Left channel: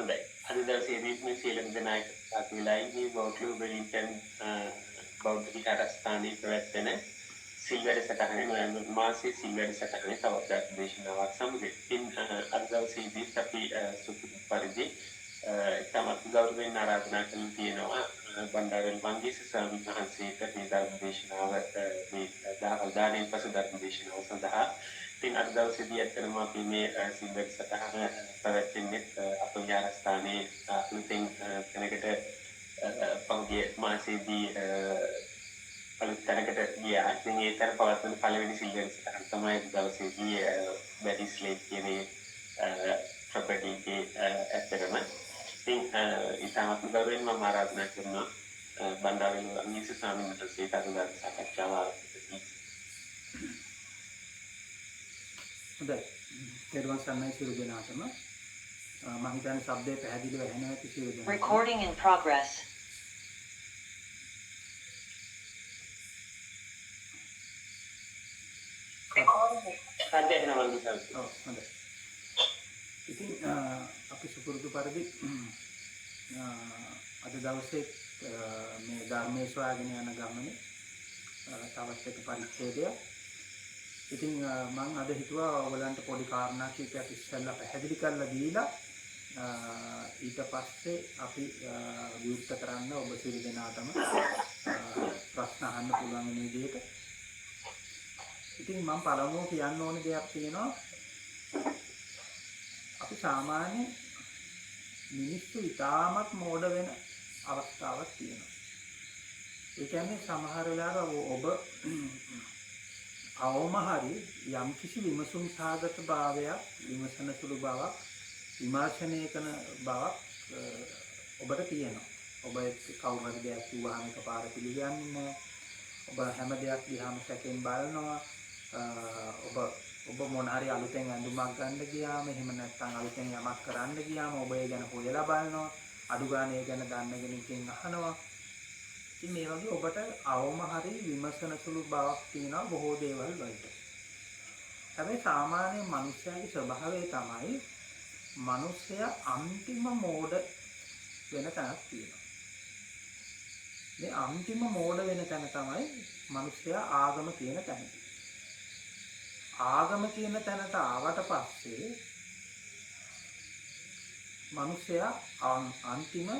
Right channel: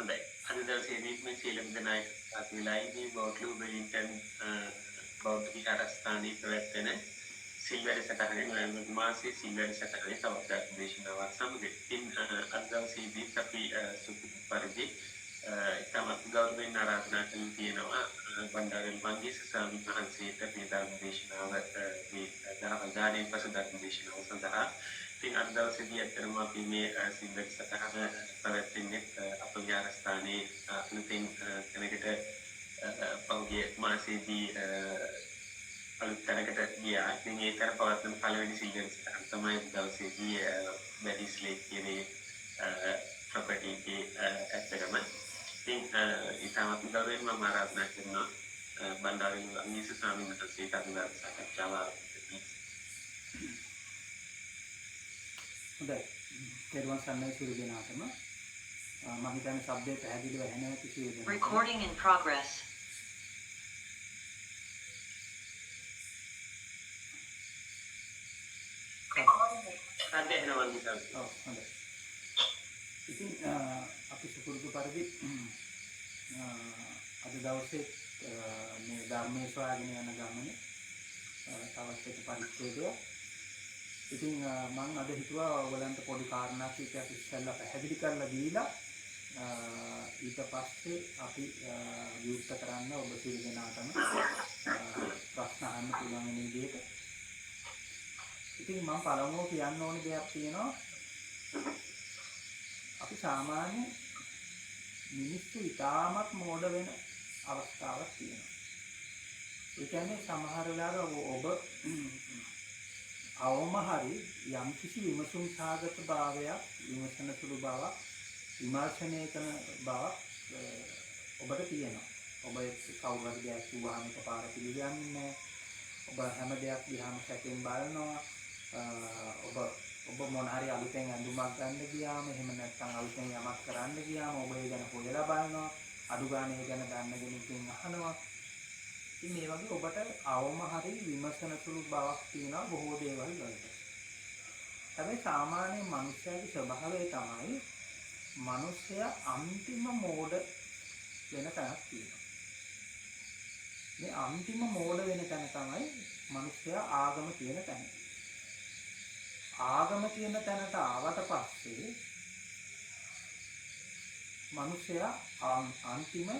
හොඳයි. අද දවසේදී මේ සියලුම දෙනාට අපි ලයිව් වෝට්ලු වෙලින්ටන් බෞද්ධ විහාරස්ථානයේ පැවැත්වෙන සිල් වැඩසටහනේ නොවැම්බර් මාසයේ සිල් වැඩසටහනේ තවත් දේශනාවක් සමග ඉතින් අද දවසේදී අපි සුපුරුදු පරිදි තමත් ගෞරවයෙන් ආරාධනා කරන තියෙනවා බණ්ඩාරවැල් මංගීස ස්වාමීන් වහන්සේට මේ ධර්ම දේශනාව මේ දානේ පසු ධර්ම දේශනාව සඳහා ඉතින් අද දවසේදී ඇත්තටම අපි මේ සිල් වැඩසටහන පැවැත්වෙන්නේ අප විහාරස්ථානයේ අලුතෙන් තැනකට පහුගිය මාසයේදී අලුත් තැනකට ගියා. ඉතින් ඒ තැන පවත්වන පළවෙනි සිල් වැඩසටහන තමයි දවසේදී බැරිස්ලේ කියන ප්‍රොපර්ටි එකේ ඇත්තටම ඉතින් ඉතාමත් ගෞරවයෙන් මම ආරාධනා කරනවා බණ්ඩාරවැල් මංගීස ස්වාමීන් වහන්සේට අද ධර්ම සාකච්ඡාව ආරම්භ කරන්න. හොඳයි. තෙරුවන් සරණයි සියලු දෙනාටම. මම හිතන්නේ ශබ්දය පැහැදිලිව ඇහෙනවා ඇති සියලු දෙනාට. Recording in progress. හොඳයි. ඉතින් අපි සුපුරුදු පරිදි අද දවසේ මේ ධර්මයේ සොයාගෙන යන ගමනේ තවත් එක පරිච්ඡේදයක්. ඉතින් මම අද හිතුවා ඔයගලන්ට පොඩි කාරණා කීපයක් ඉස්සෙල්ලා පැහැදිලි කරලා දීලා ඊට පස්සේ අපි විවෘත කරන්න ඔබ සියලු දෙනාටම ප්‍රශ්න අහන්න පුළුවන් වෙන විදිහට. ඉතින් මම පළමුව කියන්න ඕනේ දෙයක් තියෙනවා. අපි සාමාන්‍ය මිනිස්සු ඉතාමත් මෝඩ වෙන අවස්ථාවක් තියෙනවා. ඒ කියන්නේ සමහර වෙලාවට ඔබ අවම හරි යම් කිසි විමසුම් සාගත භාවයක්, විමසන සුළු බවක්, විමර්ශනය කරන බවක් ඔබට තියෙනවා. ඔබ කවුරු හරි දෙයක් කිව්වහම එකපාර පිළිගන්නේ නැහැ. ඔබ හැම දෙයක් දිහාම සැකෙන් බලනවා. ඔබ මොන හරි අලුතෙන් ඇඳුමක් ගන්න ගියාම එහෙම නැත්නම් අලුතෙන් යමක් කරන්න ගියාම ඔබ ඒ ගැන හොයලා බලනවා. අඩු ගන්න ඒ ගැන දන්න කෙනෙක්ගෙන් අහනවා. ඉතින් මේ වගේ ඔබට අවම හරි විමසන සුළු බවක් තියෙනවා බොහෝ දේවල් වලට. හැබැයි සාමාන්‍ය මනුස්සයාගේ ස්වභාවය තමයි මනුස්සයා අන්තිම මෝඩ වෙන තැනක් තියෙනවා. මේ අන්තිම මෝඩ වෙන තැන තමයි මනුස්සයා ආගම කියන තැන. ආගම කියන තැනට ආවට පස්සේ මනුස්සයා අන්තිම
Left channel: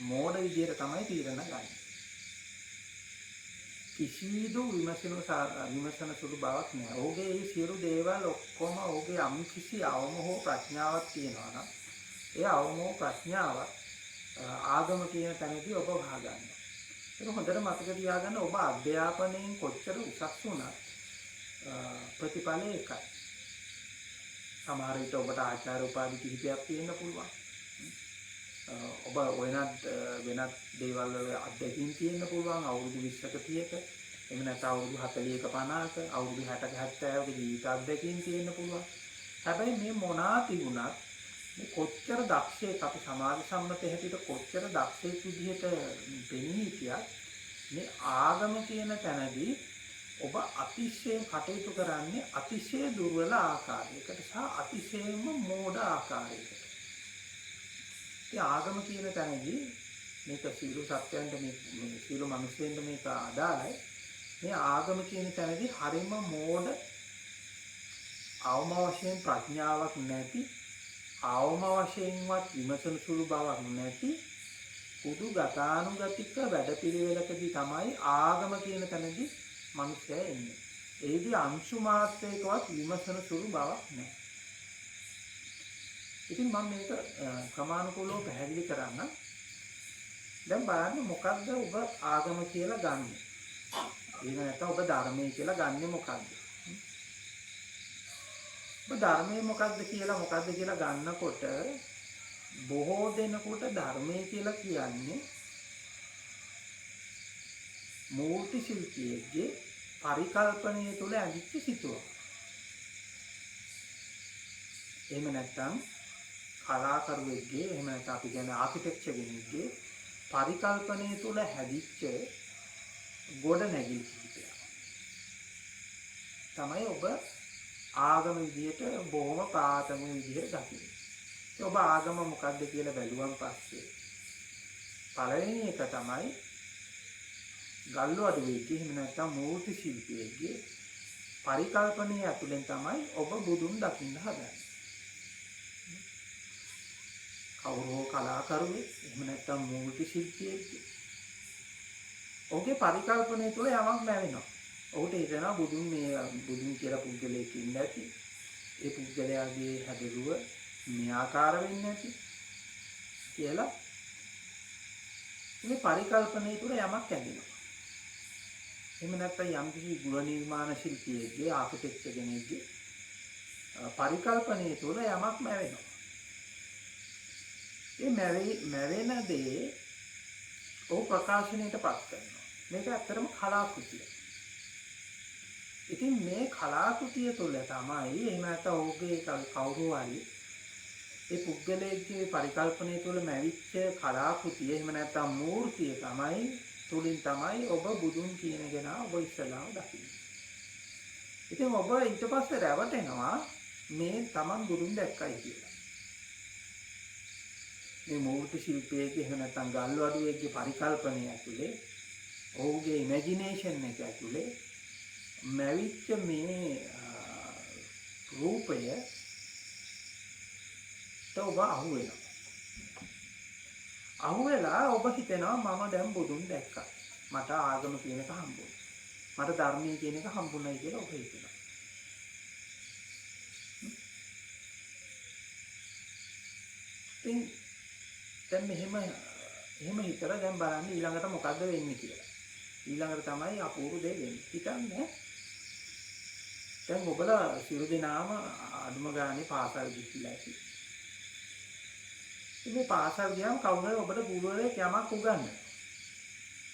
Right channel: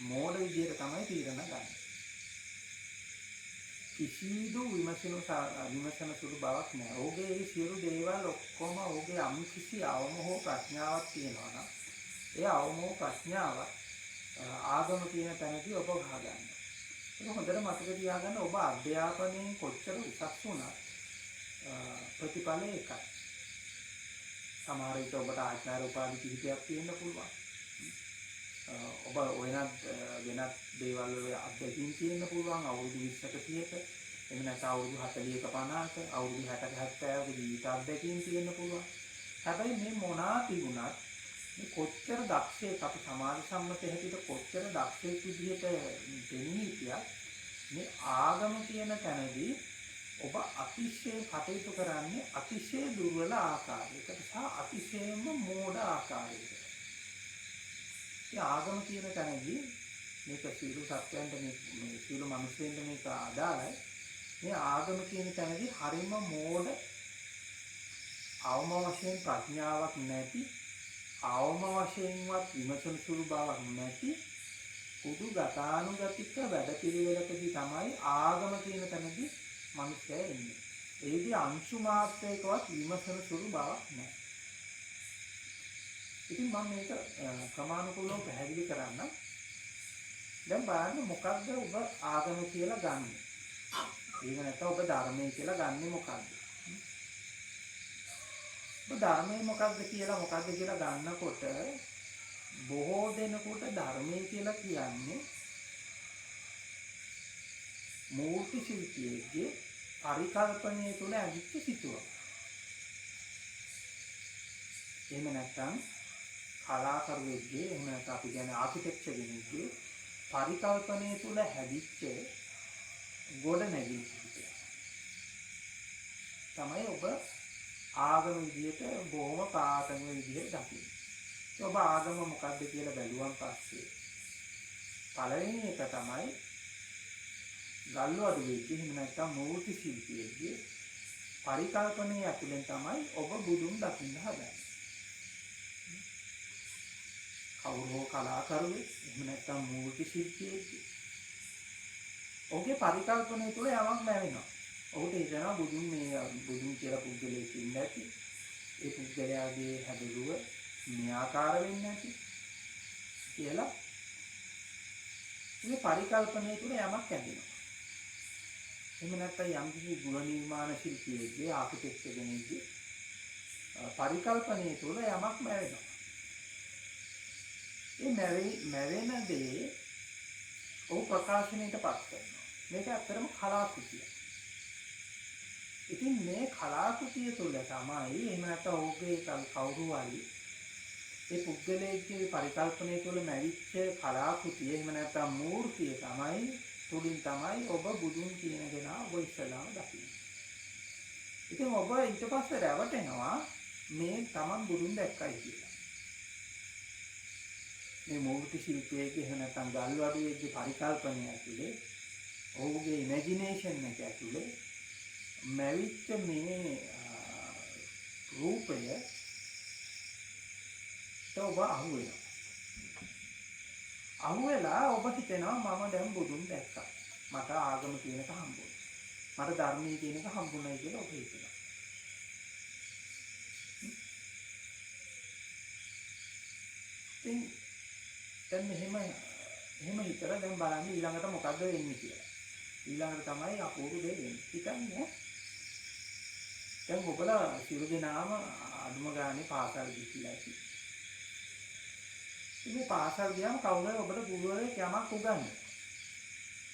මෝඩ විදියට තමයි තීරණ ගන්න. කිසිදු විමසන සුළු බවක් නැහැ. ඔහුගේ මේ සියලු දේවල් ඔක්කොම ඔහුගේ යම් කිසි අවම හෝ ප්‍රඥාවක් තියෙනවා නම් ඒ අවම හෝ ප්‍රඥාවක් ආගම කියන තැනදී ඔබ ගහගන්නවා. ඒක හොඳට මතක තියාගන්න. ඔබ අධ්‍යාපනයෙන් කොච්චර උසස් වුණත් ප්‍රතිඵලය එකයි. සමහර විට ඔබට ආචාර්ය උපාධි කිහිපයක් තියෙන්න පුළුවන්. ඔබ වෙනත් දේවල් වල අත්දැකීම් තියෙන්න පුළුවන් අවුරුදු 20ක 30ක එහෙම නැත්නම් අවුරුදු 40ක 50ක අවුරුදු 60ක 70ක ජීවිත අත්දැකීම් තියෙන්න පුළුවන්. හැබැයි මේ මොනවා තිබුණත් මේ කොච්චර දක්ෂයෙක් අපි සමාජ සම්මත හැටියට කොච්චර දක්ෂයෙක් විදිහට පෙනී හිටියත් මේ ආගම කියන තැනදී ඔබ අතිශයින් කටයුතු කරන්නේ අතිශය දුර්වල ආකාරයකට සහ අතිශයින්ම මෝඩ ආකාරයකට. ආගම කියන තැනදී මේක සියලු සත්‍යයන්ට මේ සියලු මිනිස්සුන්ට මේක අදාළයි. මේ ආගම කියන තැනදී හරිම මෝඩ අවම වශයෙන් ප්‍රඥාවක් නැති අවම වශයෙන්වත් විමසන සුළු බවක් නැති පුදු ගතානුගතික වැඩපිළිවෙලකදී තමයි ආගම කියන තැනදී මිනිස්සයා ඉන්නේ. ඒදී අංශු මාත්‍රයකවත් විමසන සුළු බවක් නැහැ. ඉතින් මම මේක ක්‍රමානුකූලව පැහැදිලි කරන්න. දැන් බලන්න මොකක්ද ඔබ ආගම කියලා ගන්නෙ? එහෙම නැත්නම් ඔබ ධර්මය කියලා ගන්නෙ මොකක්ද? ඔබ ධර්මය මොකක්ද කියලා ගන්නකොට බොහෝ දෙනෙකුට ධර්මය කියලා කියන්නේ මූර්ති ශිල්පියෙක්ගේ පරිකල්පනය තුළ ඇඳිච්ච සිතුවමක්. එහෙම නැත්නම් කලාකරුවෙක්ගේ එහෙම නැත්නම් අපි කියන්නේ ආකිටෙක්චර් කෙනෙක්ගේ පරිකල්පනය තුළ හැදිච්ච ගොඩනැගිලි කිහිපයක් තමයි ඔබ ආගම විදියට බොහොම ප්‍රාථමික විදියට දකින්නේ. ඔබ ආගම මොකක්ද කියලා බැලුවන් පස්සේ පළවෙනි එක තමයි ගල්ලු අඩුවෙක්ගේ එහෙම නැත්නම් මූර්ති ශිල්පියෙක්ගේ පරිකල්පනයේ ඇතුලෙන් තමයි ඔබ බුදුන් දකින්න හදන්නේ. කවුරු හෝ කලාකරුවෙක් එහෙම නැත්නම් මූර්ති ශිල්පියෙක්ගේ ඔහුගේ පරිකල්පනය තුළ යමක් නැවෙනවා. ඔහුට හිතෙනවා බුදුන් කියලා පුද්ගලයෙක් ඉන්න ඇති. ඒ පුද්ගලයාගේ හැදළුව මේ ආකාර වෙන්නේ නැති කියලා මේ පරිකල්පනය තුළ යමක් ඇඳෙනවා. එහෙම නැත්නම් යම්කිසි ගෘහ නිර්මාණ ශිල්පියෙක්ගේ ආකිටෙක්චර් කෙනෙක්ගේ පරිකල්පනය තුළ යමක් නැවෙනවා. ඒ මැවෙන දේ ඔහු ප්‍රකාශනයට පත් කරනවා. මේක ඇත්තටම කලාකෘතියක්. ඉතින් මේ කලාකෘතිය තුළ තමයි එහෙම නැත්නම් ඔහුගේ කවුරු හරි ඒ පුද්ගලයෙක්ගේ පරිකල්පනය තුළ මැවිච්ච කලාකෘතිය එහෙම නැත්නම් මූර්තිය තමයි තුලින් තමයි ඔබ බුදුන් කියන කෙනා ඔබ ඉස්සලාම දකින්නේ. ඉතින් ඔබ ඊට පස්සේ රැවටෙනවා මේ Taman බුදුන් දැක්කයි කියලා. මේ මූර්ති ශිල්පයේගේ එහෙම නැත්නම් ගල්ලු අඩුවේගේ පරිකල්පනය ඇතුලේ ඔහුගේ ඉමේජිනේෂන් එක ඇතුලේ මැවිච්ච මේ රූපය ඔබ අහුවෙනවා. අහුවෙලා ඔබ හිතනවා මම දැන් බුදුන් දැක්කා. මට ආගම කියන එක හම්බුණා. මට ධර්මයේ කියන එක හම්බුණයි කියලා ඔබ හිතනවා. ඉතින් දැන් එහෙම හිතලා දැන් බලන්න ඊළඟට මොකද්ද වෙන්නේ කියලා. ඊළඟට තමයි අපූර්ව දේ වෙන්නේ. හිතන්නේ දැන් ඔබලා සියලු දෙනාම අඩුම ගානේ පාසල් ගිහිල්ලා ඇති. මේ පාසල් ගියාම කවුරුහරි ඔබට ගුරුවරයෙක් යමක් උගන්වනවා.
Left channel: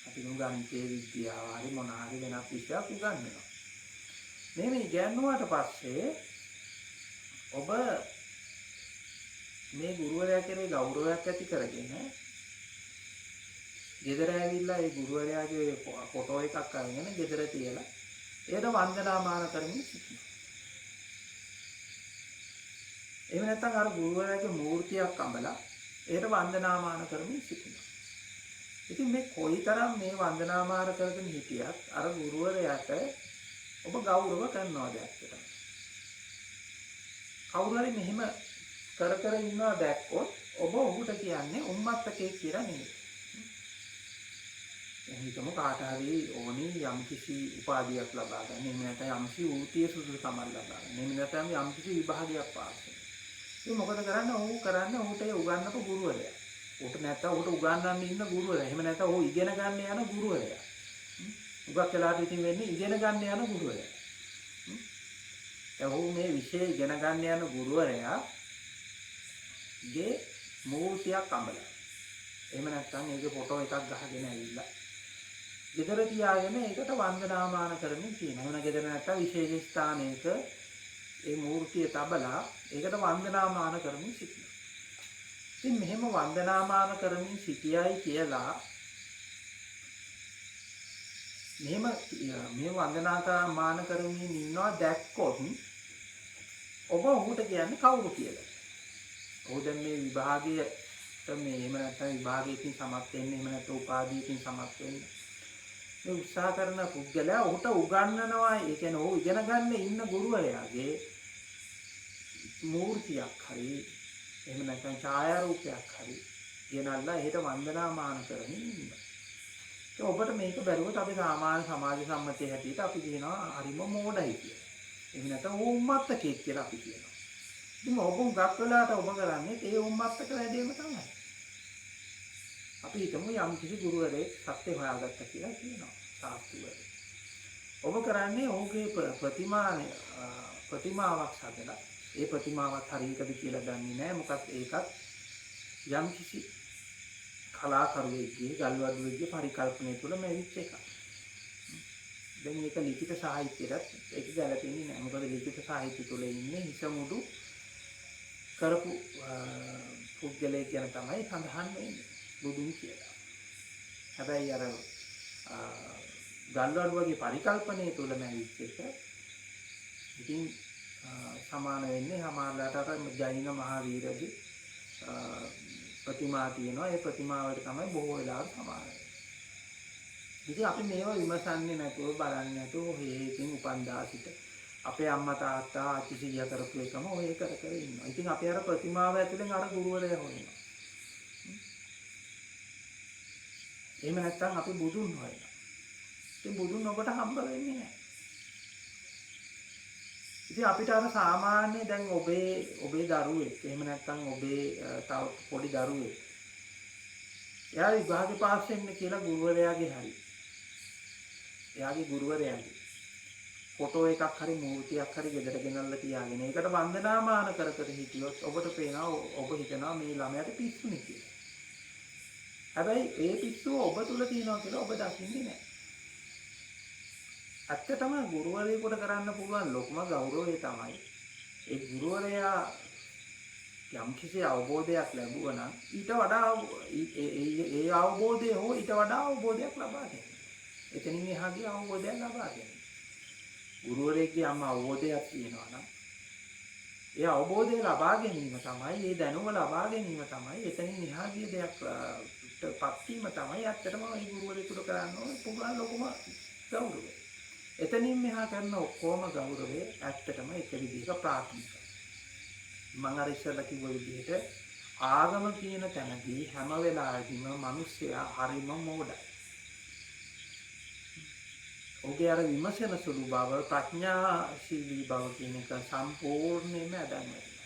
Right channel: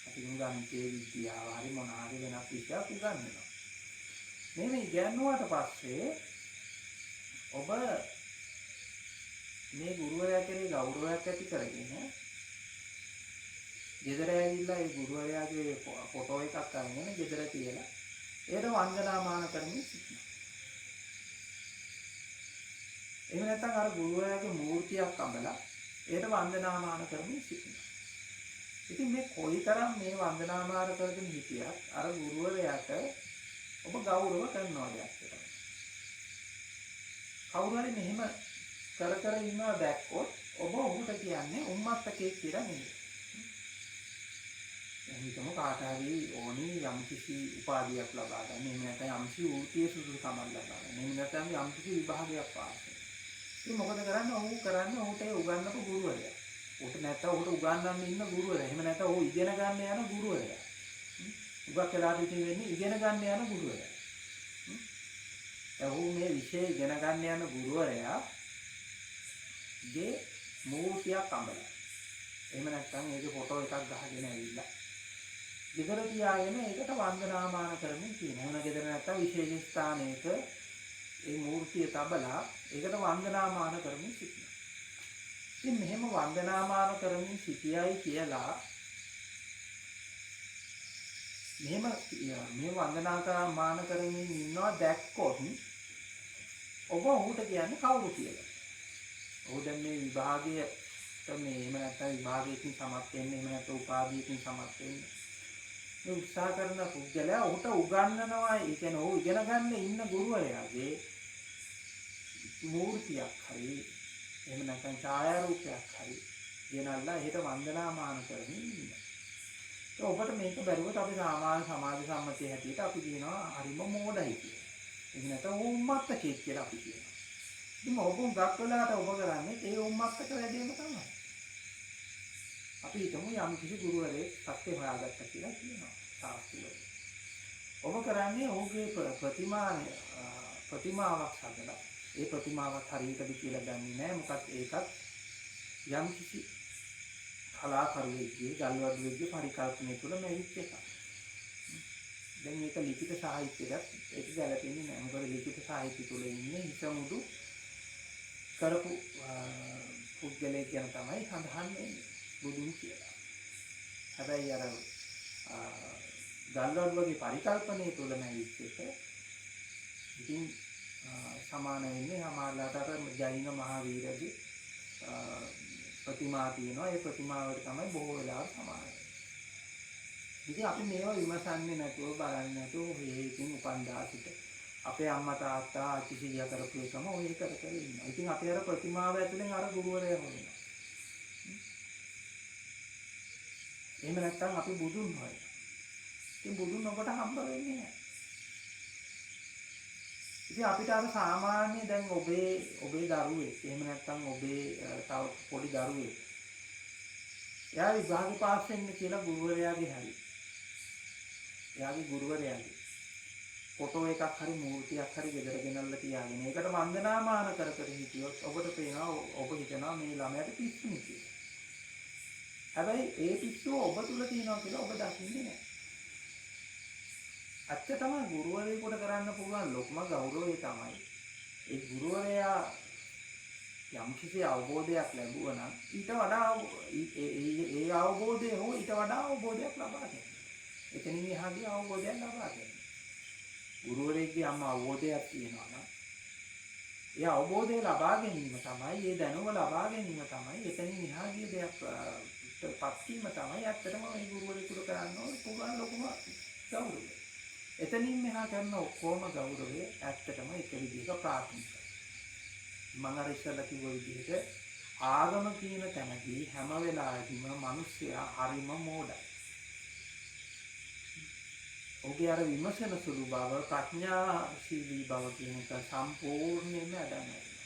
අපි ගණිතයේ විද්‍යාව හරි මොන හරි වෙනත් විෂයක් උගන්වනවා. මේ ඉගෙනුවාට පස්සේ ඔබ මේ ගුරුවරයා කෙරේ ගෞරවයක් ඇති කරගෙන ගෙදර ඇවිල්ලා ඒ ගුරුවරයාගේ ෆොටෝ එකක් අරගෙන ගෙදර තියලා ඒකට වන්දනාමාන කරමින් සිටිනවා. එහෙම නැත්නම් අර ගුරුවරයාගේ මූර්තියක් අඹලා ඒකට වන්දනාමාන කරමින් සිටිනවා. ඉතින් මේ කොයිතරම් මේ වන්දනාමාන කරගෙන හිටියත් අර ගුරුවරයාට ඔබ ගෞරව කරනවාද ඇත්තටම? කවුරු හරි මෙහෙම කර ඉන්නවා දැක්කොත් ඔබ ඔහුට කියන්නේ උම්මත්තකෙක් කියලා නෙමෙයි. හිතමු කාට හරි ඕනි යම්කිසි උපාධියක් ලබා ගන්න. එහෙම නැත්නම් යම්කිසි වෘත්තීය සුදුසුකමක් ලබා ගන්න. එහෙම නැත්නම් යම්කිසි විභාගයක් පාස් වෙන්න. ඉතින් මොකද කරන්නේ? ඔහුට ඒ උගන්වපු ගුරුවරයා. ඔහුට නැත්නම් ඔහුට උගන්වන්න ඉන්න ගුරුවරයා. එහෙම නැත්නම් ඔහු ඉගෙන ගන්න යන ගුරුවරයා. උගක් වෙලාට ඉතින් වෙන්නේ ඉගෙන ගන්න යන ගුරුවරයා. ඔහු මේ විෂය ඉගෙන ගන්න යන ගුරුවරයා ගේ මූර්තියක් අඹලා. එහෙම නැත්නම් ඒකේ ෆොටෝ එකක් ගහගෙන ඇවිල්ලා ගෙදර තියාගෙන ඒකට වන්දනාමාන කරමින් තියෙනවා. එහෙම ගෙදර නැත්නම් විශේෂ ස්ථානයක ඒ මූර්තිය තබලා ඒකට වන්දනාමාන කරමින් සිටිනවා. ඉතින් මෙහෙම වන්දනාමාන කරමින් සිටියයි කියලා මෙහෙම වන්දනාමාන කරමින් ඉන්නවා දැක්කොත් ඔබ ඔහුට කියන්නේ කවුරු කියලා. ඔහු දැන් මේ විභාගයට මේ එහෙම නැත්නම් විභාගයකින් සමත් වෙන්න එහෙම නැත්නම් උපාධියකින් සමත් වෙන්න මේ උත්සාහ කරන පුද්ගලයා ඔහුට උගන්වනවා. ඒ කියන්නේ ඔහු ඉගෙන ගන්න ඉන්න ගුරුවරයාගේ මූර්තියක් හරි එහෙම නැත්නම් ඡායාරූපයක් හරි ගෙනල්ලා ඒකට වන්දනාමාන කරමින් ඉන්නවා. ඒ ඔබට මේක බැලුවොත් අපි සාමාන්‍ය සමාජ සම්මතයේ හැටියට අපි කියනවා හරිම මෝඩයි කියලා. එහෙම නැත්නම් උම්මත්තකෙක් කියලා අපි කියනවා. ඉතින් ඔබ උගක් වෙලාට ඔබ කරන්නේ ඒ උම්මත්තක වැඩේම තමයි. අපි හිතමු යම් කිසි ගුරුවරයෙක් සත්‍ය හොයාගත්තා කියලා කියනවා සාස්ත්‍රවල. ඔබ කරන්නේ ඔහුගේ ප්‍රතිමාවක් හදලා ඒ ප්‍රතිමාවත් හරියටද කියලා දන්නේ නැහැ. මොකද ඒකත් යම් කිසි කලාකරුවෙක්ගේ ගල්වඩුවෙක්ගේ පරිකල්පනය තුළ මෙවිච්ච එකක්. දැන් මේක ලිඛිත සාහිත්‍යයටත් ඒක ගැලපෙන්නේ නැහැ. මොකද ලිඛිත සාහිත්‍ය තුළ ඉන්නේ හිසමුදු කරපු පුද්ගලයෙක් ගැන තමයි සඳහන් වෙන්නේ බුදුන් කියලා. හැබැයි අර ගල්වඩුවගේ පරිකල්පනය තුළ මෙවිච්ච එක ඉතින් සමාන වෙන්නේ සමානලාට අර ජෛන මහාවීරගේ ප්‍රතිමා තියෙනවා. ඒ ප්‍රතිමා වලට තමයි බොහෝ වෙලාවට සමාන වෙන්නේ. ඉතින් අපි මේවා විමසන්නේ නැතුව බලන්නේ නැතුව හේකින් උපන්දා සිට අපේ අම්මා තාත්තා ආච්චි සීයා කරපු එකම ඔය කර කර ඉන්නවා. ඉතින් අපි අර ප්‍රතිමාව ඇතුලෙන් අර ගුරුවරයා හොයනවා. එහෙම නැත්නම් අපි බුදුන් හොයනවා. ඉතින් බුදුන් ඔබට හම්බ වෙන්නේ නැහැ. ඉතින් අපිට අර සාමාන්‍ය දැන් ඔබේ දරුවෙක් එහෙම නැත්නම් ඔබේ තව පොඩි දරුවෙක් එයා විභාගේ පාස් වෙන්න කියලා ගුරුවරයාගේ හරි එයාගේ ගුරුවරයාගේ ෆොටෝ එකක් හරි මූර්තියක් හරි ගෙදර ගෙනල්ලා තියාගෙන ඒකට වන්දනාමාන කර කර හිටියොත් ඔබට පේනවා ඔබ හිතනවා මේ ළමයාට පිස්සුනේ කියලා. හැබැයි ඒ පිස්සුව ඔබ තුල තියෙනවා කියලා ඔබ දකින්නේ නැහැ. ඇත්තටම ගුරුවරයෙකුට කරන්න පුළුවන් ලොකුම ගෞරවය තමයි ඒ ගුරුවරයා යම්කිසි අවබෝධයක් ලැබුවා නම් ඊට වඩා ඒ අවබෝධය හෝ ඊට වඩා අවබෝධයක් ලබා ගන්න. එතනින් එහාගේ අවබෝධයක් ලබා ගන්න. ගුරුවරයෙක්ගේ අවබෝධයක් තියෙනවා නම් ඒ අවබෝධය ලබා ගැනීම තමයි ඒ දැනුම ලබා ගැනීම තමයි එතනින් එහාගේ දෙයක් පත් වීම තමයි ඇත්තටම ඒ ගුරුවරයෙකුට කරන්න ඕන පුළුවන් ලොකුම ගෞරවය. එතනින් මෙහා කරන ඔක්කොම ගෞරවය ඇත්තටම එක විදිහක ප්‍රාථමිකයි. මම අර ඉස්සෙල්ලා කිව්ව විදිහට ආගම කියන තැනදී හැම වෙලාවෙදීම මිනිස්සයා හරිම මෝඩයි. ඔහුගේ අර විමසන සුළු බව ප්‍රඥාශීලී බව කියන එක සම්පූර්ණයෙන්ම අදන් වෙනවා.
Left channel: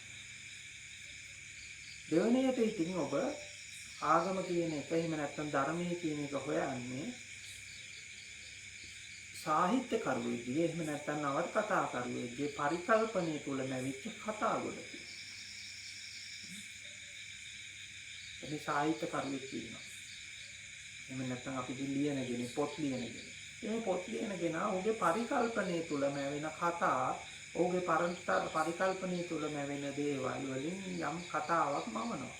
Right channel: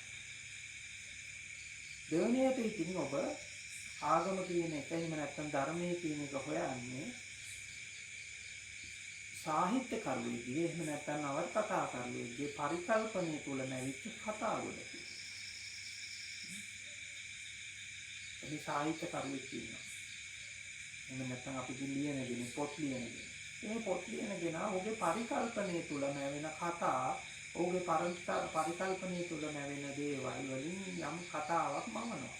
දෙවෙනියට ඉතින් ඔබ ආගම කියන එක එහෙම නැත්නම් ධර්මයේ කියන එක හොයන්නේ සාහිත්‍ය කරුවෙක්ගේ එහෙම නැත්නම් නවකතා කරුවෙක්ගේ පරිකල්පනයේ තුල නැවිච්ච කතා ගොඩකි. මේ සාහිත්‍ය කරුවෙක් කියනවා. එහෙම නැත්නම් අපි ලියනගෙන පොත් ලියනගෙන. මේ පොත් ලියනගෙන ඔහුගේ පරිකල්පනයේ තුල නැවෙන කතා, ඔහුගේ පරිකල්පනයේ තුල නැවෙන දේවල් වලින් යම් කතාවක් මවනවා.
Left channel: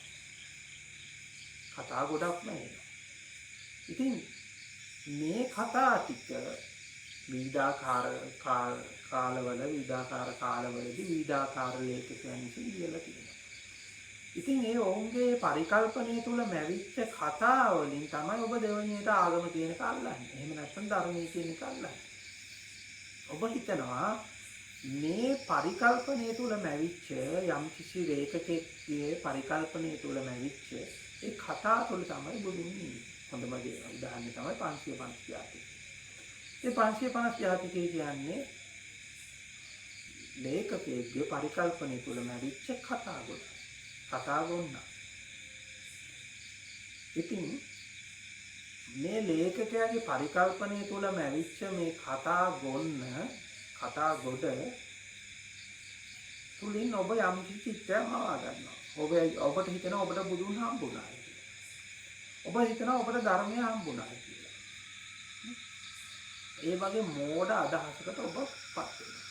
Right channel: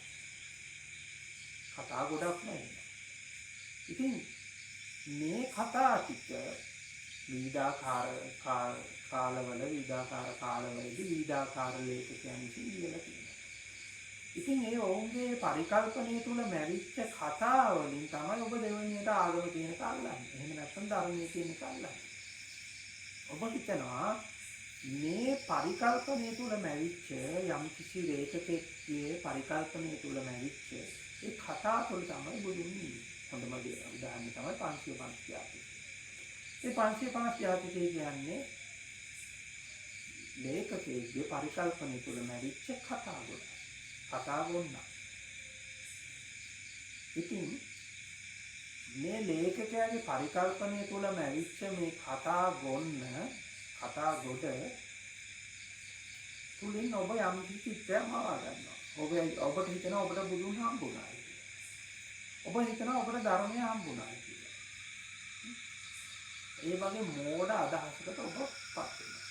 කතා ගොඩක්ම එනවා. ඉතින් මේ කතා ටික විවිධාකාර කාලවලදී විවිධාකාර ලේඛකයන් විසින් ලියලා තියෙනවා. ඉතින් ඒ ඔවුන්ගේ පරිකල්පනයේ තුල මැවිච්ච කතා වලින් තමයි ඔබ දෙවනියට ආගම කියන එක අල්ලන්නේ. එහෙම නැත්නම් ධර්මයේ කියන එක අල්ලන්නේ. ඔබ හිතනවා මේ පරිකල්පනයේ තුල මැවිච්ච යම් කිසි ලේඛකෙක්ගේ පරිකල්පනයේ තුල මැවිච්ච ඒ කතා තුල තමයි බුදුන් ඉන්නේ. හොඳම උදාහරණය තමයි 550 ජාතික. මේ 550 ජාතිකේ කියන්නේ ලේඛකයෙක්ගේ පරිකල්පනයේ තුල මැවිච්ච කතා ගොඩ. කතා ගොන්න. ඉතින් මේ ලේඛකයාගේ පරිකල්පනයේ තුල මැවිච්ච මේ කතා ගොඩ තුලින් ඔබ යම් කිසි චිත්තයක් මවා ගන්නවා. ඔබට හිතෙනවා ඔබට බුදුන් හම්බුණා කියලා. ඔබ හිතනවා ඔබට ධර්මය හම්බුණා කියලා. ඒ වගේ මෝඩ අදහසකට ඔබ පත් වෙනවා.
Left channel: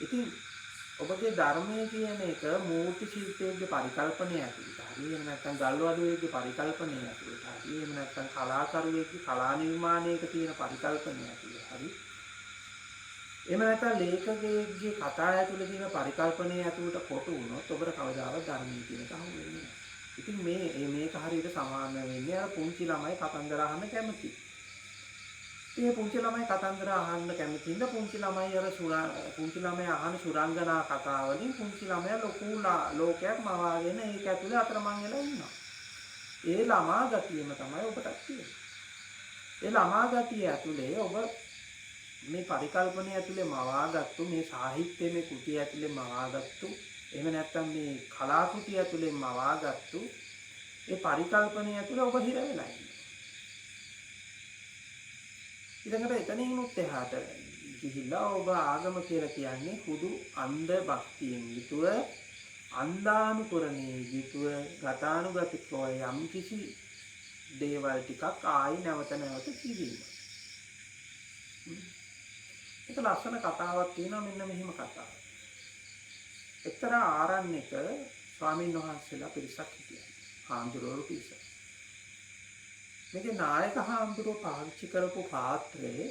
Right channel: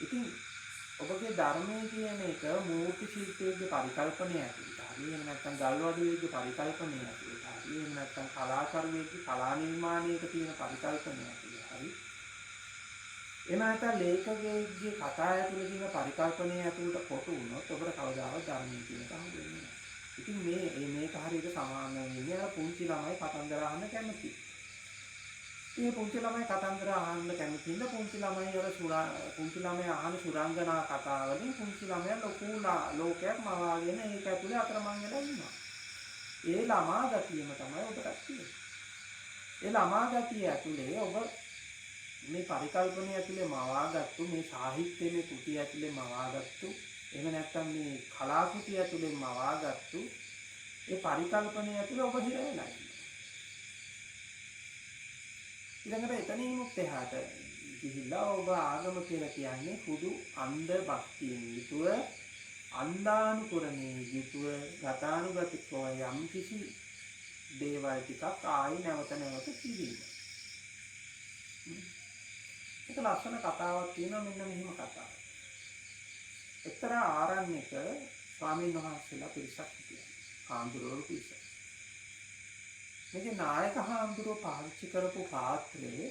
ඉතින් ඔබගේ ධර්මයේ කියන එක මූර්ති ශිල්පයේ පරිකල්පනය ඇතුළත හරි එහෙම නැත්නම් ගල්වඩුවේගේ පරිකල්පනය ඇතුළත හරි එහෙම නැත්නම් කලාකරුවෙක්ගේ කලා නිර්මාණයක තියෙන පරිකල්පනය ඇතුළත හරි එහෙම නැත්නම් ලේඛකයෙක්ගේ කතා ඇතුළේ තියෙන පරිකල්පනය ඇතුළත කොටු වුණොත් ඔබට කවදාවත් ධර්මයේ කියන එක හමු වෙන්නේ නැහැ. ඉතින් මේක හරියට සමාන වෙන්නේ අර පුංචි ළමයි කතන්දර අහන්න කැමති. ඉතින් පුංචි ළමයි කතන්දර අහන්න කැමතිද පුංචි ළමයි පුංචි ළමයා අහන සුරංගනා කතා වලින් පුංචි ළමයා ලොකු ලෝකයක් මවාගෙන ඒක ඇතුලේ අතරමං වෙලා ඉන්නවා. ඒ ළමා ගතියම තමයි ඔබට තියෙන්නේ. ඒ ළමා ගතිය ඇතුලේ ඔබ මේ පරිකල්පනය ඇතුලේ මවාගත්තු මේ සාහිත්‍යයේ කෘතිය ඇතුලේ මවාගත්තු එහෙම නැත්නම් මේ කලාකෘතිය ඇතුලේ මවාගත්තු ඒ පරිකල්පනය ඇතුලේ ඔබ හිර වෙලා ඉන්නවා. ඊළඟට එතනින් උත් එහාට ගිහිල්ලා ඔබ ආගම කියලා කියන්නේ හුදු අන්ධ භක්තියෙන් යුතුව අන්දානුකරණයේ යුතුව ගතානුගතිකව යම් කිසි දේවල් ටිකක් ආයි නැවත කිරීම. ඒක ලස්සන කතාවක් තියෙනවා මෙන්න මෙහෙම කතාවක්. එක්තරා ආරණ්‍යක ස්වාමීන් වහන්සේලා පිරිසක් හිටියා. හාමුදුරුවෝ පිරිසක්. මේකේ නායක හාමුදුරුවෝ පාවිච්චි කරපු පාත්‍රයේ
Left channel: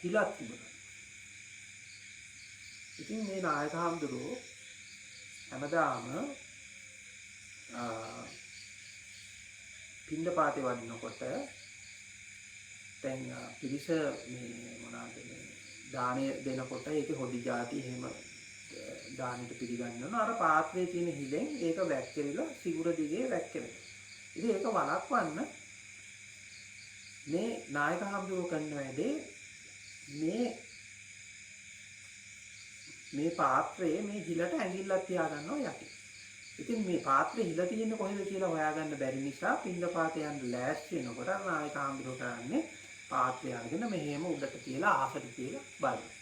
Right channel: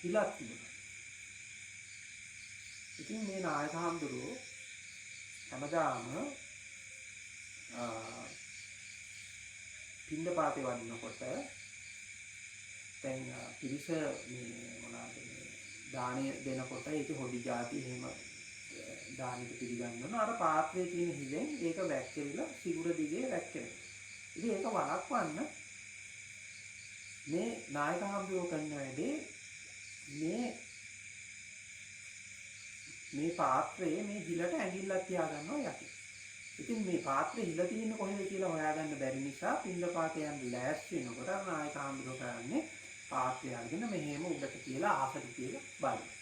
හිලක් තිබුණා. ඉතින් මේ නායක හාමුදුරුවෝ හැමදාම පින්ඩපාතේ වඩිනකොට දැන් පිරිස මේ මොනවාද මේ දාණය දෙනකොට ඒකේ හොදි ಜಾති එහෙම දානෙට පිළිගන්නවා. අර පාත්‍රයේ තියෙන හිලෙන් ඒක වැක්කිරිලා සිගුර දිගේ වැක්කිරෙනවා. ඉතින් ඒක වළක්වන්න මේ නායක හම්බුව කරන වැඩේ මේ පාත්‍රයේ මේ හිලට ඇඟිල්ලක් තියාගන්නවා යටි. ඉතින් මේ පාත්‍රේ හිල තියෙන්නේ කොහෙද කියලා හොයාගන්න බැරි නිසා පින්ඩපාතේ යන්න ලෑස්ති වෙනකොට නායක හම්බුව කරන්නේ පාත්‍රය අරගෙන මෙහෙම උඩට තියලා ආසට තියලා බලනවා.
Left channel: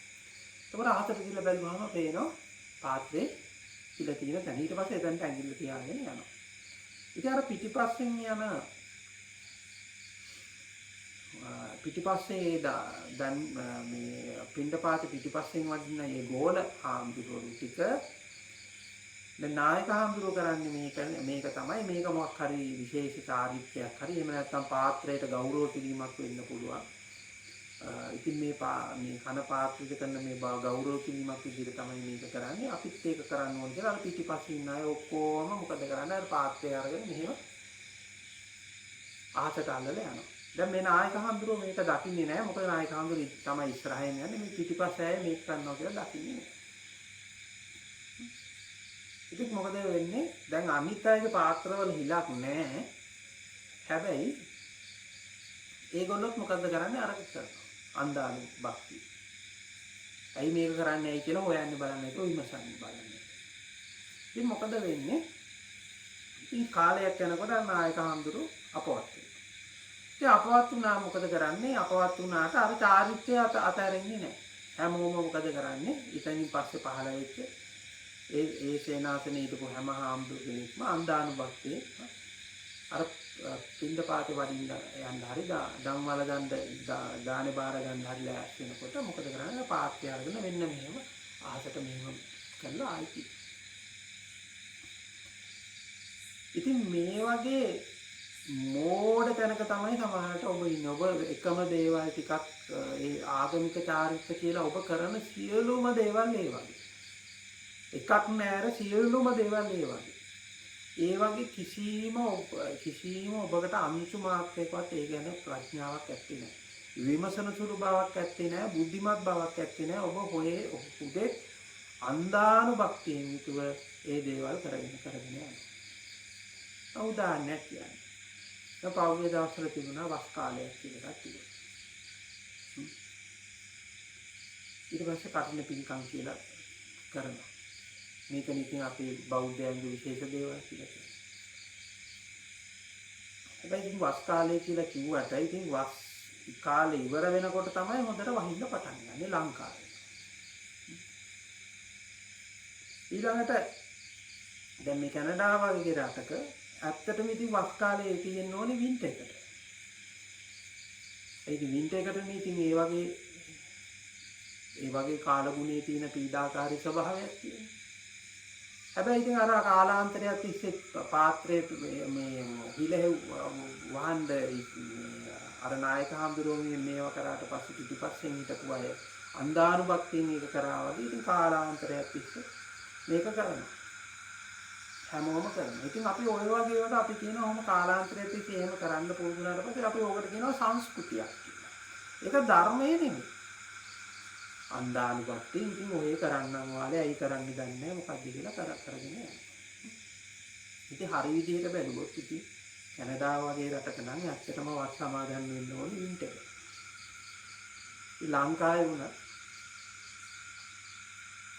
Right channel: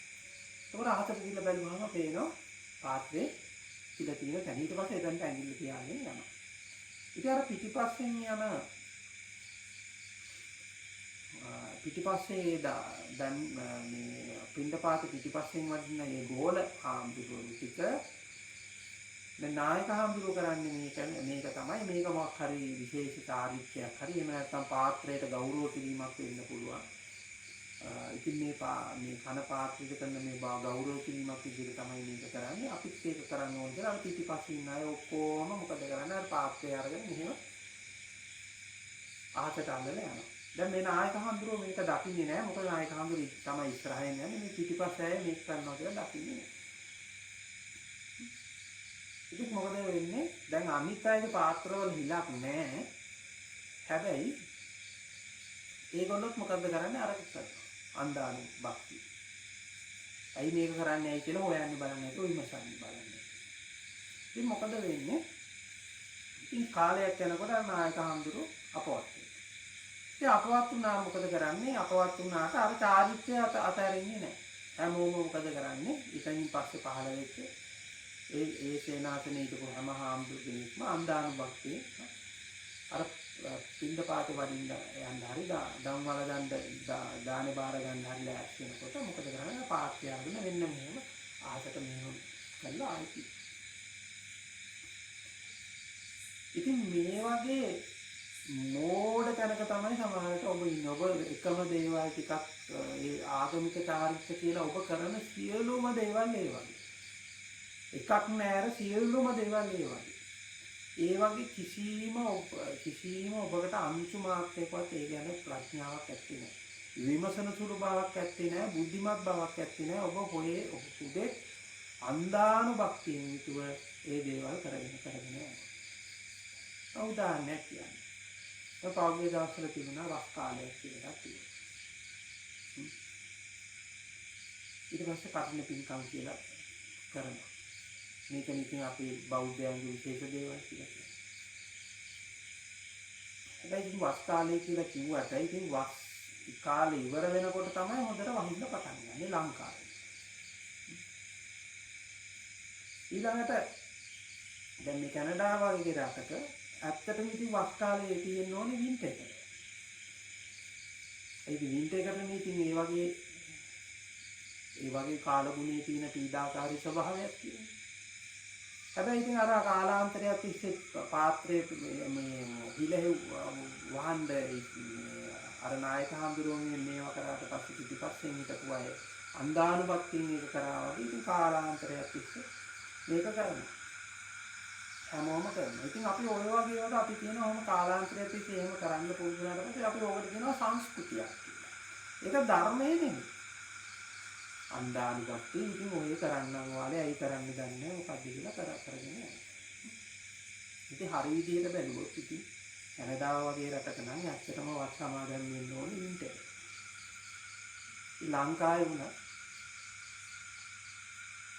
එතකොට ආසට තියලා බැලුවම පේනවා පාත්‍රේ හිල තියෙන තැන. ඊට පස්සේ එතනට ඇඟිල්ල තියාගෙන යනවා. ඉතින් අර පිටිපස්සෙන් යන පිටිපස්සේ දැන් මේ පින්ඩපාත පිටිපස්සෙන් වදින මේ ගෝල හාමුදුරුවෝ ටික දැන් නායක හාමුදුරුවෝ කරන්නේ මේක තමයි මේක මොකක් හරි විශේෂ චාරිත්‍රයක් හරි එහෙම නැත්නම් පාත්‍රයට ගෞරව කිරීමක් වෙන්න පුළුවන්. ඉතින් මේ කන පාත්‍රයට කරන මේ ගෞරව කිරීමක් විදිහට තමයි මේක කරන්නේ. අපිත් ඒක කරන්න ඕන කියලා අර පිටිපස්සේ ඉන්න අය ඔක්කොම මොකද කරන්නේ? අර පාත්‍රය අරගෙන මෙහෙම අහසට අල්ලලා යනවා. දැන් මේ නායක හඳුරෝ මේක දකින්නේ නැහැ. මොකද නායක හඳුරෝ තමයි ඉස්සරහින් යන්නේ. මේ පිටිපස්සේ අය මේක කරනවා කියලා දකින්නේ නැහැ. ඉතින් මොකද වෙන්නේ? දැන් අනිත් අයගේ පාත්‍රවල හිලක් නැහැ. හැබැයි ඒගොල්ලොත් මොකද කරන්නේ? අරක කරනවා. අන්දානු බක්ති. ඇයි මේක කරන්නේ ඇයි කියලා හොයන්නේ බලන්නේ නැතුව විමසන්නේ බලන්නේ. ඉතින් මොකද වෙන්නේ? ඉතින් කාලයක් යනකොට නායක හඳුරෝ අපවත් වෙනවා. ඉතින් අපවත් වුණා මොකද කරන්නේ? අපවත් වුණාට අර චාරිත්‍රය අතහැරෙන්නේ නැහැ. හැමෝම මොකද කරන්නේ? ඉතින් පස්සේ පහළ වෙච්ච ඒ සේනාසනේ හිටපු හැම හාමුදුරු කෙනෙක්ම අන්දානුභක්තිය අර පින්ඩපාතේ වඩින්න යන්න හරි ධම්මවල ගන්න දානේ බාර ගන්න හරි ලෑස්ති වෙනකොට මොකද කරන්නේ? පාත්‍ය අරගෙන මෙන්න මෙහෙම ආසට මෙහෙම කරලා ආයිති. ඉතින් මේ වගේ මෝඩ තැනක තමයි සමහරට ඔබ ඉන්නේ. ඔබ එකම දේවල් ටිකක් ඒ ආගමික චාරිත්‍ර කියලා ඔබ කරන සියලුම දේවල් ඒ වගේ. එකක් නෑර සියලුම දේවල් ඒ වගේ. ඒ වගේ කිසිම ඔබකට අංශු මාත්‍රයකවත් ඒ ගැන ප්‍රඥාවක් ඇත්තේ නැහැ. විමසන සුළු බවක් ඇත්තේ නැහැ. බුද්ධිමත් බවක් ඇත්තේ නැහැ. ඔබ හුදෙක් අන්දානුභක්තියෙන් යුතුව ඒ දේවල් කරගෙන යනවා. උදාහරණයක් කියන්නේ. දැන් පෞද්ගලික දවස්වල තිබුණා වස් කාලයක් කියලා එකක් තිබුණා. ඊට පස්සේ කටින පින්කම් කියලා කරනවා. මේක නිතින් අපේ බෞද්ධයන්ගේ විශේෂ දේවල් කියලා කියනවා. හැබැයි ඉතින් වස් කාලය කියලා කිව්වට ඉතින් වස් කාලේ ඉවර වෙනකොට තමයි හොඳට වහින්න පටන් ගන්නේ ලංකාවේ. ඊළඟට දැන් මේ කැනඩාව වගේ රටක ඇත්තටම ඉතින් වස් කාලේ තියෙන්න ඕනේ වින්ටර් එකට. ඒක වින්ටර් එකටනේ ඉතින් ඒ වගේ කාලගුණයේ තියෙන පීඩාකාරී ස්වභාවයක් තියෙනවා. හැබැයි ඉතින් අර කාලාන්තරයක් තිස්සේ පාත්‍රයේ මේ හිලෙහි වහන්න අර නායක හඳුරුවෝ මේව කරාට පස්සේ පිටිපස්සෙන් හිටපු අය අන්දානුභක්තියෙන් ඒක කරා වගේ ඉතින් කාලාන්තරයක් තිස්සේ මේක කරනවා. හැමෝම කරනවා. ඉතින් අපි ඔය වගේ ඒවාට අපි කියනවා ඔහොම කාලාන්තරයක් තිස්සේ එහෙම කරන්න පුරුදු වුණාට පස්සේ අපි ඕකට කියනවා සංස්කෘතියක් කියලා. ඒක ධර්මයේ නෙමෙයි. අන්දානුභක්තිය ඉතින් ඔය කරන්නම් වාලේ ඇයි කරන්නේ දන්නේ නැහැ මොකද්ද කියලා කරගෙන යනවා. ඉතින් හරි විදිහට බැලුවොත් ඉතින් කැනඩාව වගේ රටක නම් ඇත්තටම වත් සමාදන් වෙන්න ඕනේ වින්ටර් එක. ලංකාවේ වුණා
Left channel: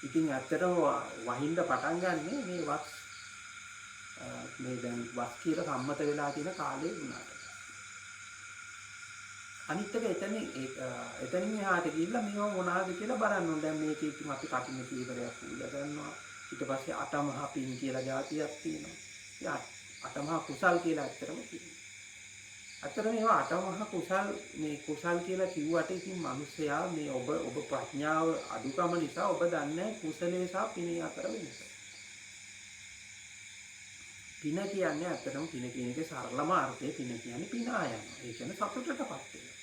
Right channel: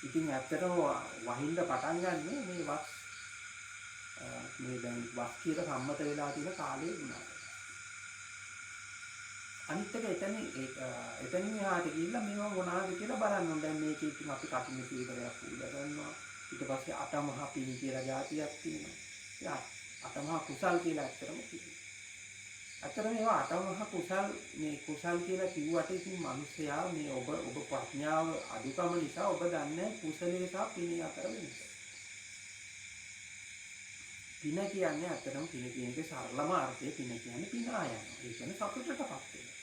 ඉතින් ඇත්තටම වහින්න පටන් ගන්නෙ මේ වත් මේ දැන් වත් කියලා සම්මත වෙලා තියෙන කාලේ වුණාට. අනිත් එක එතනින් එහාට ගිහිල්ලා මේව මොනවාද කියලා බලන්න ඕනේ. දැන් මේකේ ඉතින් අපි කටින කීවරයක් පූජා කරනවා. ඊට පස්සේ අටමහා පින් කියලා જાතියක් තියෙනවා. ඒ අටමහා කුසල් කියලා ඇත්තටම තියෙනවා. ඇත්තටම මේවා අටමහා කුසල් කියලා කිව්වට ඉතින් මිනිස්සයා මේ ඔබ ප්‍රඥාව අඩුකම නිසා ඔබ දන්නේ කුසලයේ සහ පිනේ අතර වෙනස. පින කියන්නේ ඇත්තටම පින කියන එකේ සරලම අර්ථය පින කියන්නේ පිනා යනවා. ඒ කියන්නේ සතුටටපත් වෙනවා.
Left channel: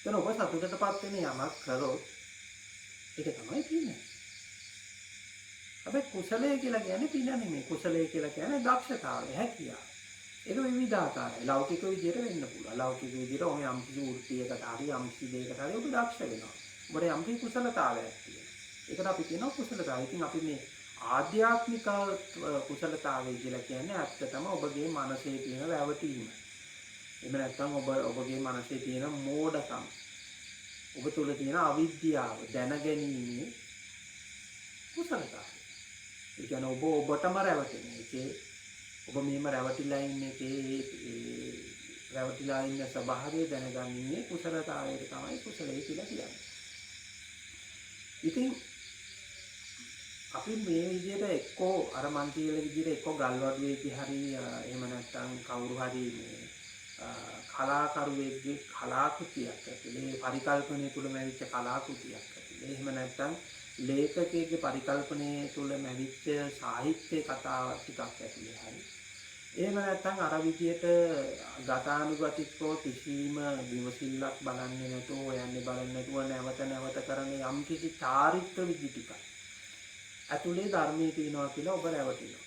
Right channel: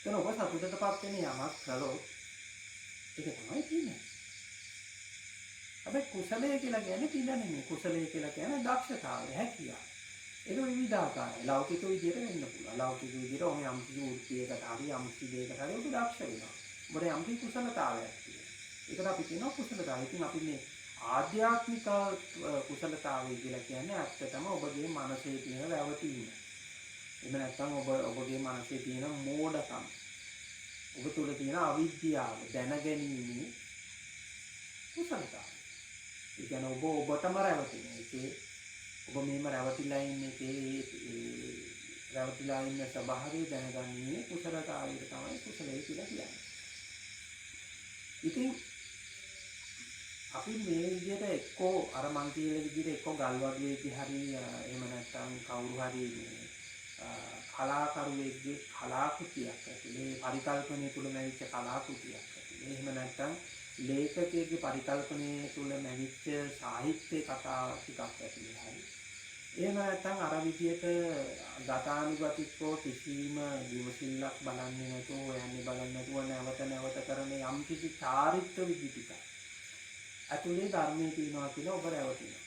එතන ඔබ සතුටටපත් වෙන යමක් කළොත් ඒක තමයි පින. හැබැයි කුසලය කියලා කියන්නේ පින නෙමෙයි. කුසලය කියලා කියන්නේ දක්ෂතාවය, හැකියාව. ඒක විවිධාකාරයි. ලෞකික විදියට වෙන්න පුළුවන්. ලෞකික විදියට ඔය යම්කිසි වෘත්තියකට හරි යම්කිසි දෙයකට හරි ඔබ දක්ෂ වෙනවා. ඔබට යම්කිසි කුසලතාවයක් තියෙනවා. ඒකට අපි කියනවා කුසලතාවය. ඉතින් අපි මේ ආධ්‍යාත්මික කුසලතාවය කියලා කියන්නේ ඇත්තටම ඔබගේ මනසේ තියෙන රැවටීම. එහෙම නැත්නම් ඔබගේ මනසේ තියෙන මෝඩකම. ඔබ තුළ තියෙන අවිද්‍යාව දැනගැනීමේ කුසලතාවය. ඒ කියන්නේ ඔබටම රැවටෙන එකේ ඔබ මෙහෙම රැවටිලා ඉන්න එකේ ඒ රැවටිලා ඉන්න ස්වභාවය දැනගන්නේ කුසලතාවයට තමයි කුසලයි කියලා කියන්නේ. ඉතින් අපි මේ විදිහට එක්කෝ අර මන් කියලා විදිහට එක්කෝ ගල්වඩුවේදී හරි එහෙම නැත්නම් කවුරු හරි මේ කලාකරුවෙක්ගේ කලාකෘතියක් ඇතුලේ පරිකල්පනය තුල මැවිච්ච කලාකෘතියක් ඇතුලේ එහෙම නැත්නම් ලේඛකයෙක්ගේ පරිකල්පනය තුල මැවිච්ච සාහිත්‍ය කතා ටිකක් ඇතුලේ හරි එහෙම නැත්නම් අර විදියට ගතානුගතිකව කිසිම විමසිල්ලක් බලන්නේ නැතුව හොයන්නේ බලන්නේ නැතුව නැවත නැවත කරන යම් කිසි චාරිත්‍ර විදි ටිකක් ඇතුලේ ධර්මයේ තියෙනවා කියලා ඔබ රැවටිනවා.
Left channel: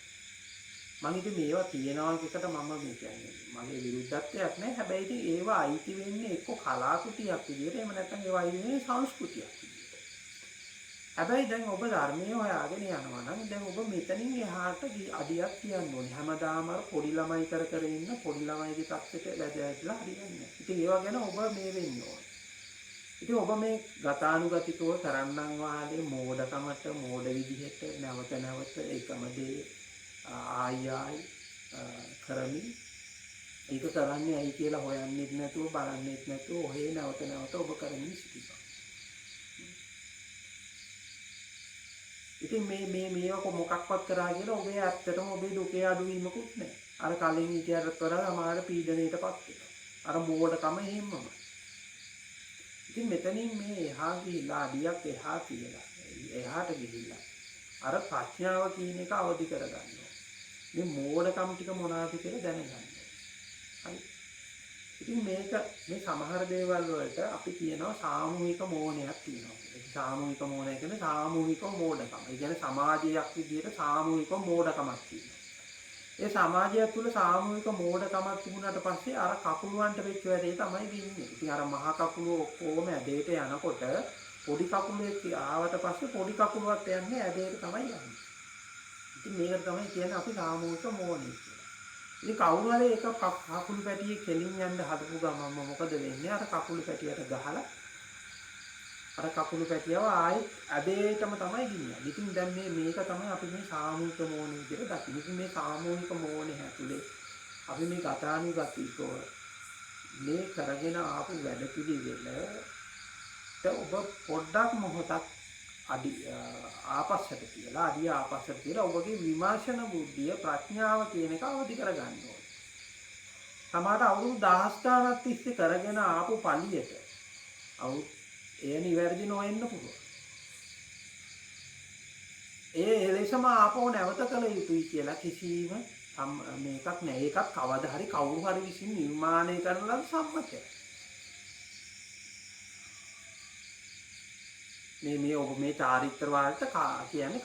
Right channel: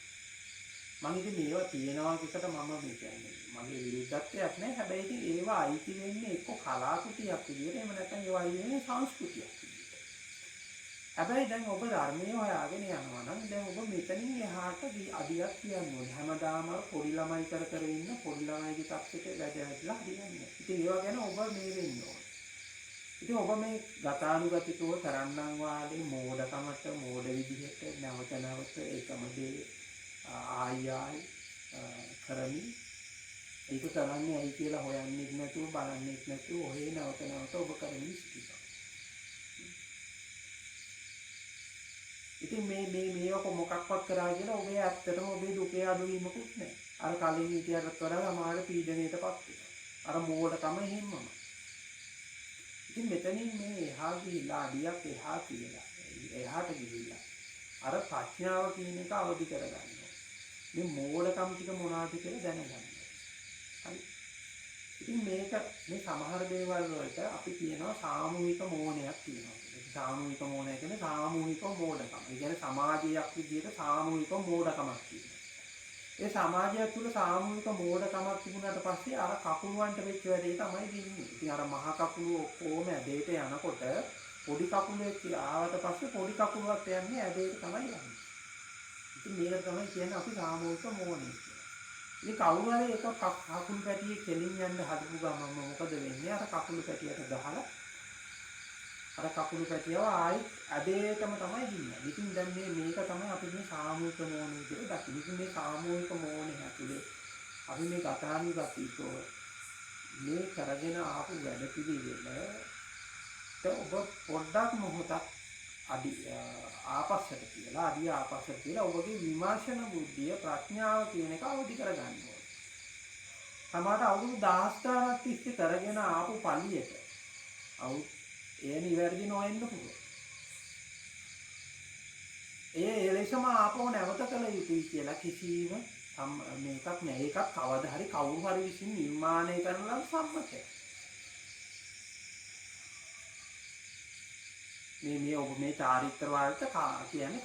මම ඉතින් මේවා තියෙනවා එකට මම මේ කියන්නේ මගේ විරුද්ධත්වයක් නැහැ. හැබැයි ඉතින් ඒවා අයිති වෙන්නේ එක්ක කලාකෘතියක් විදියට එහෙම නැත්නම් ඒවා අයිති වෙන්නේ සංස්කෘතියක් විදියට. හැබැයි දැන් ඔබ ධර්මයේ හොයාගෙන යනවා නම් දැන් ඔබ මෙතනින් එහාට අඩියක් කියන්න ඕනේ. හැමදාම අර පොඩි ළමයි කර ඉන්න පොඩි ළමයිගේ තත්ත්වයට වැදගත්ලා හරියන්නේ නැහැ. ඉතින් ඒවා ගැන ඔබ මේ වෙන්න ඕනේ. ඉතින් ඔබ මේ ගතානුගතිකව තරන්නම් වාලේ මෝඩකමට මෝඩ විදිහට නැවත නැවත එකම දේ ආයි කරමින් ඒක කරන්නේ ඇයි කියලා හොයන්නෙත් නැතුව බලන්නෙත් නැතුව ඔහේ නැවත නැවත ඔබ කරමින් සිටිනවා. ඉතින් මේක මොකක්වත් කරා කියලා ඔබේ ඇත්තටම ඔබේ දුකේ අඩුවීමකුත් නැහැ. අර කලින් හිටියටත් වඩා අමාරු පීඩණයටපත් වෙනවා. අර මෝඩකම එහෙමම. ඉතින් මෙතනින් මේ එහා ගිහිලා අඩියක් එහා තියලා එහාට ගිහිල්ලා අර ප්‍රඥාව කියන එක අවදි කරගන්න ඕනේ. මේ මෝඩකම් ටික මොනවාද කියලා දැනගන්න ඕනේ. හරි. ඉතින් මේ සමහර දේවල් වලට අපි කියනවා සාමූහික මෝහණයක් තියෙනවා කියලා. සාමූහික මෝහණය කියන්නේ සාමූහික මෝඩකම. ඒ කියන්නේ සමාජයක් විදිහට සාමූහික මෝඩකමක් තියෙනවා. ඒ සමාජය තුළ සාමූහික මෝඩකමක් තිබුණාට පස්සේ අර කකුලුවන්ට වෙච්ච වැඩේ තමයි වෙන්නේ. ඉතින් අර මහ කකුලුව ඔක්කොම ඇදේට යනකොට පොඩි කකුලෙක් ආවට පස්සේ පොඩි කකුලවත් යන්නේ ඇදේට තමයි යන්නේ. ඉතින් මේකට තමයි කියන්නේ අපි සාමූහික මෝහණය කියලා. ඉතින් කවුරු හරි එක කකුළු පැටියේ කෙලින් යන්න හදපු ගමන්ම මොකද වෙන්නේ? අර කකුළු පැටියට ගහලා අර කකුළු පැටියව ආයෙත් ඇදේටම තමයි ගිනියන්නේ. ඉතින් දැන් මේක තමයි අපි මේ සාමූහික මෝහණය විදිහට දකින්නේ. ඉතින් මේ සාමූහික මෝහණය ඇතුලේ අපි මේ ගතානුගතිකව මේ කරගෙන ආපු වැඩපිළිවෙලට ඔබ පොඩ්ඩක් මොහොතක් ආපස්සට කියලා ඔබගේ විමර්ශන බුද්ධිය ප්‍රඥාව කියන එක අවදි කරගන්න ඕනේ. සමහරට අවුරුදු 10 ගණනක් තිස්සේ කරගෙන ආපු පළියට ඒ නිවැරදි නොවෙන්න පුළුවන්. ඒ එලෙසම ආපහු නැවත කළ යුතුයි කියලා කිසිම මේකක් නෑ. ඒකත් කවදා හරි කවුරු හරි විසින් නිර්මාණය කරන ලද සම්මතයක්. මේ ඔබ මේ චාරිත්‍ර වලට කියන්නේ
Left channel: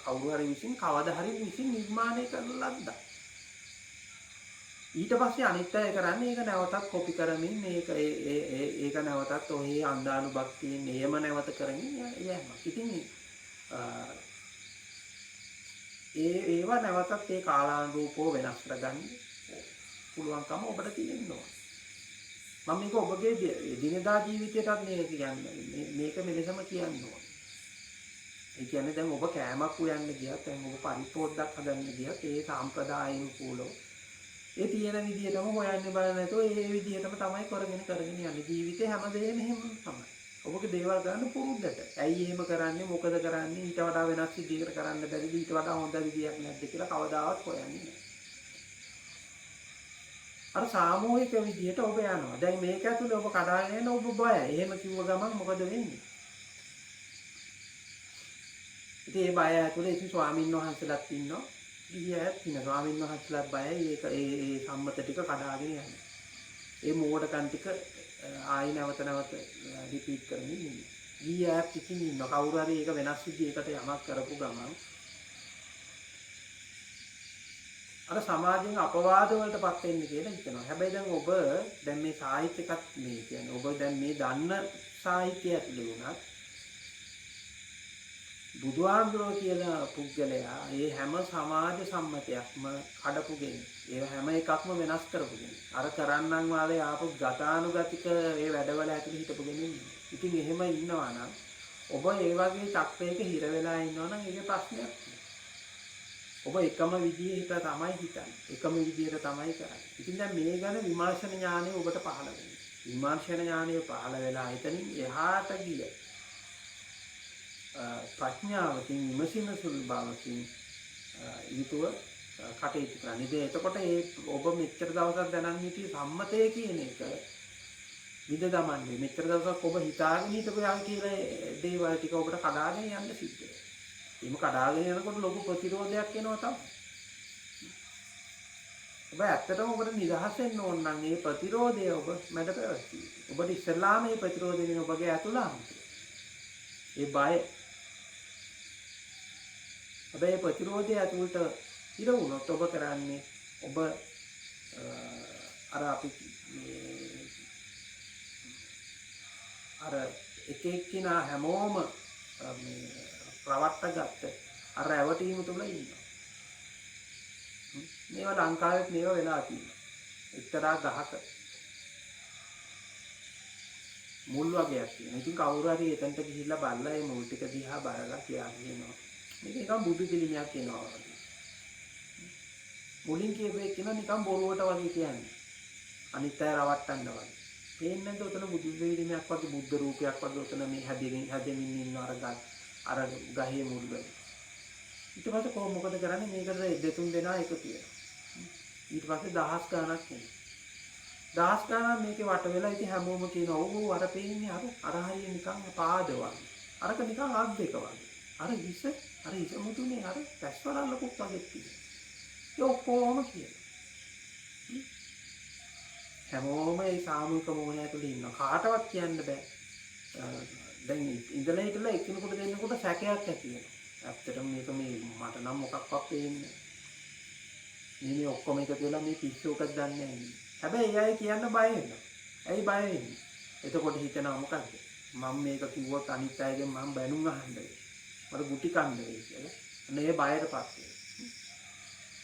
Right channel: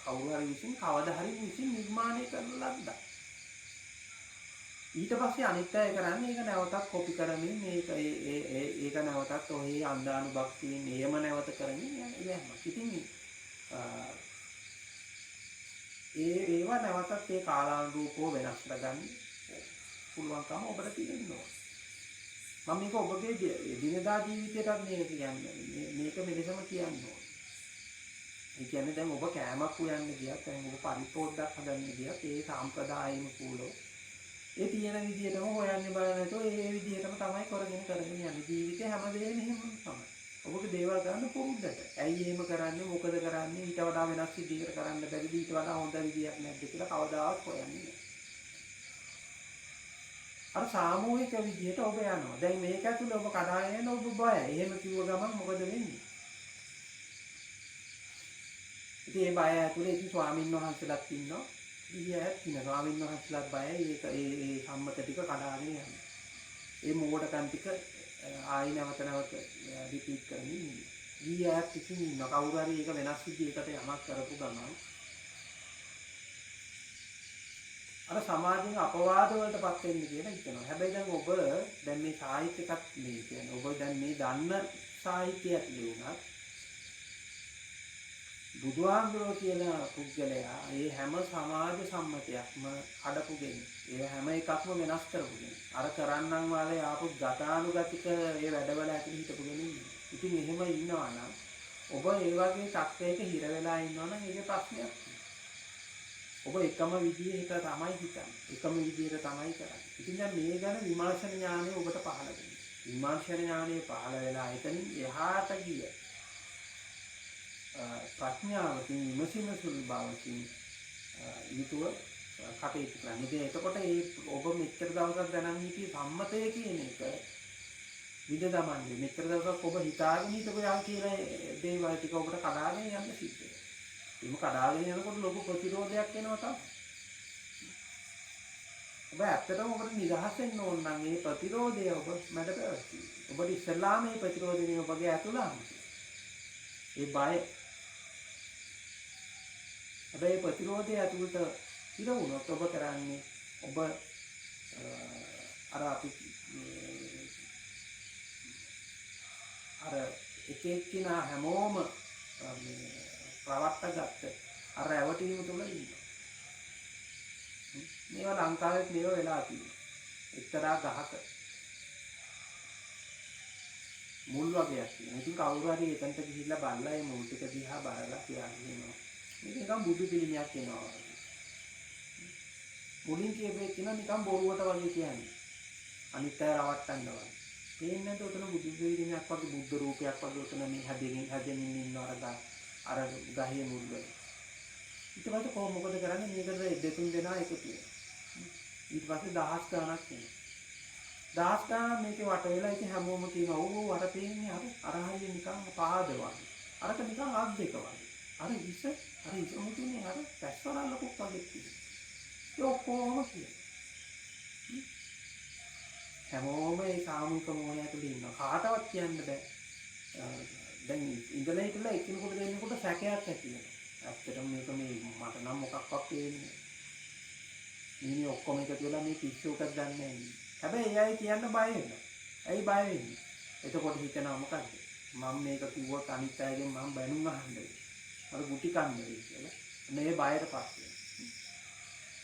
කවුරු හරි විසින් කවදා හරි විසින් නිර්මාණය කරන ලද්දක්. ඊට පස්සේ අනිත් අය කරන්නේ ඒක නැවතත් කොපි කරමින් ඒක නැවතත් ඔහේ අන්දානුභක්තියෙන් එහෙම නැවත කරමින් යෑම. ඉතින් ඒවා නැවතත් ඒ කාලානුරූපව වෙනස් කරගන්න පුළුවන්කම ඔබට තියෙනවා. මම මේක ඔබගේ දිනදා ජීවිතයටත් මේක කියන්නේ මේක මෙලෙසම කියන්න ඕනේ. ඒ කියන්නේ දැන් ඔබ කෑමක් උයන්න ගියත් දැන් ඔබ පරිපෝද්දක් හදන්න ගියත් ඒ සම්ප්‍රදායින් කූලව ඒ තියෙන විදිහටම හොයන්නේ බලන්නේ නැතුව ඒ විදිහටම තමයි කරගෙන යන්නේ. ජීවිතේ හැමදේම එහෙම තමයි. ඔබගේ දේවල් කරන්න පුරුද්දට. ඇයි එහෙම කරන්නේ? මොකද කරන්නේ? ඊට වඩා වෙනස් විදිහකට කරන්න බැරිද? ඊට වඩා හොඳ විදියක් නැද්ද කියලා කවදාවත් හොයන්නේ නැහැ. අර සාමූහික විදිහට ඔබ යනවා. දැන් මේක ඇතුලේ ඔබ කඩාගෙන යන ඔබ බයයි. එහෙම කිව්ව ගමන් මොකද වෙන්නේ? ඉතින් ඒ බය ඇතුලේ ඉතින් ස්වාමීන් වහන්සේලාත් ඉන්නවා. ඊයත් ඉන්න ස්වාමීන් වහන්සේලාත් බයයි. ඒ සම්මත ටික කඩාගෙන යනවා. ඒ මෝඩකම් ටික ආයි නැවත රිපීට් කරමින් ඉන්නවා. ඊයත් ඉතින් ඉන්න කවුරු හරි ඒක වෙනස් විදිහකට යමක් කරපු ගමන් අර සමාජයෙන් අපවාද වලටපත් වෙන්න කියලා හිතනවා. හැබැයි දැන් ඔබ දැන් මේ සාහිත්‍යකත් මේ කියන්නේ ඔබ දැන් මේ දන්න සාහිත්‍ය ඇතුළේ වුණත් බුදුහාමුදුරුවෝ කියලා පුද්ගලයා ඒ හැම සමාජ සම්මතයක්ම කඩපු කෙනෙක්. ඒ හැම එකක්ම වෙනස් කරපු කෙනෙක්. අර කරන්නන් වාලේ ආපු ගතානුගතික ඒ වැඩවල ඇතුළේ හිටපු කෙනෙක්. ඉතින් එහෙම ඉන්නවා නම් ඔබ ඒ වගේ චක්‍රයක හිර වෙලා ඉන්නවා නම් ඒකේ ප්‍රශ්නයක් තියෙනවා. ඔබ එකම විදිහට තමයි හිතන්නේ. එකම විදිහට තමයි කරන්නේ. ඉතින් දැන් මේ ගැන විමර්ශන ඥානය ඔබට පහළ වෙනවා. විමර්ශන ඥානය පහළ වෙලා එතනින් එහාට ගිය ප්‍රඥාවකින් විමසින සුළු බවකින් යුතුව කටයුතු කරන්න. ඉතින් එතකොට ඒ ඔබ මෙච්චර දවසක් දැනන් හිටිය සම්මතය කියන එක විද දමන්නේ. මෙච්චර දවසක් ඔබ හිතාගෙන හිටපු යා කියලා දේවල් ටික ඔබට කඩාගෙන යන්න සිද්ධ වෙනවා. එහෙම කඩාගෙන යනකොට ලොකු ප්‍රතිරෝධයක් එනවා තමයි. ඔබ ඇත්තටම ඔබට නිදහස් වෙන්න ඕන නම් මේ ප්‍රතිරෝධය ඔබ මැඩ පැවැත්වීම. ඔබට ඉස්සෙල්ලාම මේ ප්‍රතිරෝධයෙන් ඔබගේ ඇතුළාම ඒ බය. හැබැයි ප්‍රතිරෝධය ඇතුළට ඉර වුණොත් ඔබ කරන්නේ ඔබ අර අපි අර එක එක්කිනා හැමෝම මේ රවට්ට ගත්ත අර රැවටීම තුළ ඉන්නවා. මේවා ලංකාවෙත් මේවා වෙලා තියෙනවා. එක්තරා ගහක මුල් වගේක් තියෙනවා. ඉතින් කවුරු හරි එතනට ගිහිල්ලා බලලා ඒ මුල් ටික දිහා බලලා කියනවා මේක නිකන් බුදු පිළිමයක් වෙනවා වගේ. මුලින් කියපේ කියන නිකන් බොරුවට වගේ කියන්නේ. අනිත් අය රවට්ටන්න වගේ. පේන්නේ නැද්ද උතන බුදු පිළිමයක් වගේ බුද්ධ රූපයක් වගේ උතන මේ හැදෙමින් ඉන්න අර ගහේ මුල් වල. ඊට පස්සේ කොහොම මොකද කරන්නේ මේකට දෙතුන් දෙනා එකතු වෙනවා. ඊට පස්සේ දහස් ගණනක් එනවා. දහස් ගණන් මේකේ වට වෙලා ඉතින් හැමෝම කියනවා ඔව් අර පේන්නේ අර හරිය නිකන් පාද වගේ. අරක නිකන් අත් දෙක වගේ. අර හිස මුතුනේ අර පැස්වලල්ලකුත් වගේ තියෙනවා. ඒ ඔක්කොම කියනවා. හැමෝම ඒ සාමූහික මොහොනේ ඇතුළේ ඉන්නවා. කාටවත් කියන්න බෑ. දැන් ඉඳලා හිටලා එකිනෙකට දෙන්නකොට සැකයක් ඇති වෙනවා. ඇත්තටම මේක මේ මට නම් මොකක්වත් පේන්නේ නෑ. මේ ඔක්කොම එකතු වෙලා මේ පිස්සුවක දන්නේ නෑ. හැබැයි ඒ අය කියන්න බය වෙනවා. ඇයි බය වෙන්නේ? එතකොට හිතනවා මොකද්ද? මම මේක කිව්වොත් අනිත් අයගෙන් මම බැනුම් අහන්න වෙයි. මට ගුටි කන්න වෙයි කියලා. මේ බයයටපත් වෙනවා.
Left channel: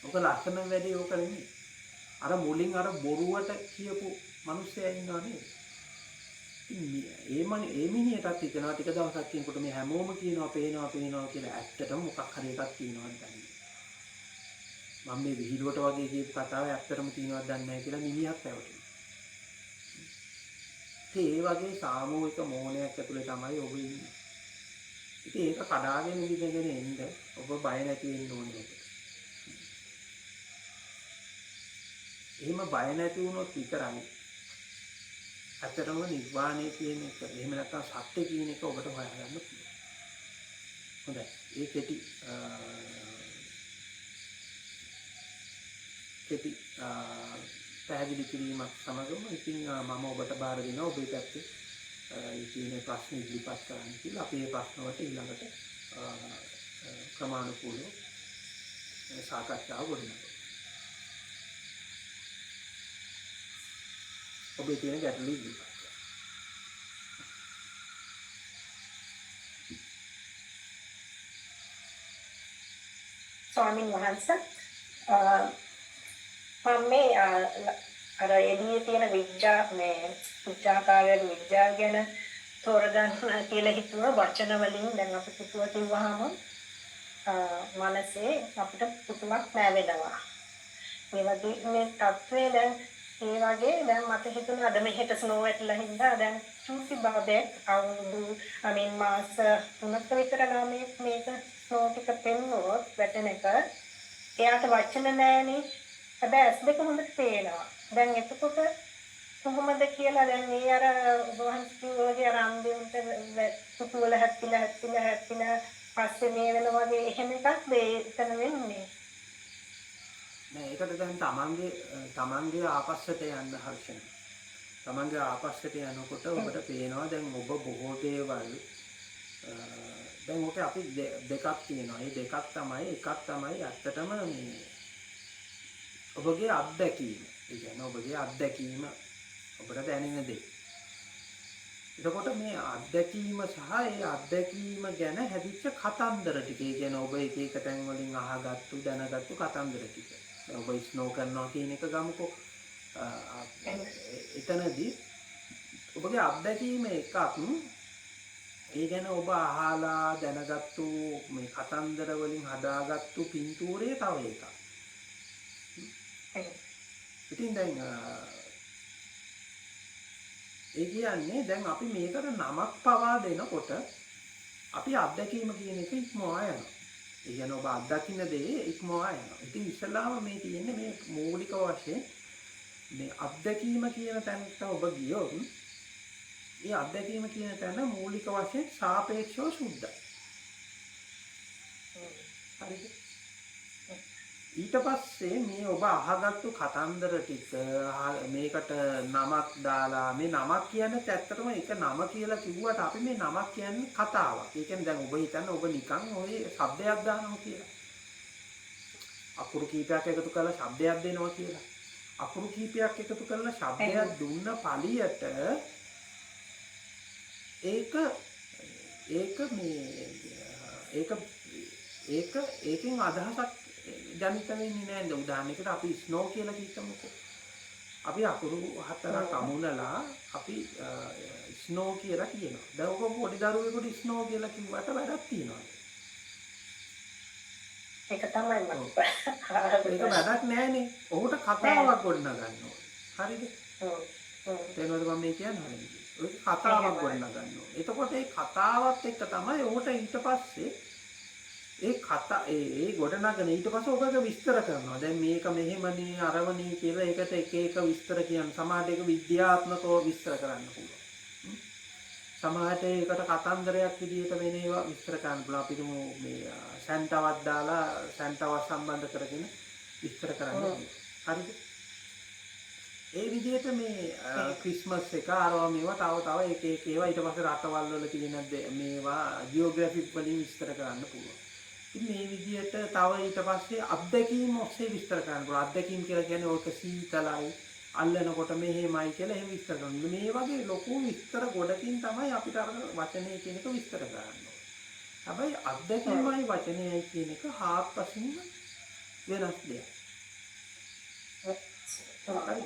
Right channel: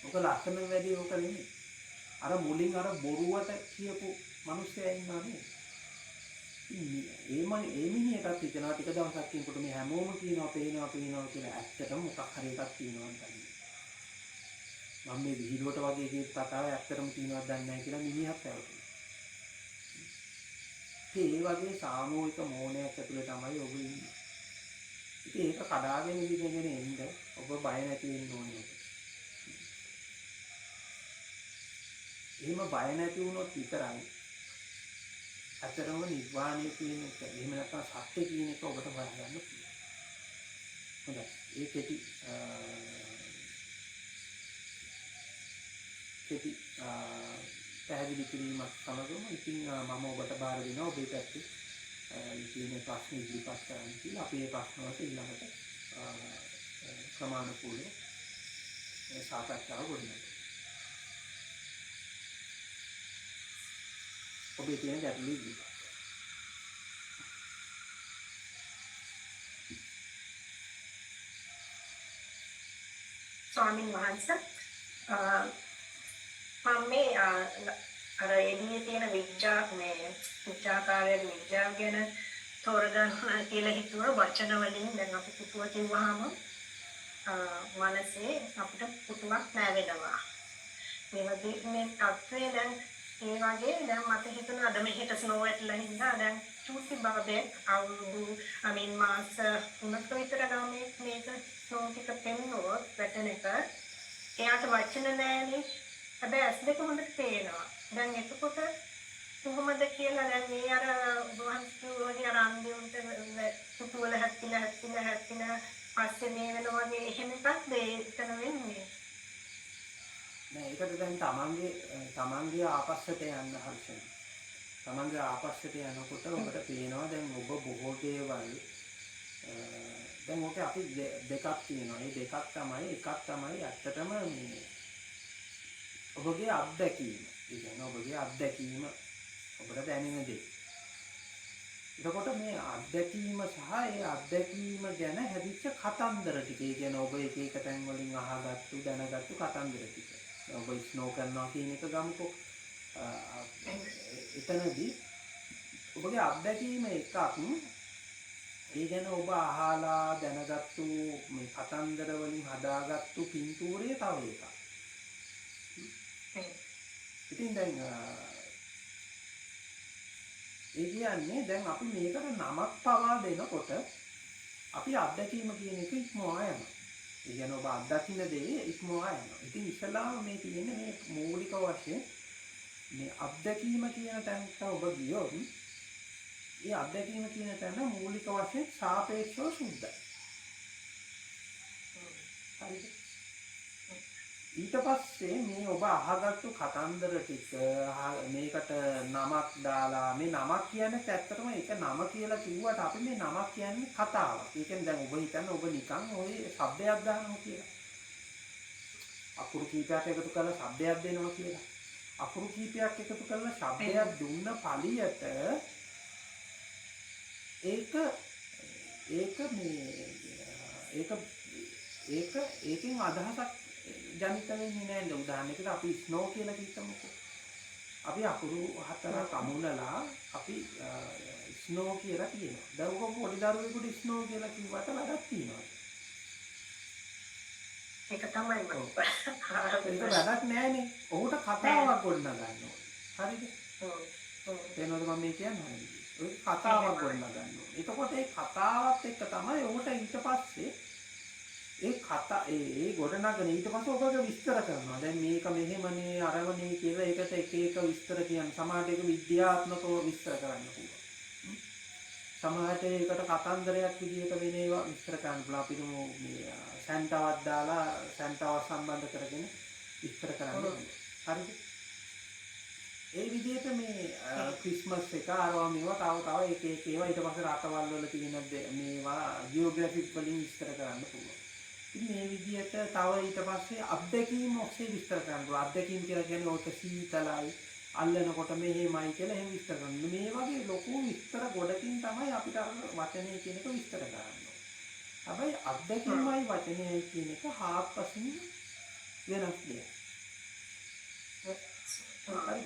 ඔක ලස්සන වැඩි ඕක නෙමෙයි. අර මුලින් අර බොරුවට කියපු මිනිස්සයා ඉන්නව නේද? ඒ මිනිහටත් හිතනවා ටික දවසක් කියනකොට මේ හැමෝම කියනවා පේනවා කියලා ඇත්තටම මොකක් හරි එකක් තියෙනවද දන්නේ. මම මේ විහිළුවට වගේ කියපු කතාව ඇත්තටම තියෙනවද දන්නේ නැහැ කියලා මිනිහත් පැවටෙනවා. ඒ වගේ සාමූහික මෝහණයක් ඇතුලේ තමයි ඔබ ඉන්නේ. ඉතින් ඒක කඩාගෙන ඉඳගෙන එන්න ඔබ බය නැති වෙන්න ඕනේ. එහෙම බය නැති වුණොත් විතරයි ඇත්තටම නිර්වාණය කියන එක එහෙම නැත්නම් සත්‍ය කියන එක ඔබට හොයාගන්න පුළුවන්. හොඳයි. ඒ කෙටි පැහැදිලි කිරීමක් සමගම ඉතින් මම ඔබට බාර දෙනවා ඔබේ පැත්තේ කියන ප්‍රශ්න ඉදිරිපත් කරන්න කියලා. අපි මේ ප්‍රශ්න වලට ඊළඟට ක්‍රමානුකූලව සාකච්ඡාව ගොඩනගමු. ඔබේ තියෙන ගැටලු ඉදිරිපත් කරන්න. ස්වාමීන් වහන්සේ මම මේ අර එළියේ තියෙන විද්‍යාකාරයෙන් විද්‍යාව ගැන තෝරගන්න කියලා හිතුවා වචන වලින්. දැන් අපි පුතුව කිව්වහම මනසේ අපිට පුතුවක් නැවෙනවා. මේ වගේ මේ තත්ත්වය දැන් ඒ වගේ දැන් මට හිතුණා අද මෙහෙට ස්නෝ වැටලා හින්දා දැන් චූටි බබෙක් අවුරුදු මාස 3ක විතර ගානේ මේක ස්නෝ ටික පෙන්නුවොත් වැටෙන එක එයාට වචන නැහැනේ. හැබැයි ඇස් දෙක හොඳට පේනවා. දැන් එතකොට කොහොමද කියලා දැන් ඒ අර වහන්සේගේ රාම්දේවන්ට පුතු වල හැප්පිලා පස්සේ මේ වෙන වගේ එහෙම එකක්ද එතන වෙන්නේ? නෑ ඒකට දැන් තමන්ගේ ආපස්සට යන්න හර්ෂණ. තමන්ගේ ආපස්සට යනකොට ඔබට පේනවා දැන් ඔබ බොහෝ දේවල් දැන් ඔක අපි දෙකක් තියෙනවා. ඒ දෙකක් තමයි එකක් තමයි ඇත්තටම මේ ඔබගේ අත්දැකීම. ඒ කියන්නේ ඔබගේ අත්දැකීම ඔබට දැනෙන දේ. එතකොට මේ අත්දැකීම සහ ඒ අත්දැකීම ගැන හැදිච්ච කතන්දර ටික. ඒ කියන්නේ ඔබ එක එක තැන් වලින් අහගත්තු දැනගත්තු කතන්දර ටික. දැන් ඔබ ස්නෝ කරනවා කියන එක ගමුකෝ. එතනදී ඔබගේ අත්දැකීම එකක්. ඒ ගැන ඔබ අහලා දැනගත්තු මේ කතන්දර වලින් හදාගත්තු පින්තූරය තව එකක්. ඉතින් දැන් ඒ කියන්නේ දැන් අපි මේකට නමක් පවා දෙනකොට අපි අත්දැකීම කියන එක ඉක්මවා යනවා. ඒ කියන්නේ ඔබ අත්දකින්න දේ ඉක්මවා යනවා. ඉතින් ඉස්සලාම මේ තියෙන්නේ මේ මූලික වශයෙන් මේ අත්දැකීම කියන තැනට ඔබ ගියොත් ඒ අත්දැකීම කියන තැන මූලික වශයෙන් සාපේක්ෂව සුද්ධයි. හරිද? ඊට පස්සේ මේ ඔබ අහගත්තු කතන්දර ටික මේකට නමක් දාලා මේ නමක් කියන්නේ ඇත්තටම ඒක නම කියලා කිව්වට අපි මේ නමක් කියන්නේ කතාවක්. ඒ කියන්නේ දැන් ඔබ හිතන්න ඔබ නිකන් ওই શબ્දයක් දානවා කියලා. අකුරු කීපයක් එකතු කරලා શબ્දයක් දෙනවා කියලා. අකුරු කීපයක් එකතු කරලා શબ્දයක් දුන්න පළියට ඒකෙන් අදහසක් ජනිත වෙන්නේ නැහැ. උදාහරණයකට අපි ස්නෝ කියලා කිව්වමකෝ. අපි අකුරු හතරක් අමුණලා අපි ස්නෝ කියලා කියනවා. දැන් ඔක පොඩි දරුවෙකුට ස්නෝ කියලා කිව්වට වැඩක් තියෙනවා. ඒක තමයි මම. ඒක වැඩක් නැහැනේ. ඔහුට කතාවක් ගොඩනගන්න ඕනේ. හරිද? තේරෙනවද මම මේ කියන්නේ? ඔය කතාවක් ගොඩනගන්න ඕනේ. එතකොට ඒ කතාවත් එක්ක තමයි ඔහුට ඊට පස්සේ ඒ ගොඩනගන ඊට පස්සේ ඔබක විස්තර කරනවා. දැන් මේක මෙහෙමනේ අරවනේ කියලා ඒකට එක එක විස්තර කියන්න. සමහරට ඒක විද්‍යාත්මකව විස්තර කරන්න පුළුවන්. සමහරට ඒකට කතන්දරයක් විදිහට වෙන ඒවා විස්තර කරන්න පුළුවන්. අපි මේ සැන්ටාවක් දාලා සැන්ටාව සම්බන්ධ කරගෙන විස්තර කරන්න පුළුවන්. හරිද? ඒ විදිහට මේ ක්‍රිස්මස් එක අරවා මේවා තව එක එක ඒවා ඊට පස්සේ රටවල් වල තියෙන මේවා ජියෝග්‍රැෆික් වලින් විස්තර කරන්න පුළුවන්. ඉතින් මේ විදිහට තව ඊට පස්සේ අත්දැකීම් ඔස්සේ විස්තර කරන්න පුළුවන්. අත්දැකීම් කියලා කියන්නේ ඕක සීතලයි අල්ලනකොට මෙහෙමයි කියලා එහෙම විස්තර කරනවා. මේ වගේ ලොකු විස්තර ගොඩකින් තමයි අපිට අර වචනේ කියන එක විස්තර කරන්න ඕනේ. හැබැයි අත්දැකීමයි වචනයයි කියන එක හාත්පසින්ම වෙනස් දෙයක්.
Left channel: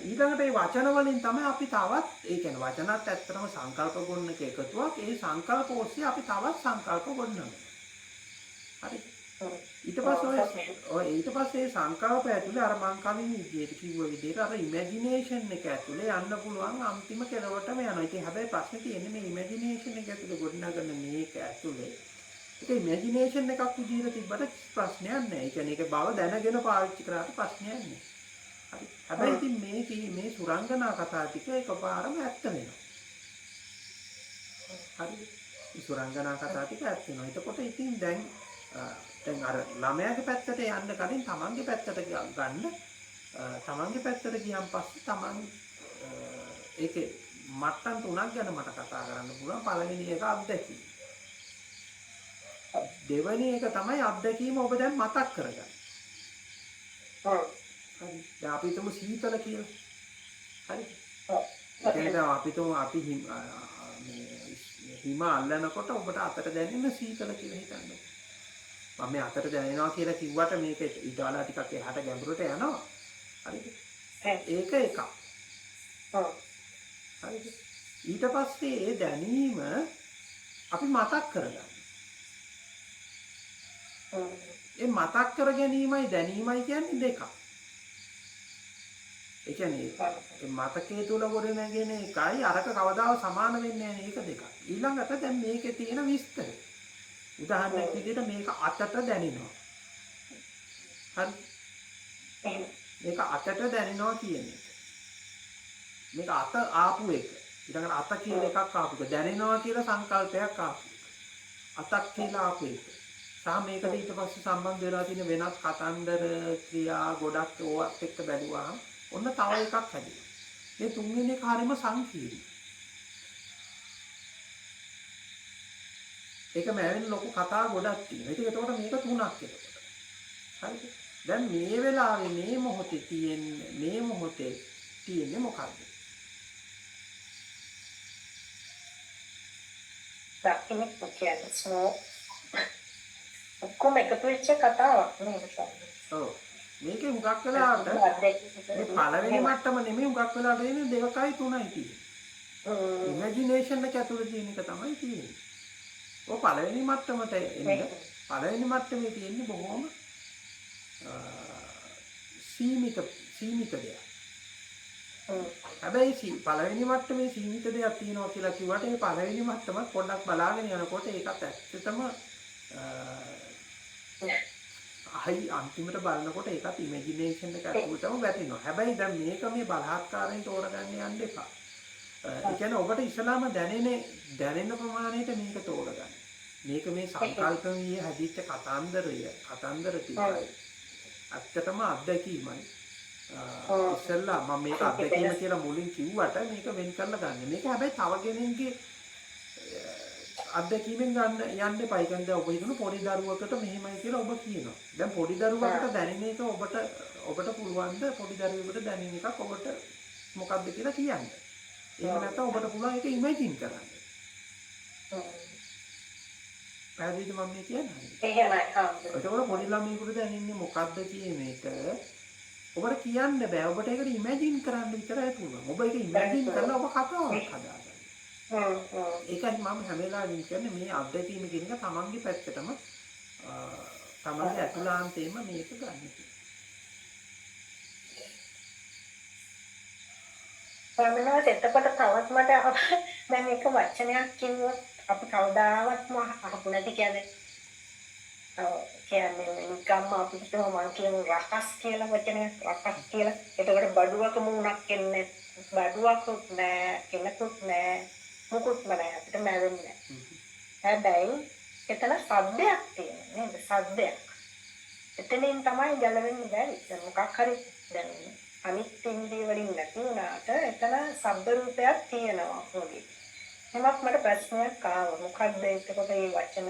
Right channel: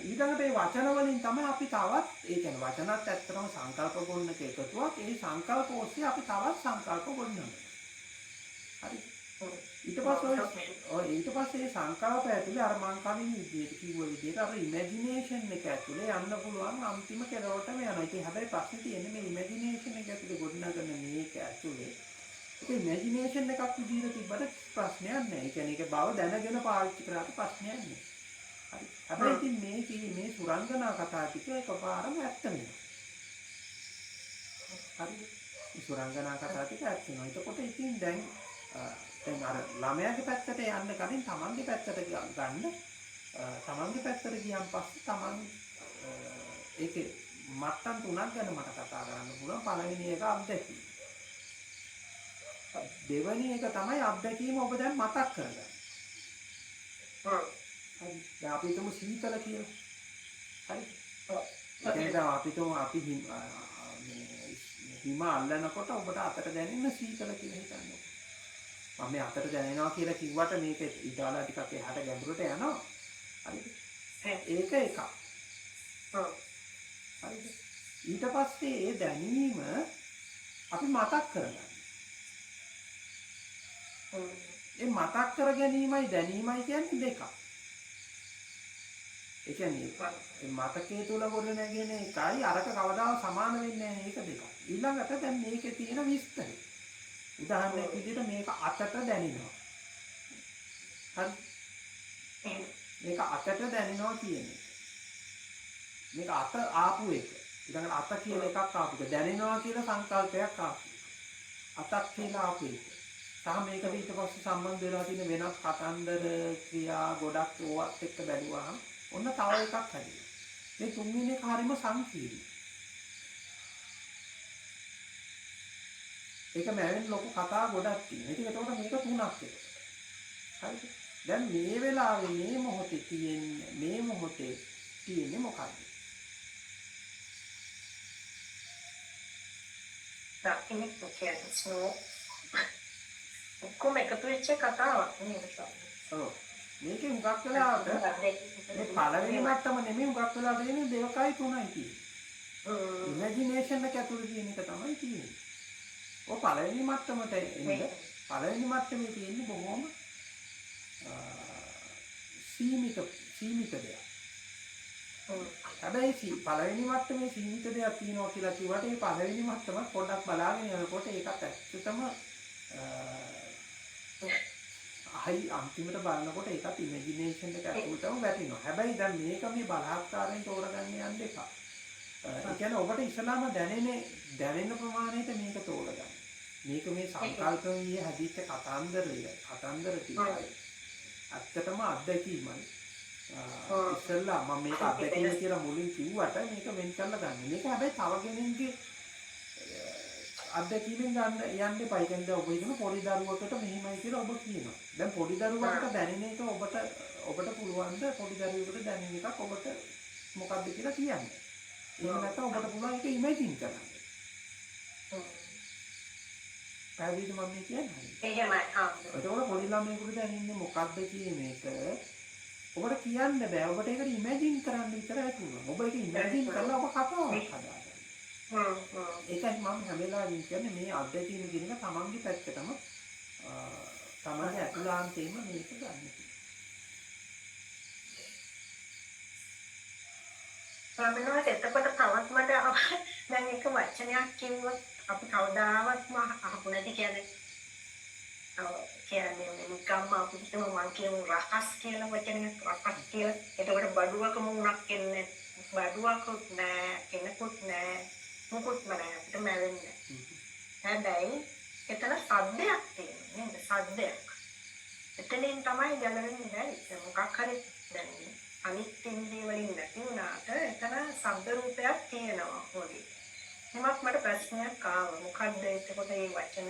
ඊළඟට මේ වචන වලින් තමයි අපි තවත් ඒ කියන්නේ වචනත් ඇත්තටම සංකල්ප ගොන්නක එකතුවක්. ඒ සංකල්ප ඔස්සේ අපි තවත් සංකල්ප ගොන්නනවා. හරි. ඊට පස්සේ සංකල්ප ඇතුලේ අර මං කලින් විදිහට කිව්ව විදිහට අර ඉමැජිනේෂන් එක ඇතුලේ යන්න පුළුවන් අන්තිම කෙලවරටම යනවා. ඉතින් හැබැයි ප්‍රශ්නේ තියෙන්නේ මේ ඉමැජිනේෂන් එක ඇතුලේ ගොඩනගන මේක ඇතුලේ ඒක ඉමැජිනේෂන් එකක් විදිහට තිබ්බට ප්‍රශ්නයක් නැහැ. ඒ කියන්නේ ඒක බව දැනගෙන පාවිච්චි කරාට ප්‍රශ්නයක් නැහැ. හරි. හැබැයි ඉතින් මේ සුරංගනා කතා ටික එකපාරම ඇත්ත වෙනවා. හරිද? මේ සුරංගනා කතා ටික ඇත්ත වෙනවා. එතකොට ඉතින් දැන් අර ළමයාගේ පැත්තට යන්න කලින් තමන්ගේ පැත්තට ගන්න. තමන්ගේ පැත්තට ගියන් පස්සේ තමන් ඒකේ මට්ටම් තුනක් ගැන මට කතා කරන්න පුළුවන්. පළවෙනි එක අත්දැකීම. දෙවෙනි එක තමයි අත්දැකීම ඔබ දැන් මතක් කරගන්න. හරි. දැන් අපි හිතමු සීතල කියලා. හරි. ඒ කියන්නේ අපි හිම අල්ලනකොට ඔබට අතට දැනෙන සීතල කියලා හිතන්න. මම මේ අතට දැනෙනවා කියලා කිව්වට මේක ඊට වඩා ටිකක් එහාට ගැඹුරට යනවා. හරිද? ඒක එකක්. හරිද? ඊට පස්සේ ඒ දැනීම අපි මතක් කරගන්න. ඒ මතක් කර ගැනීමයි දැනීමයි කියන්නේ දෙකක්. ඒ කියන්නේ මතකයේ තුල ගොඩ නැගෙන එකයි අරක කවදාවත් සමාන වෙන්නේ නැහැ. ඒක දෙකක්. ඊළඟට දැන් මේකේ තියෙන විස්තරය. උදාහරණයක් විදිහට මේක අතට දැනෙනවා. හරි. මේක අතට දැනෙනවා කියන එක. මේක අත ආපු එක. ඊළඟට අත කියලා එකක් ආපු එක. දැනෙනවා කියලා සංකල්පයක් ආපු එක. අතක් කියලා ආපු එක. සහ මේකට ඊට පස්සේ සම්බන්ධ වෙලා තියෙන වෙනස් කතන්දර ක්‍රියා ගොඩක් ඕවත් එක්ක බැලුවාම ඔන්න තව එකක් හැදෙනවා. මේ තුන්වෙනි එක හරීම සංකීර්ණයි. ඒක මෑවෙන ලොකු කතා ගොඩක් තියෙනවා. ඉතින් එතකොට මේක තුනක් එතකොට. හරිද? දැන් මේ වෙලාවේ මේ මොහොතේ තියෙන්නේ මොකද්ද? දකින්න කියන්නේ ස්නෝ ඔක්කොම එකතු වෙච්ච කතාවක් නේද සමහරවිට. ඔව්. මේකේ හුඟක් වෙලාවට මේ පළවෙනි මට්ටම නෙමෙයි හුඟක් වෙලාවට එන්නේ 2යි 3යි තියෙන්නේ. ඉමේජිනේෂන් එක ඇතුළේ තියෙන එක තමයි තියෙන්නේ. ඔය පළවෙනි මට්ටමට එන්න පළවෙනි මට්ටමේ තියෙන්නේ බොහොම සීමිත දෙයක්. හැබැයි පළවෙනි මට්ටමේ සීමිත දෙයක් තියෙනවා කියලා කිව්වට මේ පළවෙනි මට්ටමත් පොඩ්ඩක් බලාගෙන යනකොට ඒකත් ඇත්තටම අන්තිමට බලනකොට ඒකත් ඉමේජිනේෂන් එක ඇතුළටම වැටෙනවා. හැබැයි දැන් මේක මේ බලහත්කාරයෙන් තෝරගන්න යන්න එපා. ඒ කියන්නේ ඔබට ඉස්සලාම දැනෙන ප්‍රමාණයට මේක තෝරගන්න. මේක මේ සංකල්පයේ හැදිච්ච කතන්දර ටිකයි. ඇත්තටම අත්දැකීමයි. ඉස්සල්ලා මම මේක අත්දැකීම කියලා මුලින් කිව්වට මේක වෙන් කරලා ගන්න. මේක හැබැයි තව කෙනෙක්ගේ අත්දැකීමෙන් ගන්න යන්න එපා. ඒ කියන්නේ ඔබ හිතන පොඩි දරුවකට මෙහෙමයි කියලා ඔබ කියනවා. දැන් පොඩි දරුවකට දැනෙන එක ඔබට පුළුවන් ද පොඩි දරුවෙකුට දැනෙන එකක් ඔබට මොකක්ද කියලා කියන්න. එහෙම නැත්නම් ඔබට පුළුවන් ඒක ඉමේජින් කරන්න. පැහැදිලිද මම මේ කියන්නේ? එහෙමයි. එතකොට පොඩි ළමයෙකුට දැනෙන්නේ මොකක්ද කියන එක ඔබට කියන්න බෑ. ඔබට ඒකට ඉමේජින් කරන්න විතරයි පුළුවන්. ඔබ ඒක ඉමේජින් කරලා ඔබ කතාවක් හදාගන්න. ඒකයි මම හැම වෙලාවෙම කියන්නේ මේ අත්දැකීම කියන එක තමන්ගේ පැත්තටම තමන්ගේ අතුලාන්තේම මේක ගන්න. ස්වාමීනාත් එතකොට තවත් මට දැන් එක වචනයක් කිව්වොත් අපි කවදාවත්ම අහපු නැති කියන්නේ නිකම්ම අපි හිතමු මං කියන රකස් කියලා වචනයක් රකස් කියලා. එතකොට බඩුවක මුණක් එන්නේ බඩුවකුත් නෑ කෙනෙකුත් නෑ මොකුත් නෑ අපිට මැවෙන්නේ නෑ. හැබැයි එතන සද්දයක් තියෙනවා නේද? සද්දයක්. එතනින් තමයි ගැලවෙන්න බැරි. දැන් මොකක් හරි දැනෙන්නේ. අනිත් ඉන්ද්‍රිය වලින් නැති වුණාට එතන ශබ්ද රූපයක් තියෙනවා වගේ. එමත් මට ප්‍රශ්නයක් ආවා. මොකක්ද එතකොට මේ වචන?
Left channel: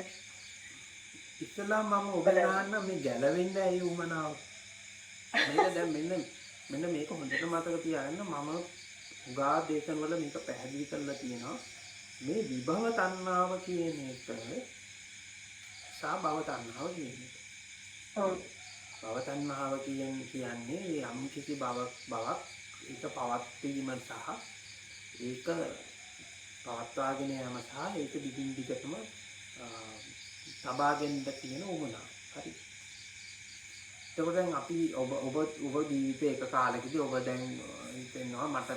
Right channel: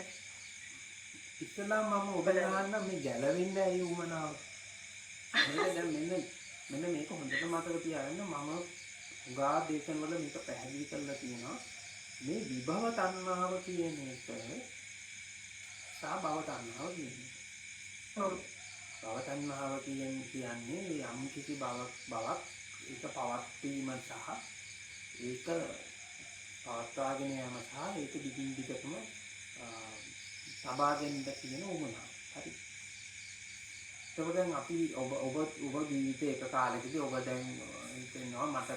ඉස්සලා මම ඔබට අහන්න මේ ගැලවෙන්න ඇයි උමනාව? මේක දැන් මෙන්න මේක හොඳට මතක තියාගන්න. මම උගා දේශන වල මේක පැහැදිලි කරලා තියෙනවා. මේ විභව තණ්හාව කියන එක සහ භව තණ්හාව කියන එක. භව තණ්හාව කියන්නේ යම් කිසි බවක් ඒක පවත්වීම සහ ඒක පවත්වාගෙන යාම සහ ඒක දිගින් දිගටම සබාගෙන්න තියෙන උමනාව. හරි. එතකොට දැන් අපි ඔබ ජීවිතේ එක කාලෙකදී ඔබ දැන් හිතෙනවා මට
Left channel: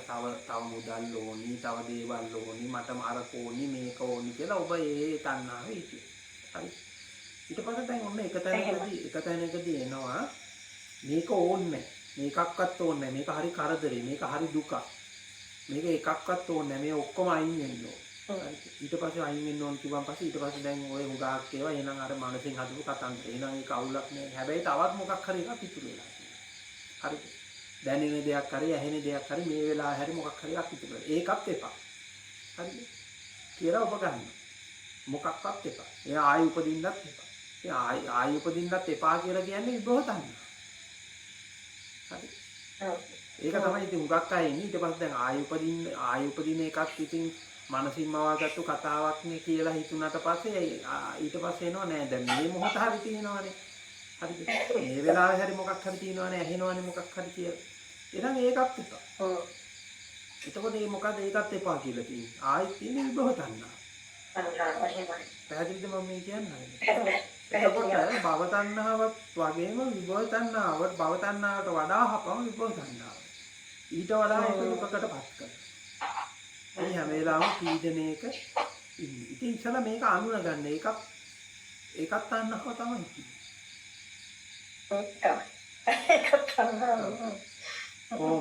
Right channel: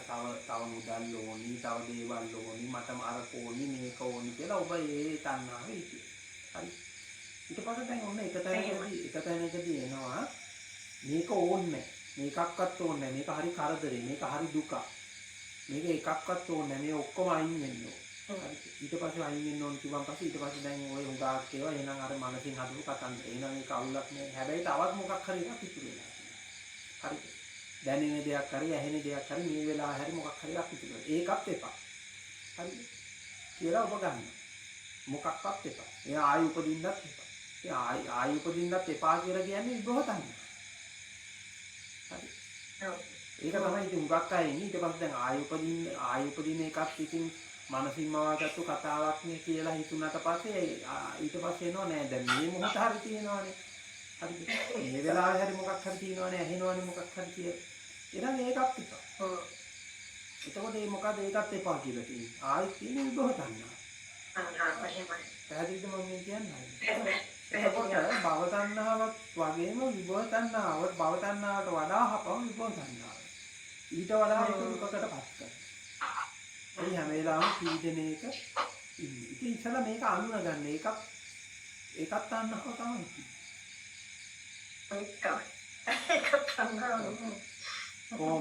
තව මුදල් ඕනි, තව දේවල් ඕනි, මට අරක ඕනි, මේක ඕනි කියලා ඔබ ඒ තණ්හාවේ හිටියේ. හරි. ඊට පස්සේ දැන් ඔන්න එක තැනකදී එනවා මේක ඕනේ මේකක්වත් ඕනේ මේක හරි කරදරේ, මේක හරි දුකක්, මේක එකක්වත් ඕනේ මේ ඔක්කොම අයින් වෙන්න ඕන. හරි. ඊට පස්සේ අයින් වෙන්න ඕන කිව්වන් පස්සේ ඊට පස්සේ දැන් ඔය හුඟක් ඒවා එහෙනම් අර මනසෙන් හදපු කතන්දර. එහෙනම් ඒක අවුලක් නෑ. හැබැයි තවත් මොකක් හරි එකක් ඉතුරු වෙලා තියෙනවා. හරිද? දැනෙන දෙයක් හරි ඇහෙන දෙයක් හරි මේ වෙලාව හැරි මොකක් හරි එකක් ඉතුරු වෙලා. ඒකත් එපා. හරිද? කියලා ඔබ ගන්න. මොකක්වත් එපා. එයා ආයි උපදින්නත් එපා. ආයි උපදින්නත් එපා කියලා කියන්නේ විභව තණ්හා. හරි. ඒක තමයි ඉතින් හුඟක් අය ඉන්නේ. ඊට පස්සේ දැන් ආයි උපදින එකක් ඉතින් මනසින් මවාගත්තු කතාවක් නේ කියලා හිතුණාට පස්සේ ඊට පස්සේ එනවා නෑ දැන් මේ මොහොත හරි තියෙනවනේ. හරිද? මේ වෙලාවේ හරි මොකක් හරි තියෙනවනේ ඇහෙනවනේ මොකක් හරි කියලා. එහෙනම් ඒකත් එපා. එතකොට මේ මොකද ඒකත් එපා කියලා තියෙන්නේ. ආයෙත් තියෙන විභව තණ්හා. පැහැදිලිද මම මේ කියන්නේ? එතකොට භව තණ්හාවත් වගේම විභව තණ්හාවට භව තණ්හාවට වඩා හපම විභව තණ්හාව. ඊට වඩා ඒක දුකකටපත් කරනවා. ඒ හැම වෙලාවෙම පීඩනයක ඉන්නේ. ඉතින් ඉතල මේක අඳුනගන්න ඒකත් තණ්හාව තමයි.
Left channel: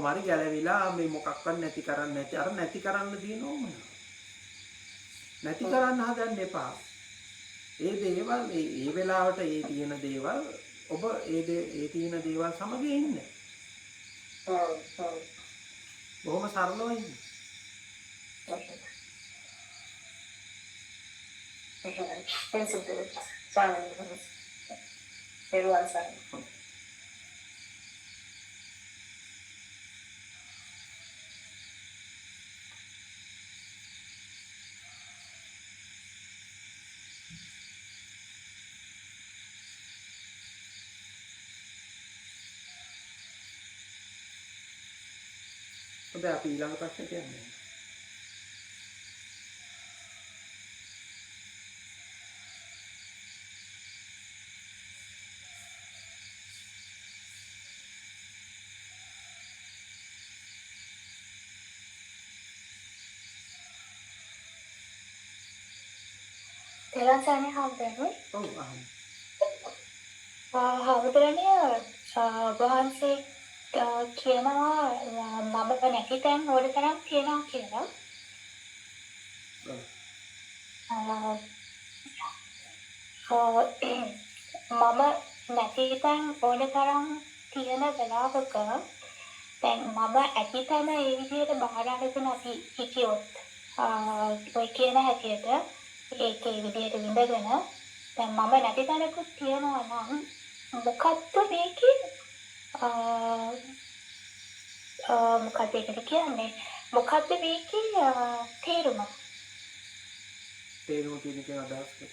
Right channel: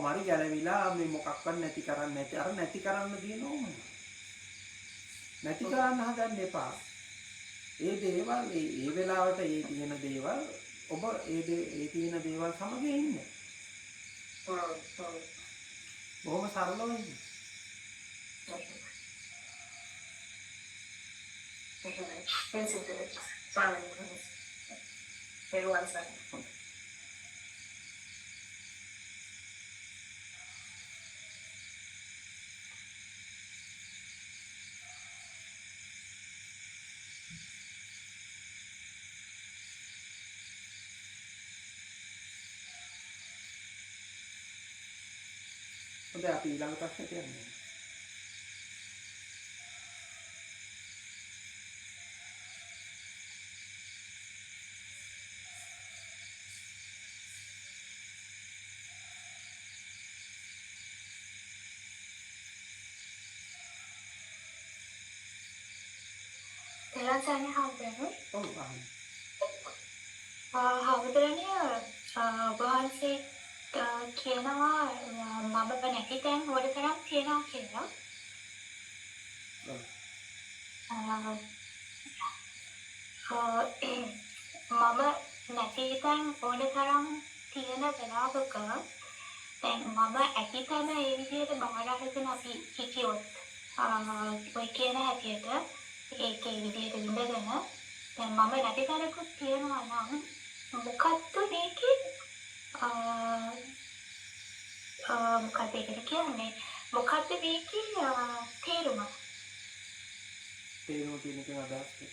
මරි ගැලවිලා මේ මොකක්වත් නැති කරන්න නැති අර නැති කරන්න දින ඕමන. නැති කරන්න හදන්න එපා. ඒ දේවල් ඒ වෙලාවට ඒ තියෙන දේවල් ඔබ ඒ තියෙන දේවල් සමග ඉන්න. බොහොම සරලව ඉන්න. හොඳයි අපි ඊළඟ ප්‍රශ්නෙට යන්නේ. තෙරුවන් සරණයි හාමුදුරනේ. ඔව් අහන්න. හාමුදුරනේ ඔබ වහන්සේ කියනවා මම නැති තැන් ඕන තරම් තියෙනවා කියලා. ඔව්. මම නැති තැන් ඕන තරම් තියෙන වෙලාවක දැන් මම ඇති තැන ඒ විදිහට බාර අරගෙන අපි හිටියොත් ඔය කියන හැටියට ඒකේ විදිහට විඳගෙන දැන් මම නැති තැනකුත් තියෙනවා නම් මොකක්ද මේකේ මොකක්ද ඒකට කියන්නේ මොකක්ද මේකේ තේරුම කියන එකෙන් අදහස් කරන්නේ.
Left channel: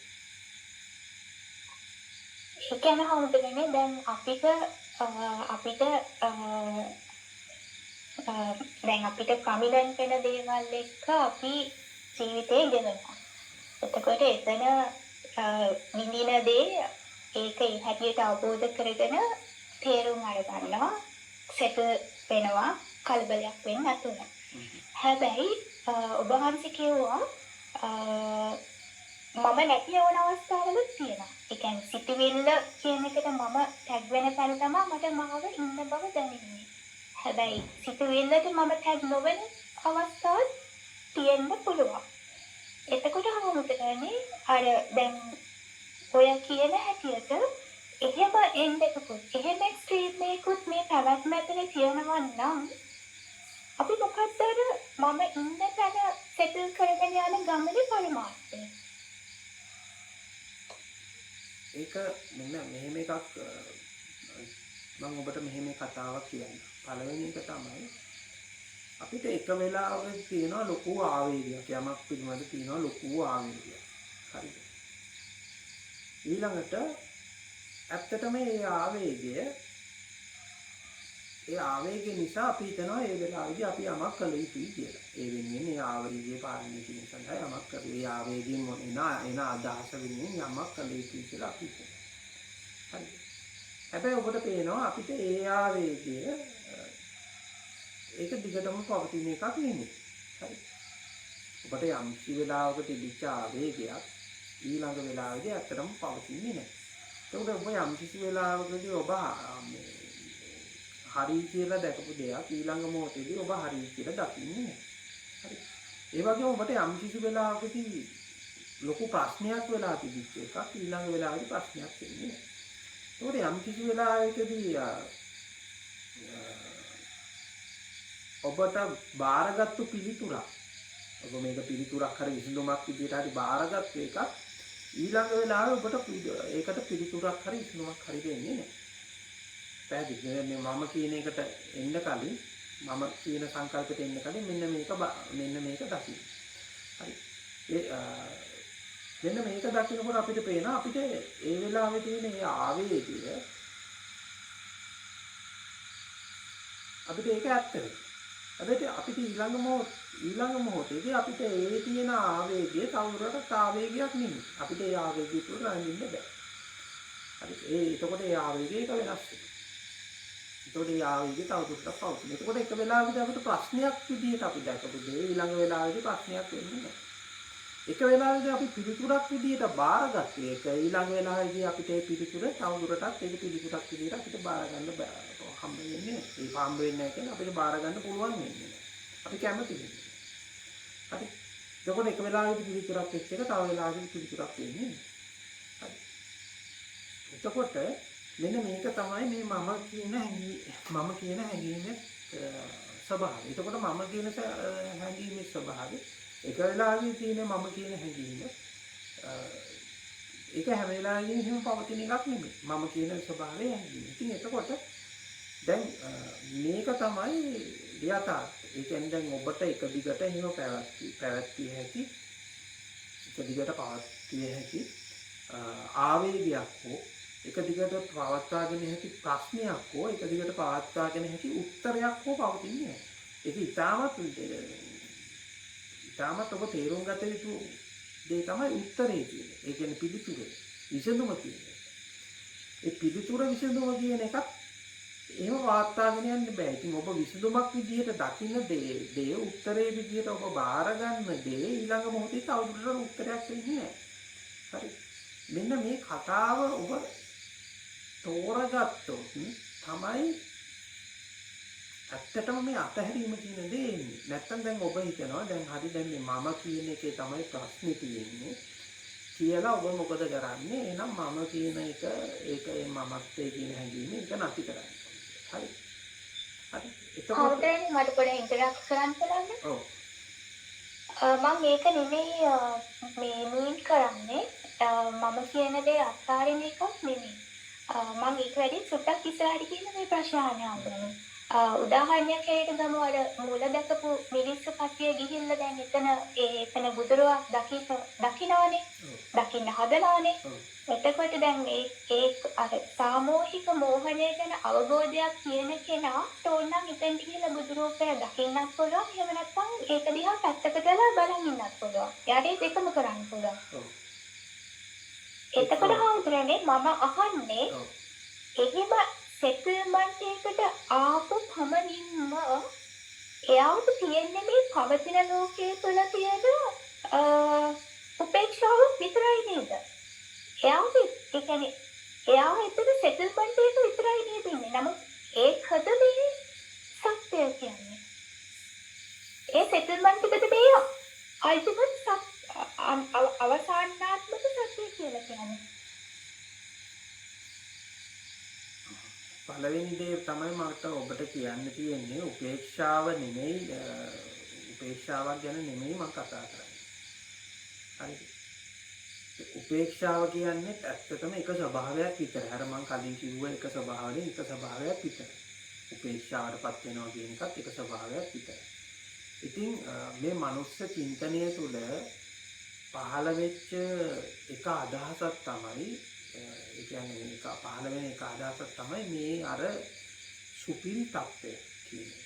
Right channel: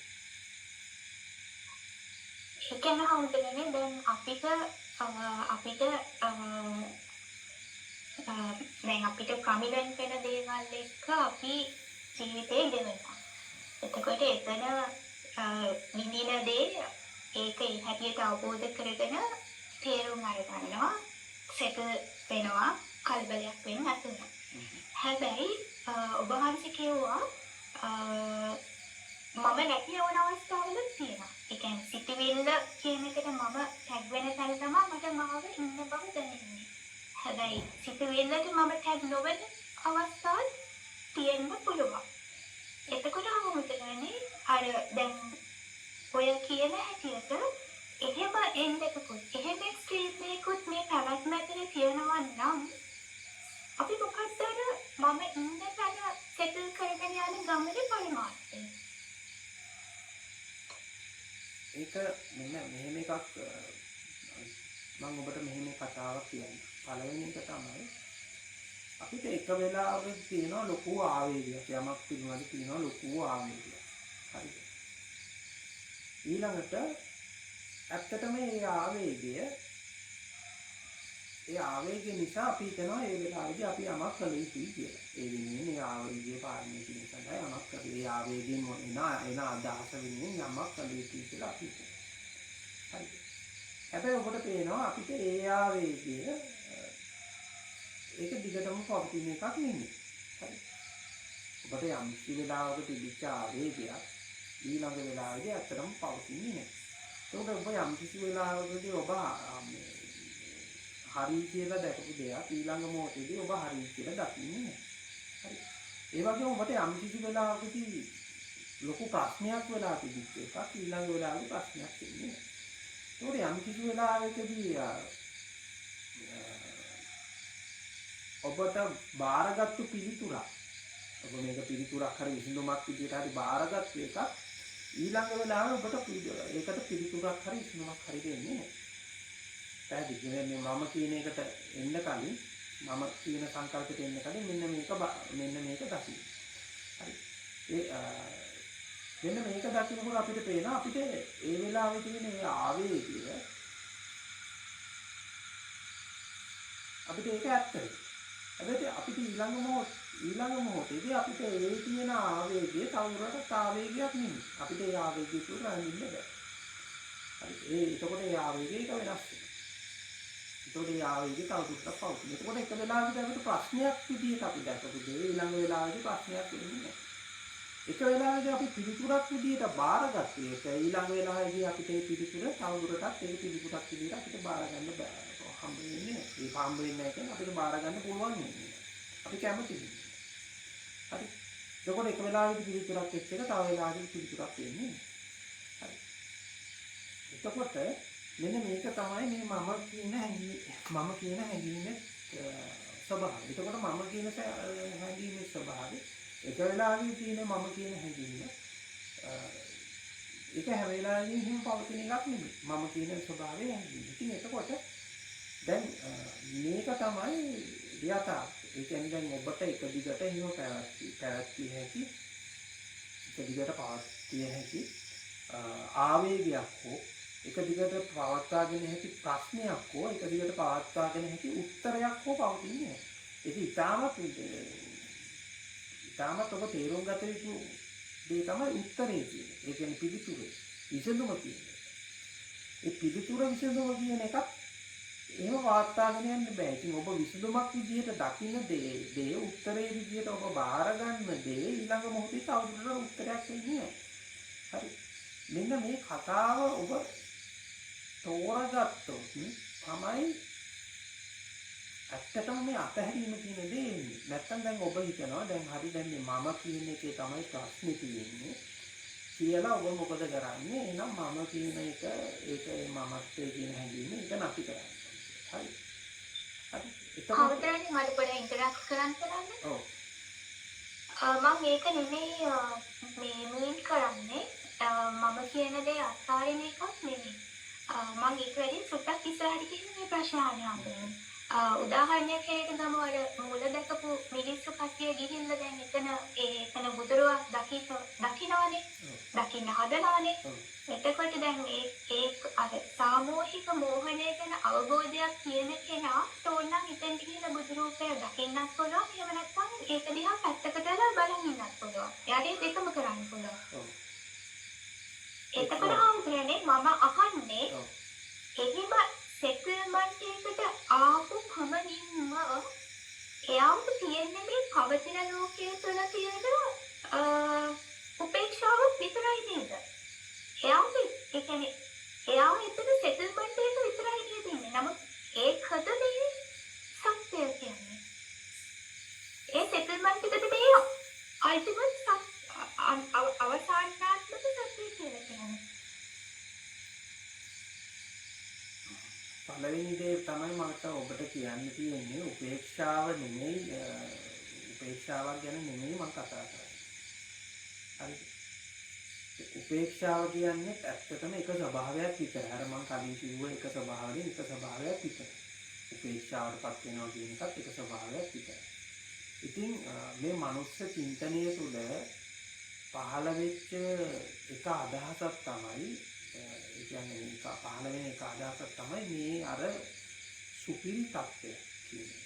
ඒ කියන්නේ හවුදනේ දැන් අපිට දැන් අපිට ප්‍රමිලන්ට් වෙන දේවල් එක්ක අපි ජීවිතේ ගෙවනවා. එතකොට එතන විඳින දේ ඒක ඒ හැටියට අවබෝධ කරගෙන තේරුම් අරගන්නවා සෙටල් වෙනවා කලබලයක් වෙන්නේ නැතුව. හැබැයි ඔබ වහන්සේ කියුවා මම නැති වෙන අවස්ථාවලුත් තියෙනවා. ඒ කියන්නේ සිටිවිල්ල කියන එකට මම ටැග් වෙන තැන තමයි මට මාව ඉන්න බව දැනෙන්නේ. හැබැයි සිටිවිල්ලට මම ටැග් නොවන අවස්ථාවක් තියෙන්න පුළුවන්. එතකොට හමුදුනේ අර දැන් ඔය කියන හැටියට එහෙම එන්නකොත් එහෙම ස්ට්‍රීම් එකකුත් මේ පැවැත්ම ඇතුලේ තියෙනවා නම් අපි මොකක්ද අර මම ඉන්න තැන සෙටල් කරගෙන යන ගමනේ පරමාර්ථය. ඒක මෙන්න මෙහෙම එකක් මම ඔබට මෙහෙම කතාවක් කියන්න. පළවෙනි එක තමයි අපිට එක වෙලාවක තියෙනවා ලොකු ආවේගයක්. යමක් පිළිබඳ තියෙනවා ලොකු ආවේගයක්. හරිද? ඊළඟට ඇත්තටම මේ ආවේගය නිසා අපි හිතනවා ඒ වෙලාවේදී අපි යමක් කළ යුතුයි කියලා. ඒ වෙනුවෙන් ඒ ආවේගය පාලනය කිරීම සඳහා යමක් කරේ. ඒ ආවේගයෙන් එන අදහස වෙනුවෙන් යමක් කළ යුතුයි කියලා අපි හිතනවා. හරිද? හැබැයි ඔබට පේනවා අපිට ඒ ආවේගය ඒක දිගටම පවතින එකක් නෙමෙයි. හරිද? ඔබට යම් කිසි වෙලාවක තිබිච්ච ආවේගයක් ඊළඟ වෙලාවේදී ඇත්තටම පවතින්නේ නැහැ. ඒකට ඔබ යම් කිසි වෙලාවකදී ඔබ හරි කියලා දැකපු දෙයක් ඊළඟ මොහොතේදී ඔබ හරි කියලා දකින්නේ නැහැ. හරි. ඒ වගේම ඔබට යම් කිසි වෙලාවකදී ලොකු ප්‍රශ්නයක් වෙලා තිබිච්ච එකක් ඊළඟ වෙලාවේදී ප්‍රශ්නයක් වෙන්නේ නැහැ. ඒකට යම් කිසි වෙලාවකදී ඔබට බාරගත්තු පිළිතුරක් ඔබ මේක පිළිතුරක් හරි විසඳුමක් විදිහට හරි බාරගත්තු එකක් ඊළඟ වෙලාවේ ඔබට ඒකට පිළිතුරක් හරි විසඳුමක් හරි දෙන්නේ නැහැ. පැහැදිලිද? මම කියන එකට එන්න කලින් මම කියන සංකල්පයට එන්න කලින් මෙන්න මේක දකින්න. හරි. මෙන්න මේක දකින්නකොට අපිට පේනවා අපිට ඒ වෙලාවේ තියෙන ඒ ආවේගය අපිට ඒක ඇත්ත වෙයි. හැබැයි අපිට ඊළඟ මොහොතේදී අපිට ඒ තියෙන ආවේගය තවදුරටත් ආවේගයක් නෙමෙයි. අපිට ඒ ආවේගය තුළ රැඳෙන්න බෑ. හරි. එතකොට ඒ ආවේගය එක වෙනස් වෙනවා. එතකොට ඒ ආවේගය තවදුරටත් පවතින. එතකොට එක වෙලාවකදී අපිට ප්‍රශ්නයක් විදිහට අපි දැකපු දේ ඊළඟ වෙලාවේදී ප්‍රශ්නයක් වෙන්නේ නැහැ. එක වෙලාවකදී අපි පිළිතුරක් විදිහට බාරගත්තේ ඒක ඊළඟ වෙලාවේදී අපිට ඒ පිළිතුර තවදුරටත් ඒක පිළිතුරක් විදිහට අපිට බාර ගන්න හම්බ වෙන්නේ නැහැ. ඒ හම්බ වෙන්නේ නැහැ කියන්නේ අපිට බාර ගන්න පුළුවන් වෙන්නේ නැහැ. අපි කැමති වෙන්නේ. හරි. එතකොට එක වෙලාවකදී පිළිතුරක් එක්ක තව වෙලාවකදී පිළිතුරක් වෙන්නේ නැහැ. හරි. එතකොට මෙන්න මේක තමයි මේ මම කියන හැඟීමේ ස්වභාවය. එතකොට මම කියන හැඟීමේ ස්වභාවය එක වෙලාවෙදී තියෙන මම කියන හැඟීම ඒක හැම වෙලාවෙදීම හිම පවතින එකක් නෙමෙයි. මම කියන ස්වභාවය හැඟීම. ඉතින් එතකොට දැන් මේක තමයි යථාර්ථය. ඒ කියන්නේ දැන් ඔබට එක දිගට හිම පැවැත්විය හැකි එක දිගට පවත්විය හැකි ආවේගයක් හෝ එක දිගට පවත්වාගෙන හැකි ප්‍රශ්නයක් හෝ එක දිගට පවත්වාගෙන හැකි උත්තරයක් හෝ පවතින්නේ නැහැ. ඒක ඉතාමත් ඔබ තේරුම් ගත යුතු දේ තමයි උත්තරේ කියන්නේ. ඒ කියන්නේ පිළිතුර. විසඳුම කියන්නේ. ඒ පිළිතුර විසඳුම කියන එකත් එහෙම වාර්තාගෙන යන්න බෑ. ඉතින් ඔබ විසඳුමක් විදියට දකින්න දේ උත්තරේ විදියට ඔබ බාර ගන්න දේ ඊළඟ මොහොතේ තවදුරටත් උත්තරයක් වෙන්නේ නැහැ. හරි. මෙන්න මේ කතාව ඔබ තෝරගත්තොත් තමයි ඇත්තටම මේ අතහැරීම කියන දේ එන්නේ. නැත්තම් දැන් ඔබ හිතනවා දැන් හරි දැන් මේ මම කියන එකේ තමයි ප්‍රශ්නේ තියෙන්නේ කියලා ඔබ මොකද කරන්නේ? එහෙනම් මම කියන එක ඒක ඒ මමත්වයේ කියන හැඟීම ඒක නැති කරන්නේ. හරි. හරි. එතකොට හවුදරනේ මට පොඩ්ඩක් ඉන්ටරැක්ට් කරන්න බලන්න. ඔව්. මම ඒක නෙමෙයි මේ මීන් කරන්නේ. මම කියන දේ අත්හරින එකක් නෙමෙයි. මම ඒක වැඩි සුට්ටක් ඉස්සරහට කියන මේ ප්‍රශ්න අහන්න හම්බුනේ. උදාහරණයක් හැටියට ගමු අර මූල දැකපු මිනිස්සු කට්ටිය ගිහිල්ලා දැන් එතන බුදුරුවක් දකින්නවනේ. දකින්න හදනවනේ. එතකොට දැන් ඒ අර සාමූහික මෝහණය ගැන අවබෝධයක් තියෙන කෙනා තෝරනම් එතෙන් ගිහිල්ලා බුදුරූපය දකින්නත් පුළුවන්. එහෙම නැත්නම් ඒක දිහා පැත්තකට දාලා බලන් ඉන්නත් පුළුවන්. එයාට ඒකම කරන්න පුළුවන්. එතකොට හවුදරනේ මම අහන්නේ එහෙම සෙටල්මන්ට් එකට ආපු පමණින්ම එයාට තියෙන්නේ මේ පවතින ලෝකයේ තුල තියෙන උපේක්ෂාව විතරයි නේද? එයාට ඒ කියන්නේ එයාව එතන සෙටල්මන්ට් එක විතරයි නේද ඉන්නේ. නමුත් ඒකද මේ සත්‍යය කියන්නේ. ඒ සෙටල්මන්ට් එකද මේ අල්ටිමේට් අවසානාත්මක සත්‍යය කියලා කියන්නේ. පළවෙනි දේ තමයි මට ඔබට කියන්න තියෙන්නේ උපේක්ෂාව නෙමෙයි උපේක්ෂාවක් ගැන නෙමෙයි මම කතා කරන්නේ. හරිද? උපේක්ෂාව කියන්නේ ඇත්තටම එක ස්වභාවයක් විතරයි. අර මම කලින් කිව්ව එක ස්වභාවයෙන් එක ස්වභාවයක් විතරයි. උපේක්ෂාවටපත් වෙනවා කියන එකත් එක ස්වභාවයක් විතරයි. ඉතින් මේ මනුස්ස චින්තනය තුළ පහළ වෙච්ච එක අදහසක් තමයි ඒ කියන්නේ මේක පහළ වෙන එක අදහසක් තමයි මේ අර සුපිරි තත්ත්වය කියන්නේ.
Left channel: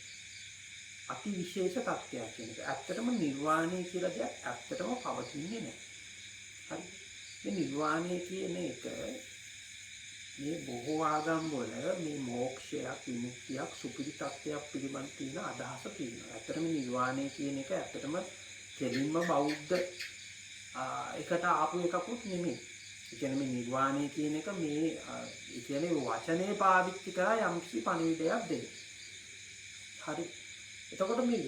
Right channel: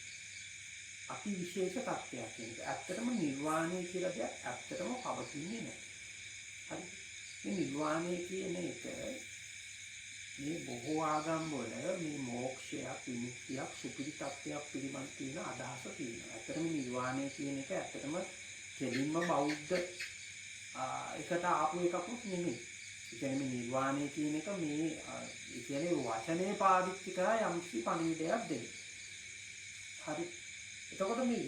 අති විශේෂ තත්ත්වයක් කියන එක. ඇත්තටම නිර්වාණය කියලා දෙයක් ඇත්තටම පවතින්නේ නැහැ. හරි. මේ නිර්වාණය කියන එක මේ බොහෝ ආගම් වල මේ මොක්ෂයක් විමුක්තියක් සුපිරි තත්ත්වයක් පිළිබඳ තියෙන අදහස තියෙනවා. ඇත්තටම නිර්වාණය කියන එක ඇත්තටම කෙලින්ම බෞද්ධ එකට ආපු එකකුත් නෙමෙයි. ඒ කියන්නේ මේ නිර්වාණය කියන එක මේ ඒ කියන්නේ වචනේ පාවිච්චි කරලා යම්කිසි පණිවිඩයක් දෙන්න. හරි. එතකොට මේ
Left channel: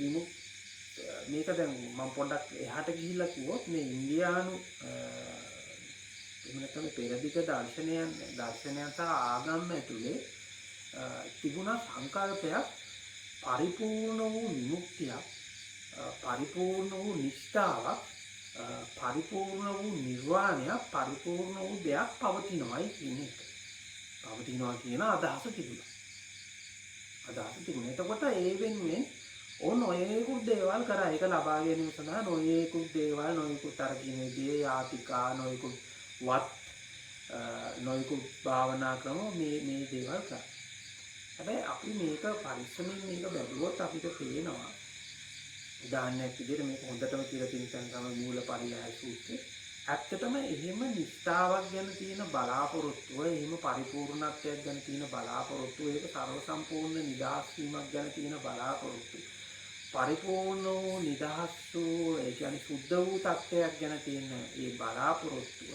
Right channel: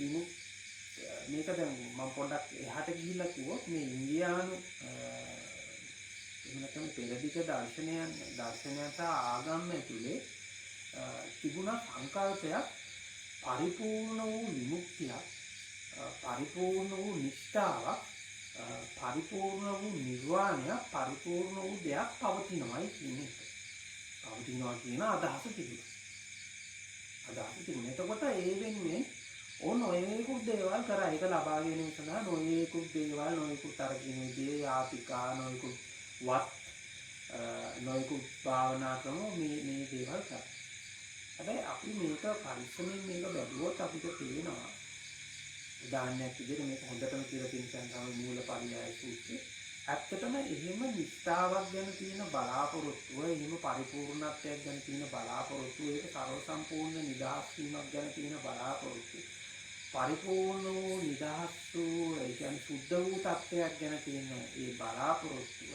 මේක දැන් මම පොඩ්ඩක් එහාට ගිහිල්ලා කිව්වොත් මේ ඉන්දියානු එහෙම නැත්නම් පෙරදිග දර්ශනයන් සහ ආගම් ඇතුලේ තිබුණා සංකල්පයක් පරිපූර්ණ වූ විමුක්තියක් පරිපූර්ණ වූ නිෂ්ඨාවක් පරිපූර්ණ වූ නිර්වාණයක් පරිපූර්ණ වූ දෙයක් පවතිනවායි කියන එක. පවතිනවා කියන අදහස තිබුණා. එතකොට ඒ වෙනුවෙන් නොයෙකුත් දේවල් කරා. ඒක ලබා ගැනීම සඳහා නොයෙකුත් දේවල් නොයෙකුත් අර කියන දේ යාතිකා නොයෙකුත් වත් නොයෙකුත් භාවනා ක්‍රම මේ දේවල් කරා. හැබැයි අපි මේක පරිස්සමෙන් මේක බැලුවොත් අපිට පේනවා උදාහරණයක් විදිහට මේක හොඳටම කියලා තියෙන සංගම මූලපරියාය සූත්‍රය. ඇත්තටම එහෙම නිස්සාවක් ගැන තියෙන බලාපොරොත්තුව, එහෙම පරිපූර්ණත්වයක් ගැන තියෙන බලාපොරොත්තුව, ඒක ਸਰව සම්පූර්ණ නිදහස් වීමක් ගැන තියෙන බලාපොරොත්තුව, පරිපූර්ණ වූ නිදහස් වූ ඒ කියන්නේ සුද්ධ වූ තත්ත්වයක් ගැන තියෙන ඒ බලාපොරොත්තුව,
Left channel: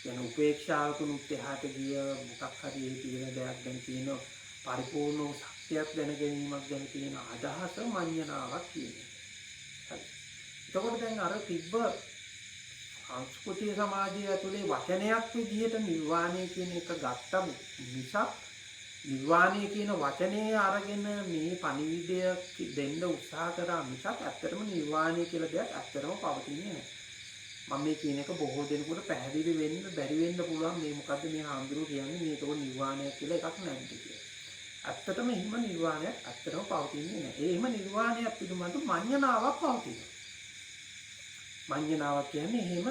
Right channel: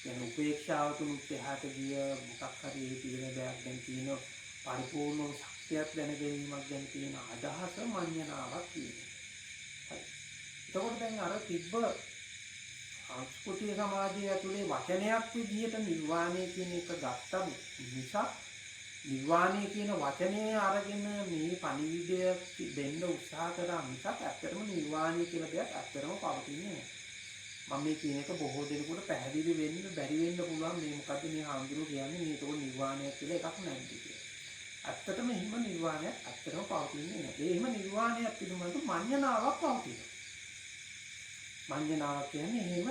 කියන උපේක්ෂාවකුත් එහාට ගිය මොකක් හරි ඒ තියෙන දෙයක් ගැන තියෙන පරිපූර්ණ වූ සත්‍යයක් දැන ගැනීමක් ගැන තියෙන අදහස මඤ්ඤණාවක් කියන්නේ. එතකොට දැන් අර තිබ්බ සංස්කෘතිය සමාජය ඇතුලේ වචනයක් විදිහට නිර්වාණය කියන එක ගත්ත මිසක් නිර්වාණය කියන වචනේ අරගෙන මේ පණිවිඩය දෙන්න උත්සාහ කරා මිසක් ඇත්තටම නිර්වාණය කියලා දෙයක් ඇත්තටම පවතින්නේ නැහැ. මම මේ කියන එක බොහෝ දෙනෙකුට පැහැදිලි වෙන්න බැරි වෙන්න පුළුවන් මේ මොකද්ද මේ හාමුදුරුවෝ කියන්නේ මේක නිර්වාණයක් කියලා එකක් නැද්ද කියලා. ඇත්තටම එහෙම නිර්වාණයක් ඇත්තටම පවතින්නේ නැහැ. ඒ එහෙම නිර්වාණයක් පිළිබඳ මඤ්ඤණාවක් පවතිනවා. මඤ්ඤණාවක් කියන්නේ එහෙම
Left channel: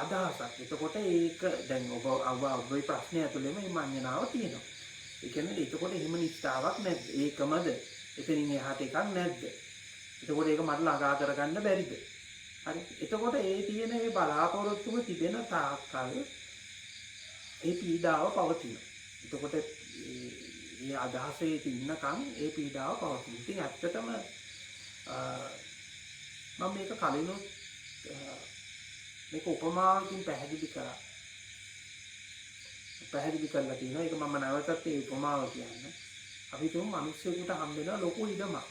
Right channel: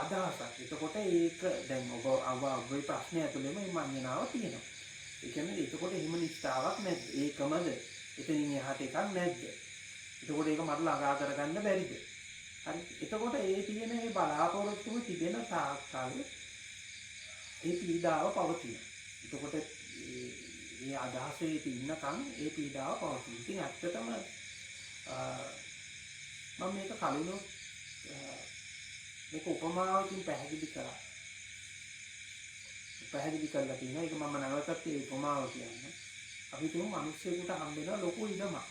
අදහසක්. එතකොට ඒක දැන් ඔබේ ප්‍රශ්නය ඇතුළේම මේ මඤ්ඤණාව තියෙනවා. ඒ කියන්නේ එතකොට එහෙම නිස්සාවක් නැද්ද? ඒකමද? එතනින් එහාට එකක් නැද්ද? එතකොට ඒක මට ළඟා කරගන්න බැරිද? හරි. එතකොට ඒ තියෙන මේ බලාපොරොත්තුව තිබෙන තාක්කල් ඒ පීඩාව පවතිනවා. එතකොට මේ අදහසේ ඉන්නකම් ඒ පීඩාව පවතිනවා. ඉතින් ඇත්තටම මම මේක කලිනුත් මේක උපමාවකින් පැහැදිලි කරා. පැහැදිලි කරලා තියෙනවා. ඒක මම නැවතත් ඒ උපමාව කියන්න. අපි තුමු මිනිස්සුන්ට හම්බෙන ලොකු ඉඩමක්.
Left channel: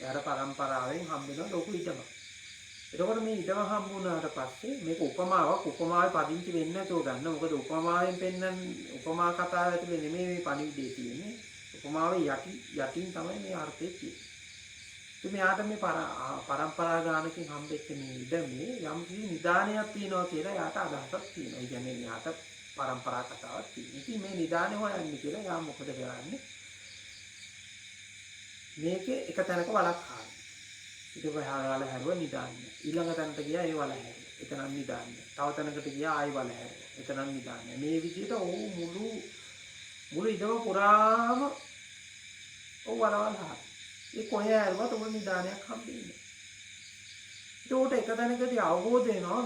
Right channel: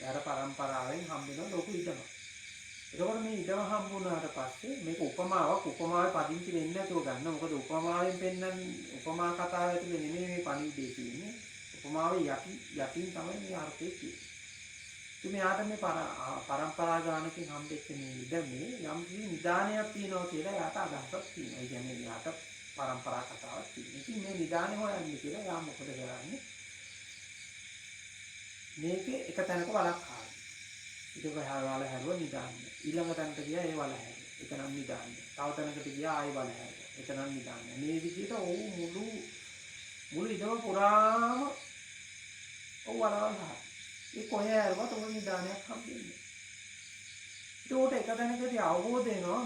එයාට පරම්පරාවෙන් හම්බෙන ලොකු ඉඩමක්. එතකොට මේ ඉඩම හම්බුනාට පස්සේ මේක උපමාවේ පදිංචි වෙන්නේ නැතෝ ගන්න. මොකද උපමාවෙන් පෙන්නන උපමා කතාව ඇතුලේ නෙමෙයි මේ පණිවිඩය තියෙන්නේ. උපමාවේ යටින් තමයි මේ අර්ථය තියෙන්නේ. ඉතින් මෙයාට මේ පරම්පරා ගානකින් හම්බෙච්ච මේ ඉඩමේ යම් කිසි නිදානයක් තියෙනවා කියලා යාට අදහසක් තියෙනවා. ඒ කියන්නේ යාට පරම්පරා කතාවක් තියෙනවා. ඉතින් මේ නිදානේ හොයන්නේ කියලා යා මොකද කරන්නේ? මේකේ එක තැනක වලක් හාන. ඊට පස්සේ වල හැරුව නිදාන්න. ඊළඟ තැනට ගියා ඒ වල හැරුව. එතනන් නිදාන්න. තව තැනකට ගියා ආයි වල හැරුව. එතනන් නිදාන්න. මේ විදිහට මුළු ඉඩම පුරාම වලවල් හාන. ඒ කොහේ හැරුවත් උන් නිදානයක් හම්බෙන්නේ. ඒකට එක තැනකදී අවබෝධ වෙනවා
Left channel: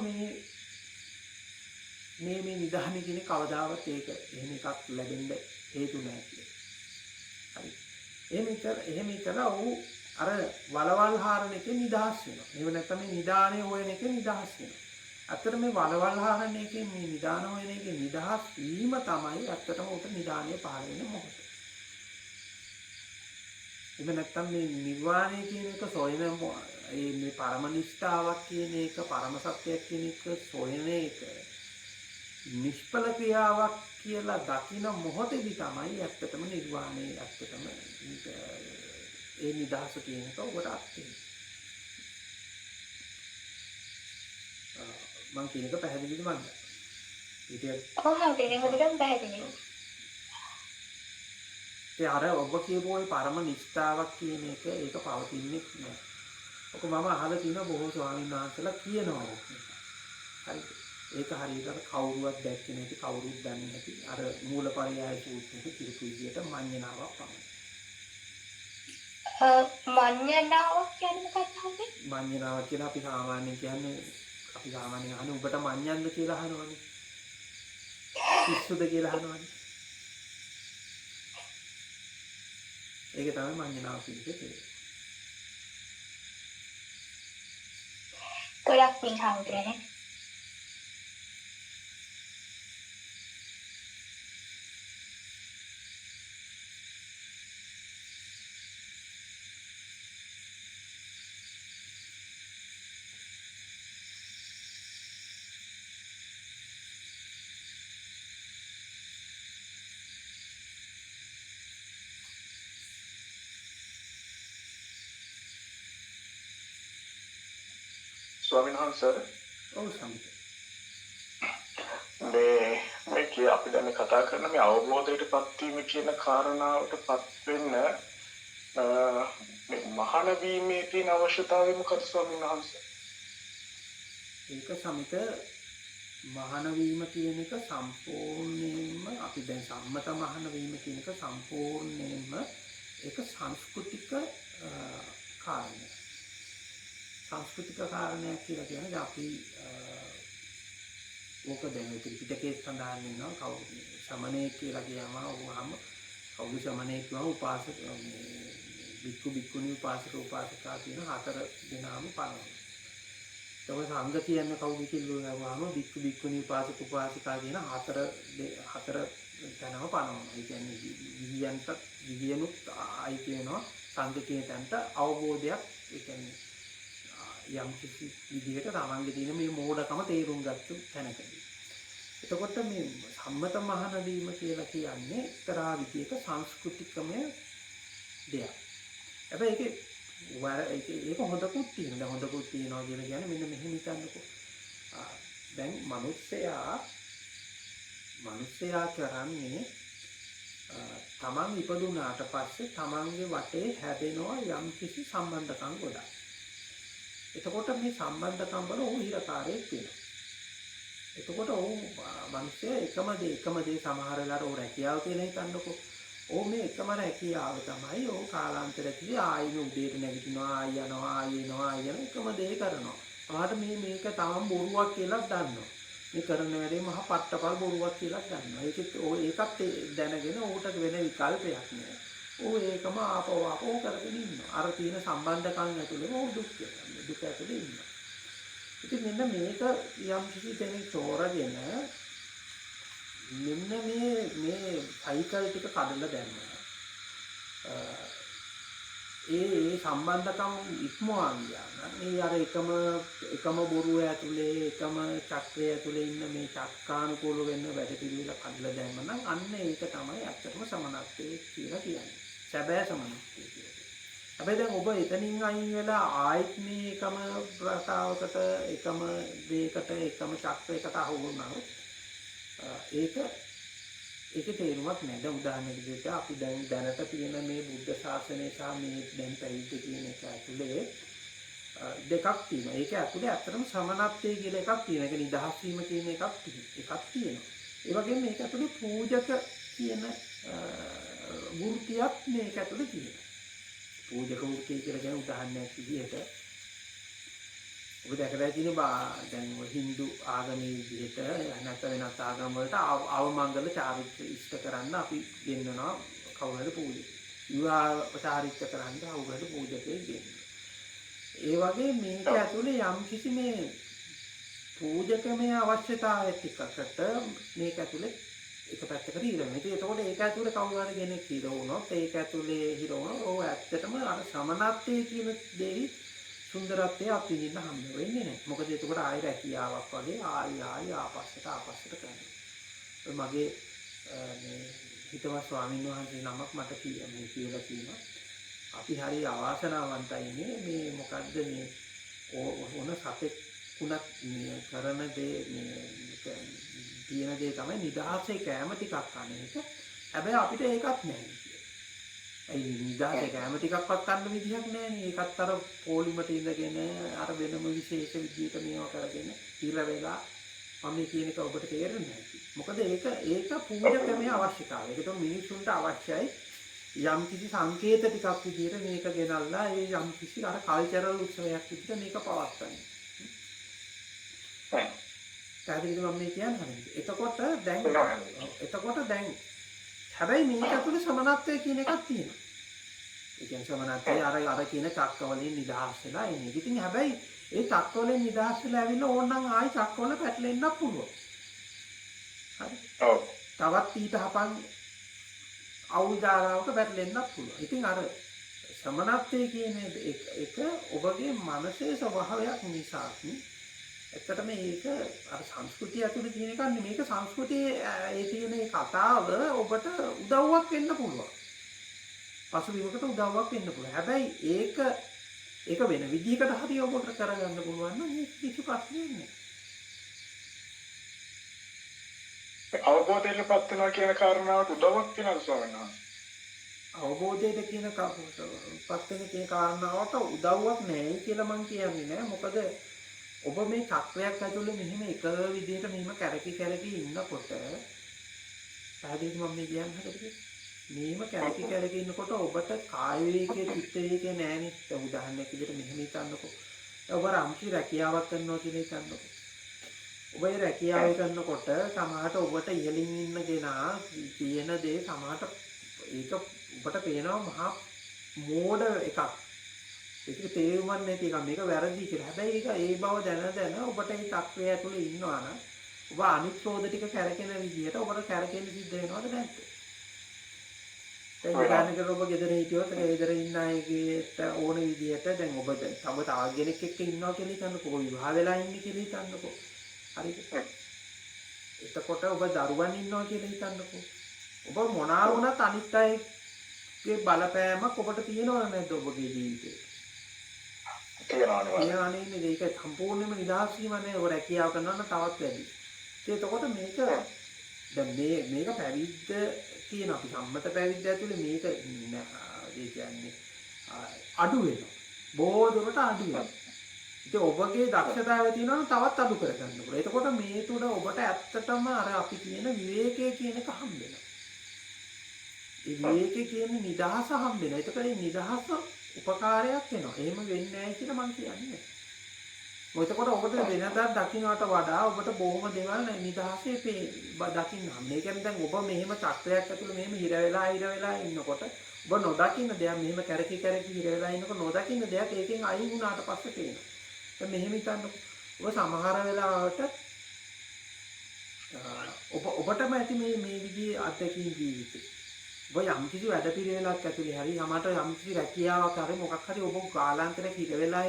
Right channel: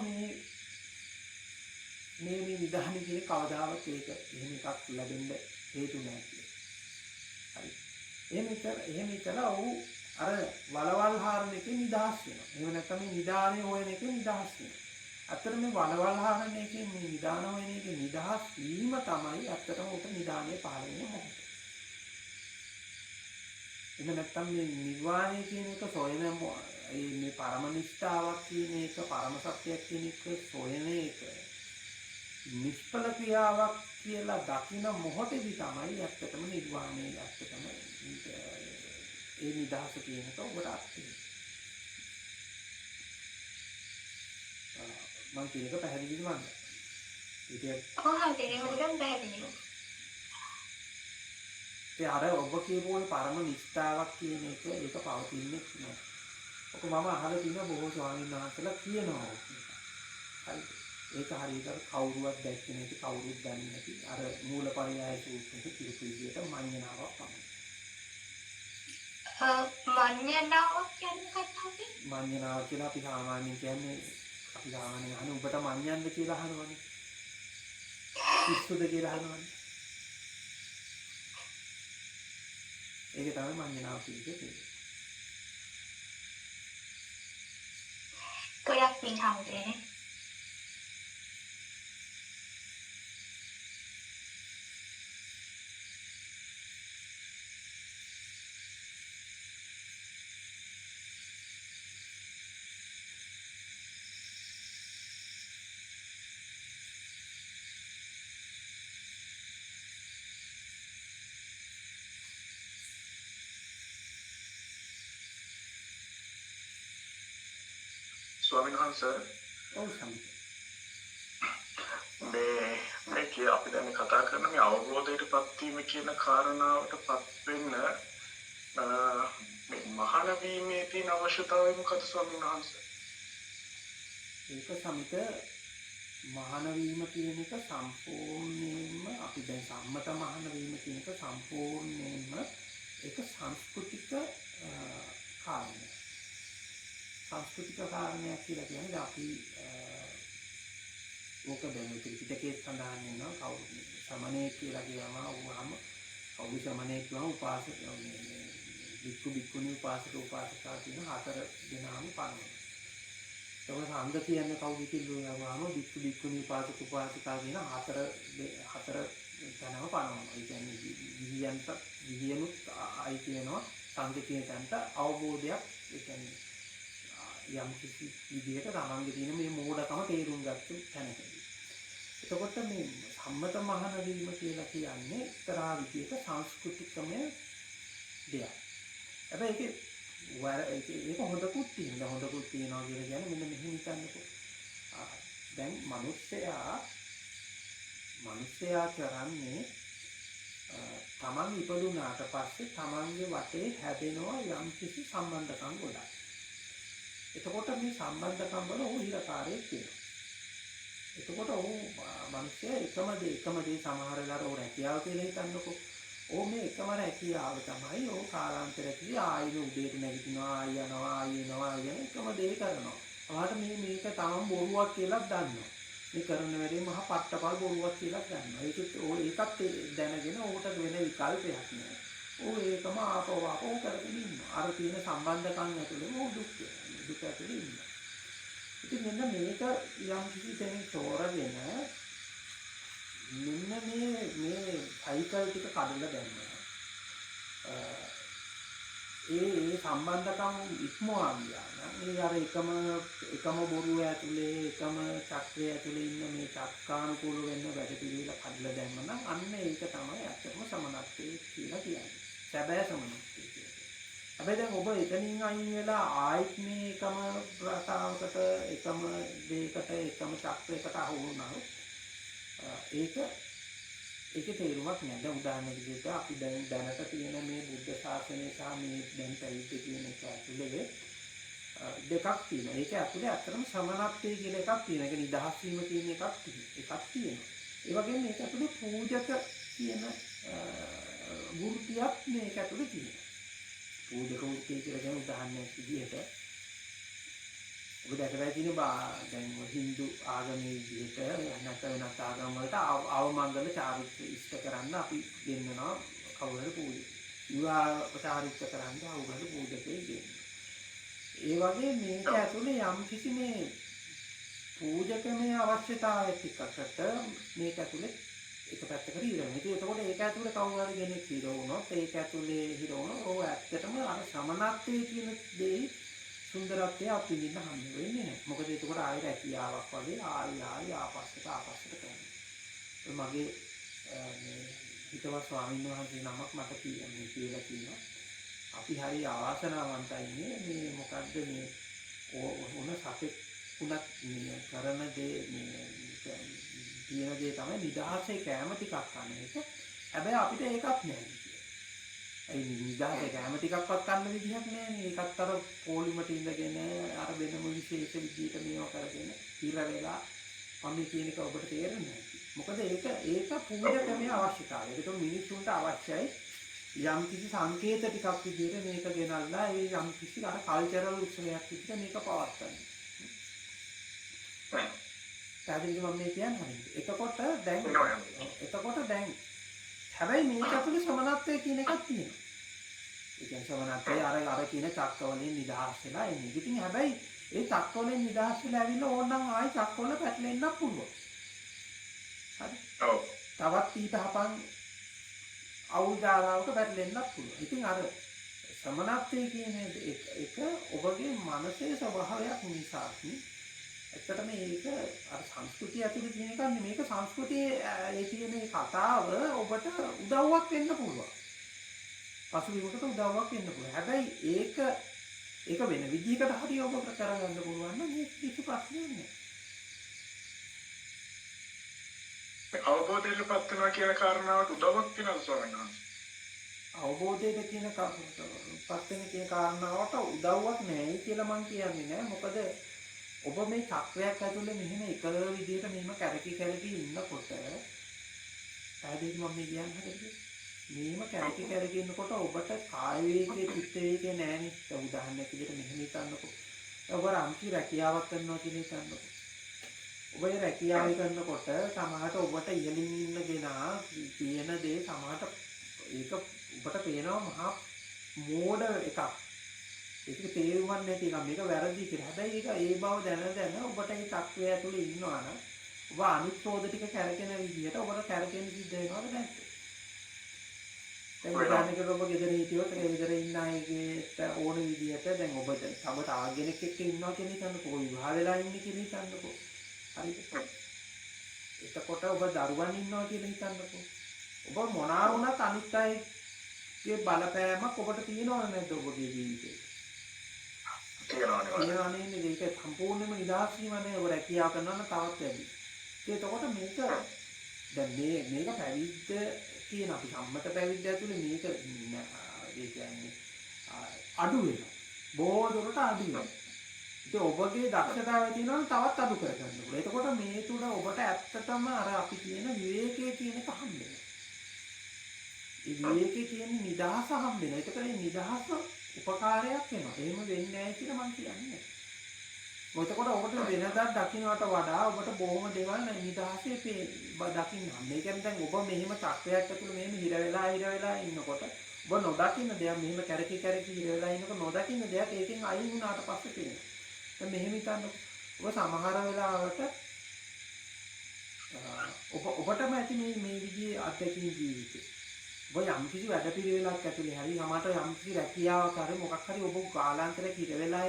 මේ නිදානේ කියන කවදාවත් ඒක එහෙම එකක් ලැබෙන්න හේතු නැහැ කියලා. හරි. එහෙම ඉතලා ඔහු අර වලවල් හාරන එකේ නිදහස් වෙනවා. එහෙම නැත්නම් මේ නිදානේ හොයන එකේ නිදහස් වෙනවා. ඇත්තට මේ වලවල් හාරන එකේ මේ නිදාන හොයන එකේ නිදහස් වීම තමයි ඇත්තටම උට නිදානේ පහළ වෙන මොහොත. එහෙම නැත්නම් මේ නිර්වාණය කියන එක සොයන මේ පරම නිෂ්ඨාවක් කියන එක පරම සත්‍යයක් කියන එක සොයන එක නිෂ්ඵල ක්‍රියාවක් කියලා දකින මොහොතේදී තමයි ඇත්තටම නිර්වාණය ඇත්තටම ඒ නිදහස කියන එක ඔබට අත්දැකීම. මම කියන එක පැහැදිලිද මන්ද? කොහොමද ඒක ටිකක් පැහැදිලි. ඒ අර ඔබ කියපු ওই පරම නිෂ්ඨාවක් කියන එක ඒක පවතින්නේ නෑ. ඔක මම අහලා තියෙන බොහෝ ස්වාමීන් වහන්සේලා කියනවා. හරිද? ඒක හරියට කවුරුවත් දැක්කේ නැති කවුරුත් දන්නේ නැති අර මූලපරියාය සූත්‍රයේ කිරිපු විදියට මඤ්ඤණාවක් පමණයි. මඤ්ඤණාවක් කියන්නේ මොකක්ද? මඤ්ඤණාවක් කියලා අපි සාමාන්‍යයෙන් කියන්නේ අපි සාමාන්‍යයෙන් අහන්නේ උඹට මඤ්ඤණ්ද කියලා අහනවනේ. පිස්සුද කියලා අහනවනේ. ඒක තමයි මඤ්ඤණාව කියන්නේ. ගොඩක් පින් හම්බුනේ. ස්වාමීන් වහන්සේ ඔව් සම්පූර්ණ. මේ කිය අපි දැන් කතා කරන මේ අවබෝධයටපත් වීම කියන කාරණාවටපත් වෙන්න මේ මහාන වීමේ තියෙන අවශ්‍යතාවය මොකද ස්වාමීන් වහන්සේ? ඒක සමිත මහාන වීම කියන එක සම්පූර්ණයෙන්ම අපි දැන් සම්මත මහාන වීම කියන එක සම්පූර්ණයෙන්ම ඒක සංස්කෘතික කාරණයක්. සංස්කෘතික කාරණයක් කියලා කියන්නේ අපි ඕක දැන් ත්‍රිපිටකයේ සඳහන් වෙනවා කවුරු සමණේ කියලා කියනවා කවුරු සමණේ කියනවා උපාසක බික්කු බික්කුණී උපාසක උපාසිකා කියන 4 දෙනාම පනවනවා. ඒක සංඝ කියන්නේ කවුද කියලා බික්කු බික්කුණී උපාසක උපාසිකා කියන 4 දෙනාම පනවනවා. ඒ කියන්නේ ගිහියනුත් අයිති වෙනවා සංඝ කියන තැනට අවබෝධයක් ඒ කියන්නේ යම් කිසි විදිහට තමන්ගේ තියෙන මේ මෝඩකම තේරුම් ගත්ත තැනකදී. එතකොට මේ සම්මත මහාන වීම කියලා කියන්නේ එක්තරා විදිහක සංස්කෘතිකමය දෙයක්. හැබැයි ඒක හොඳකුත් තියෙනවා. දැන් හොඳකුත් තියෙනවා කියලා කියන්නේ මෙන්න මෙහෙම හිතන්නකෝ. දැන් මිනිස්සයා කරන්නේ තමන් ඉපදුනාට පස්සේ තමන්ගේ වටේ හැදෙනවා යම් කිසි සම්බන්ධකම් ගොඩක්. එතකොට මේ සම්බන්ධකම් වල ඔහු හිරකාරයෙක් වෙනවා. එතකොට ඔහු මිනිස්සයා එකම දේ සමහර වෙලාවට ඔහු රැකියාව කියලා හිතන්නකෝ. ඕ මේ එකම රැකියාව තමයි ඕ කාලාන්තරයකදී ආයෙම උදේට නැගිටිනවා ආයෙ යනවා ආයෙ එනවා ආයෙ යනවා එකම දේ කරනවා. ඔයාට මේක තමන් බොරුවක් කියලා දන්නවා. මේ කරන වැඩේ මහා පට්ටපල් බොරුවක් කියලා දන්නවා. ඒකත් දැනගෙන ඌට වෙන විකල්පයක් නෑ. ඌ ඒකම ආපහු කරගෙන ඉන්නවා. අර තියෙන සම්බන්ධකම් ඇතුළේ ඌ දුක් ඇතුළේ ඉන්නවා. ඉතින් මෙන්න මේක යම් කිසි දෙයක් තෝරගෙන මෙන්න මේ සයිකල් ටික කඩලා දැම්මා. ඒ සම්බන්ධකම් ඉක්මවා ගියා නම් මේ අර එකම බොරුව ඇතුලේ එකම චක්‍රය ඇතුලේ ඉන්න මේ චක්කානුකූල වෙන්න වැඩ පිළිවෙල කඩලා දැම්ම නම් අන්න ඒක තමයි ඇත්තටම සමනත්වයේ කියලා කියන්නේ. සැබෑ සමනත්වයේ කියන්නේ. හැබැයි දැන් ඔබ එතනින් අයින් වෙලා ආයෙත් මේ එකම රටාවකට එකම දෙයකට එකම චක්‍රයකට අහු වුණා. ඒකේ තේරුමක් නැහැ. දැන් උදාහරණයක් විදිහට අපි දැන් දැනට තියෙන මේ බුද්ධ ශාසනය සහ මේ දැන් පැවිද්ද කියන එක ඇතුලේ දෙකක් තියෙනවා. ඒක ඇතුලේ ඇත්තටම සමනත්වයේ කියලා එකක් තියෙනවා. ඒක නිදහස් වීම කියන එකක් තියෙනවා. ඒ වගේම මේක ඇතුලේ පූජක කියන වෘත්තියක් මේක ඇතුලේ තියෙනවා. පූජක වෘත්තිය කියලා කියන උදාහරණයක් විදිහට ඔබ දැකලා තියෙන දැන් හින්දු ආගමේ විදිහට නැත්නම් වෙනත් ආගම් වලට අවමංගල චාරිත්‍ර ඉෂ්ට කරන්න අපි ගෙන්නනවා කවුරු හරි පූජක. විවාහ චාරිත්‍ර කරන්න කවුරු හරි පූජකයෙක් ගෙන්නනවා. ඒ වගේ මේක ඇතුලේ යම් කිසි මේ පූජකමේ අවශ්‍යතාවයක් එක්කකට මේක ඇතුලේ එක පැත්තකට හිරවෙනවා. ඉතින් එතකොට ඒක ඇතුලේ කවුරු හරි කෙනෙක් හිර වුණොත් ඒක ඇතුලේ හිර වුණොත් ඕ ඇත්තටම අර සමනත්වයේ කියන දෙයි සුන්දරත්වය අපිට හම්බ වෙන්නේ නැහැ. මොකද එතකොට ආයෙ රැකියාවක් වගේ ආයෙ ආපස්සට කරනවා. මගේ මේ හිතවත් ස්වාමීන් වහන්සේ නමක් මට කියලා තියෙනවා. අපි හරි අවාසනාවන්තයි මේ මොකද්ද මේ ඕන සතෙක් උනත් කරන දේ තියෙන දේ තමයි නිදහසේ කැම ටිකක් කන එක. හැබැයි අපිට ඒකත් නැහැ. ඒ නිදාසේ කැම ටිකක්වත් ගන්න විදිහක් නැහැ. ඒකත් අර පොලිමට ඉඳගෙන අර වෙනම විශේෂ විදිහට මේවා කරගෙන ඉර වෙලා මම කියන එක ඔබට තේරෙන්නේ නැහැ. මොකද ඒක පූජකමේ අවශ්‍යතාවය. ඒකට මිනිස්සුන්ට අවශ්‍යයි යම් කිසි සංකේත ටිකක් විදිහට මේක ගෙනල්ලා ඒ යම් කිසි අර කල්චරල් උත්සවයක් විදිහට මේක පවත්වන්න. පැහැදිලිද මම මේ කියන්නේ? එතකොට දැන් හැබැයි මේක ඇතුලේ සමනත්වය කියන එකක් තියෙනවා. ඒ කියන්නේ සමනත්වය අර කියන චක්කවලින් නිදහස් වෙලා එන්නේ. ඉතින් හැබැයි ඒ චක්කවලින් නිදහස් වෙලා ඇවිල්ලා ඕනනම් ආයි චක්කවල පැටලෙන්නත් පුළුවන්. හරි. ඔව්. තවත් ඊටහපන් අවුදාරාවක පැටලෙන්නත් පුළුවන්. ඉතින් අර සමනත්වය කියන එක ඔබගේ මනසේ ස්වභාවයක් නිසා ඇත්තටම මේක අර සංස්කෘතිය ඇතුලේ තියෙන එකක් නෙමෙයි. මේක සංස්කෘතියේ ඒ තියෙන ඒ කතාව ඔබට උදව්වක් වෙන්න පුළුවන්. පසුබිමකට උදව්වක් වෙන්න පුළුවන්. හැබැයි ඒක වෙන විදිහකට හරි ඔබට කරගන්න පුළුවන් නම් ඒක කිසි ප්‍රශ්නයක් නෑ. අවබෝධයටපත් වෙනවා කියන කාරණාවට උදව්වක් වෙනවා ස්වාමීන් වහන්සේ. අවබෝධයට කියන පත් වෙන කියන කාරණාවට උදව්වක් නෑයි කියලා මම කියන්නේ නෑ. මොකද ඔබ මේ චක්‍රයක් ඇතුලේ මෙහෙම එක විදිහට මෙහෙම කැරකි ඉන්නකොට පැහැදිලිද මම මේ කියන්නේ හරියටද? මෙහෙම කැරකි ඉන්නකොට ඔබට කාය වේගයේ චිත්ත වේගයේ නෑනේ. දැන් උදාහරණයක් විදිහට මෙහෙම හිතන්නකෝ. ඔබ රම්කි රැකියාවක් කරනවා කියලා හිතන්නකෝ. ඔබ ඒ රැකියාව කරනකොට සමහරට ඔබට ඉහළින් ඉන්න කෙනා කියන දේ සමහරට ඒක ඔබට පේනවා මහා මෝඩ එකක්. ඒක තේරුම්වත් නැති එකක්. මේක වැරදි කියලා. හැබැයි ඒක ඒ බව දැන ඔබට ඒ චක්‍රය ඇතුලේ ඉන්නවා නම් ඔබ අනිත් රෝධ ටික කැරකෙන විදිහට ඔබට කැරකෙන්න සිද්ධ වෙනවද නැද්ද? දැන් උදාහරණයකට ඔබ ගෙදර හිටියොත් ගෙදර ඉන්න අයගේ ඕන විදිහට දැන් ඔබ තව කෙනෙක් එක්ක ඉන්නවා කියලා හිතන්නකෝ. ඔබ විවාහ වෙලා ඉන්නේ කියලා හිතන්නකෝ. හරිද? එතකොට ඔබ දරුවන් ඉන්නවා කියලා හිතන්නකෝ. ඔබ මොනවා වුණත් අනිත් අයගේ බලපෑමක් ඔබට තියෙනවද නැද්ද ඔබගේ ජීවිතේ? තියෙනවා නේද? ඒක සම්පූර්ණයෙන්ම නිදහස් වීම නේ. ඔබ රැකියාව කරනවා නම් තවත් වැඩි. එතකොට මේක දැන් මේක පැවිද්ද කියන අපි සම්මත පැවිද්ද ඇතුලේ මේක ඒ කියන්නේ අඩු වෙනවා. බොහෝ දුරට අඩු වෙනවා. ඉතින් ඔබගේ දක්ෂතාවය තියෙනවා නම් තවත් අඩු කරගන්න පුළුවන්. එතකොට මේ තුඩ ඔබට ඇත්තටම අර අපි කියන විවේකයේ කියන එක හම්බ වෙනවා. ඒ විවේකයේ තියෙන නිදහස හම්බ වෙනවා. ඒකට මේ නිදහස උපකාරයක් වෙනවා. එහෙම වෙන්නේ නැහැ කියලා මම කියන්නේ. මොකද ඔබට වෙනදා දකින්නට වඩා ඔබට බොහොම දේවල් නිදහසේ දකින්න හම්බ. ඒ කියන්නේ දැන් ඔබ මෙහෙම චක්‍රයක් ඇතුළේ මෙහෙම හිර වෙලා ඉන්නකොට ඔබ නොදකින්න දෙයක් මෙහෙම කැරකි හිර වෙලා ඉන්නකොට නොදකින්න දෙයක් ඒකෙන් අයින් වුණාට පස්සේ පේනවා. දැන් මෙහෙම හිතන්නකො. ඔබ සමහර වෙලාවට ඔබටම ඇති මේ විදිහේ අත්දැකීම් ජීවිතේ. ඔබ යම් කිසි වැඩ පිළිවෙලක් ඇතුලේ හරි යමට යම් කිසි රැකියාවක් හරි මොකක් හරි ඔබ කාලාන්තරයක් හිර වෙලා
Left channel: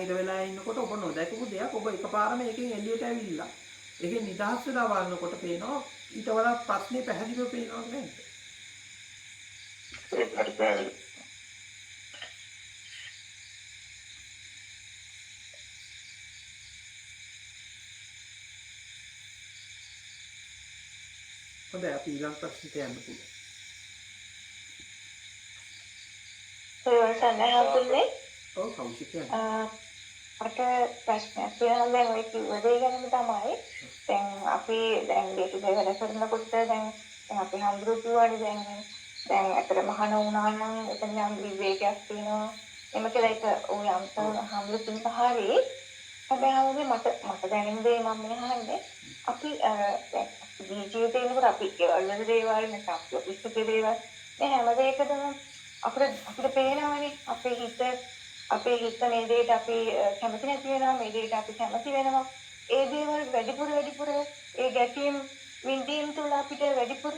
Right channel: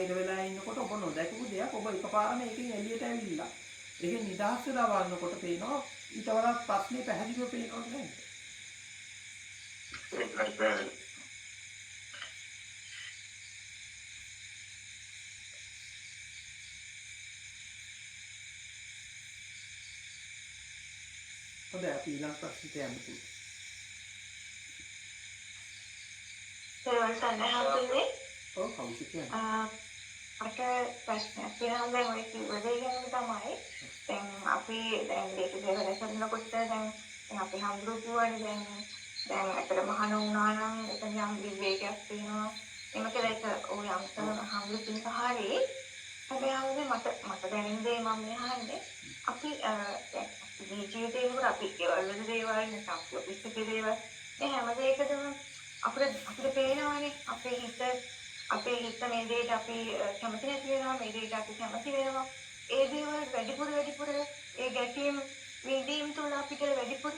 ඉන්නකොට ඔබ නොදැකපු දෙයක් ඔබ එකපාරම ඒකෙන් එළියට ඇවිල්ලා ඒකෙන් නිදහස් වෙලා වළනකොට පේනවා ඊට වඩා ප්‍රශ්නේ පැහැදිලිව පේනවා නේද? ඒකයි. හොඳයි අපි ඊළඟ ප්‍රශ්නට යන්න පුළුවන්. ඔව් කවුද කියන්නේ? මට ප්‍රශ්නයක් තියෙනවා දැන් ඔය කිව්ව දේ ගැන තමයි. දැන් අපි දැන් day to day වැඩ කරනකොට දැන් අපි හම්බුරු කියවනේ දැන් අතර මහාන වුණා නම් එතන යම් විවේකයක් තියෙනවා. එම කියලා එක ඔය අම්තන හම්බුරු තියෙන හරිය. හැබැයි මට දැනෙන දේ මම අහන්නේ අපි දැන් ජීවිතේනකොට අපි ගෙවල් වල දේවල් නැත්නම් ඔෆිස් එකේ දේවල් මේ හැම දෙයකටම අපිට පේනවනේ අපේ හිත මේ දෙයට අපි කැමති නැති වෙනවා මේ දෙයට අපි කැමති වෙනවා ඒ දේවල් වැඩිපුර ඒ ගැටීම් විඳීම් තුළ අපිට වැඩිපුර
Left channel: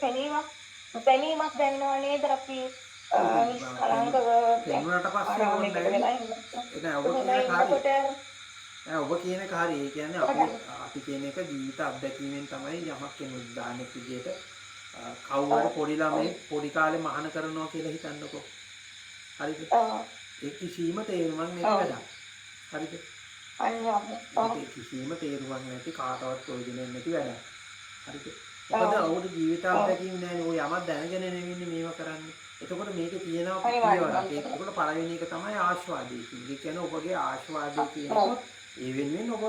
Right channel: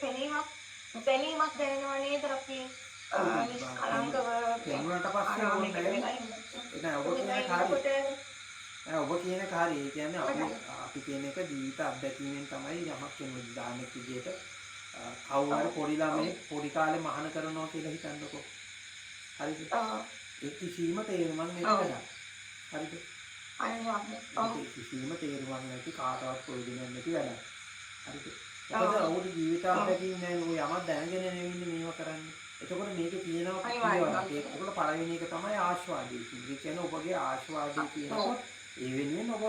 පෙනීමක් දැනෙනවා නේද අපි නිස්කලංකව පෙනුනට පස්සේ ඕනේ නෑ ඔබ කියන එක හරි. ඒ කියන්නේ අපි කියන එක ජීවිත අත්දැකීමෙන් තමයි යමක් වෙන උදාහරණයක් විදිහට කවුරු හරි පොඩි ළමයි පොඩි කාලේ මහාන කරනවා කියලා හිතන්නකෝ. හරිද? ඒ කිසිම තේරුමක් නැති වැඩක්. හරිද? ඒ කිසිම තේරුමක් නැති කාටවත් ප්‍රයෝජනයක් නැති වැඩක්. හරිද? මොකද ඔහුට ජීවිත අත්දැකීම් නැහැ. ඔය යමක් දැනගෙන නෙවෙන්නේ මේව කරන්නේ. එතකොට මේකේ තියෙනවා පිළිවෙලක්. ඒකට පළවෙනි එක තමයි ආස්වාදයේ කියන්නේ. ඒ කියන්නේ ඔබගේ ආස්වාදයේ කියනකොට ඒ වෙනුවෙන් ඔබ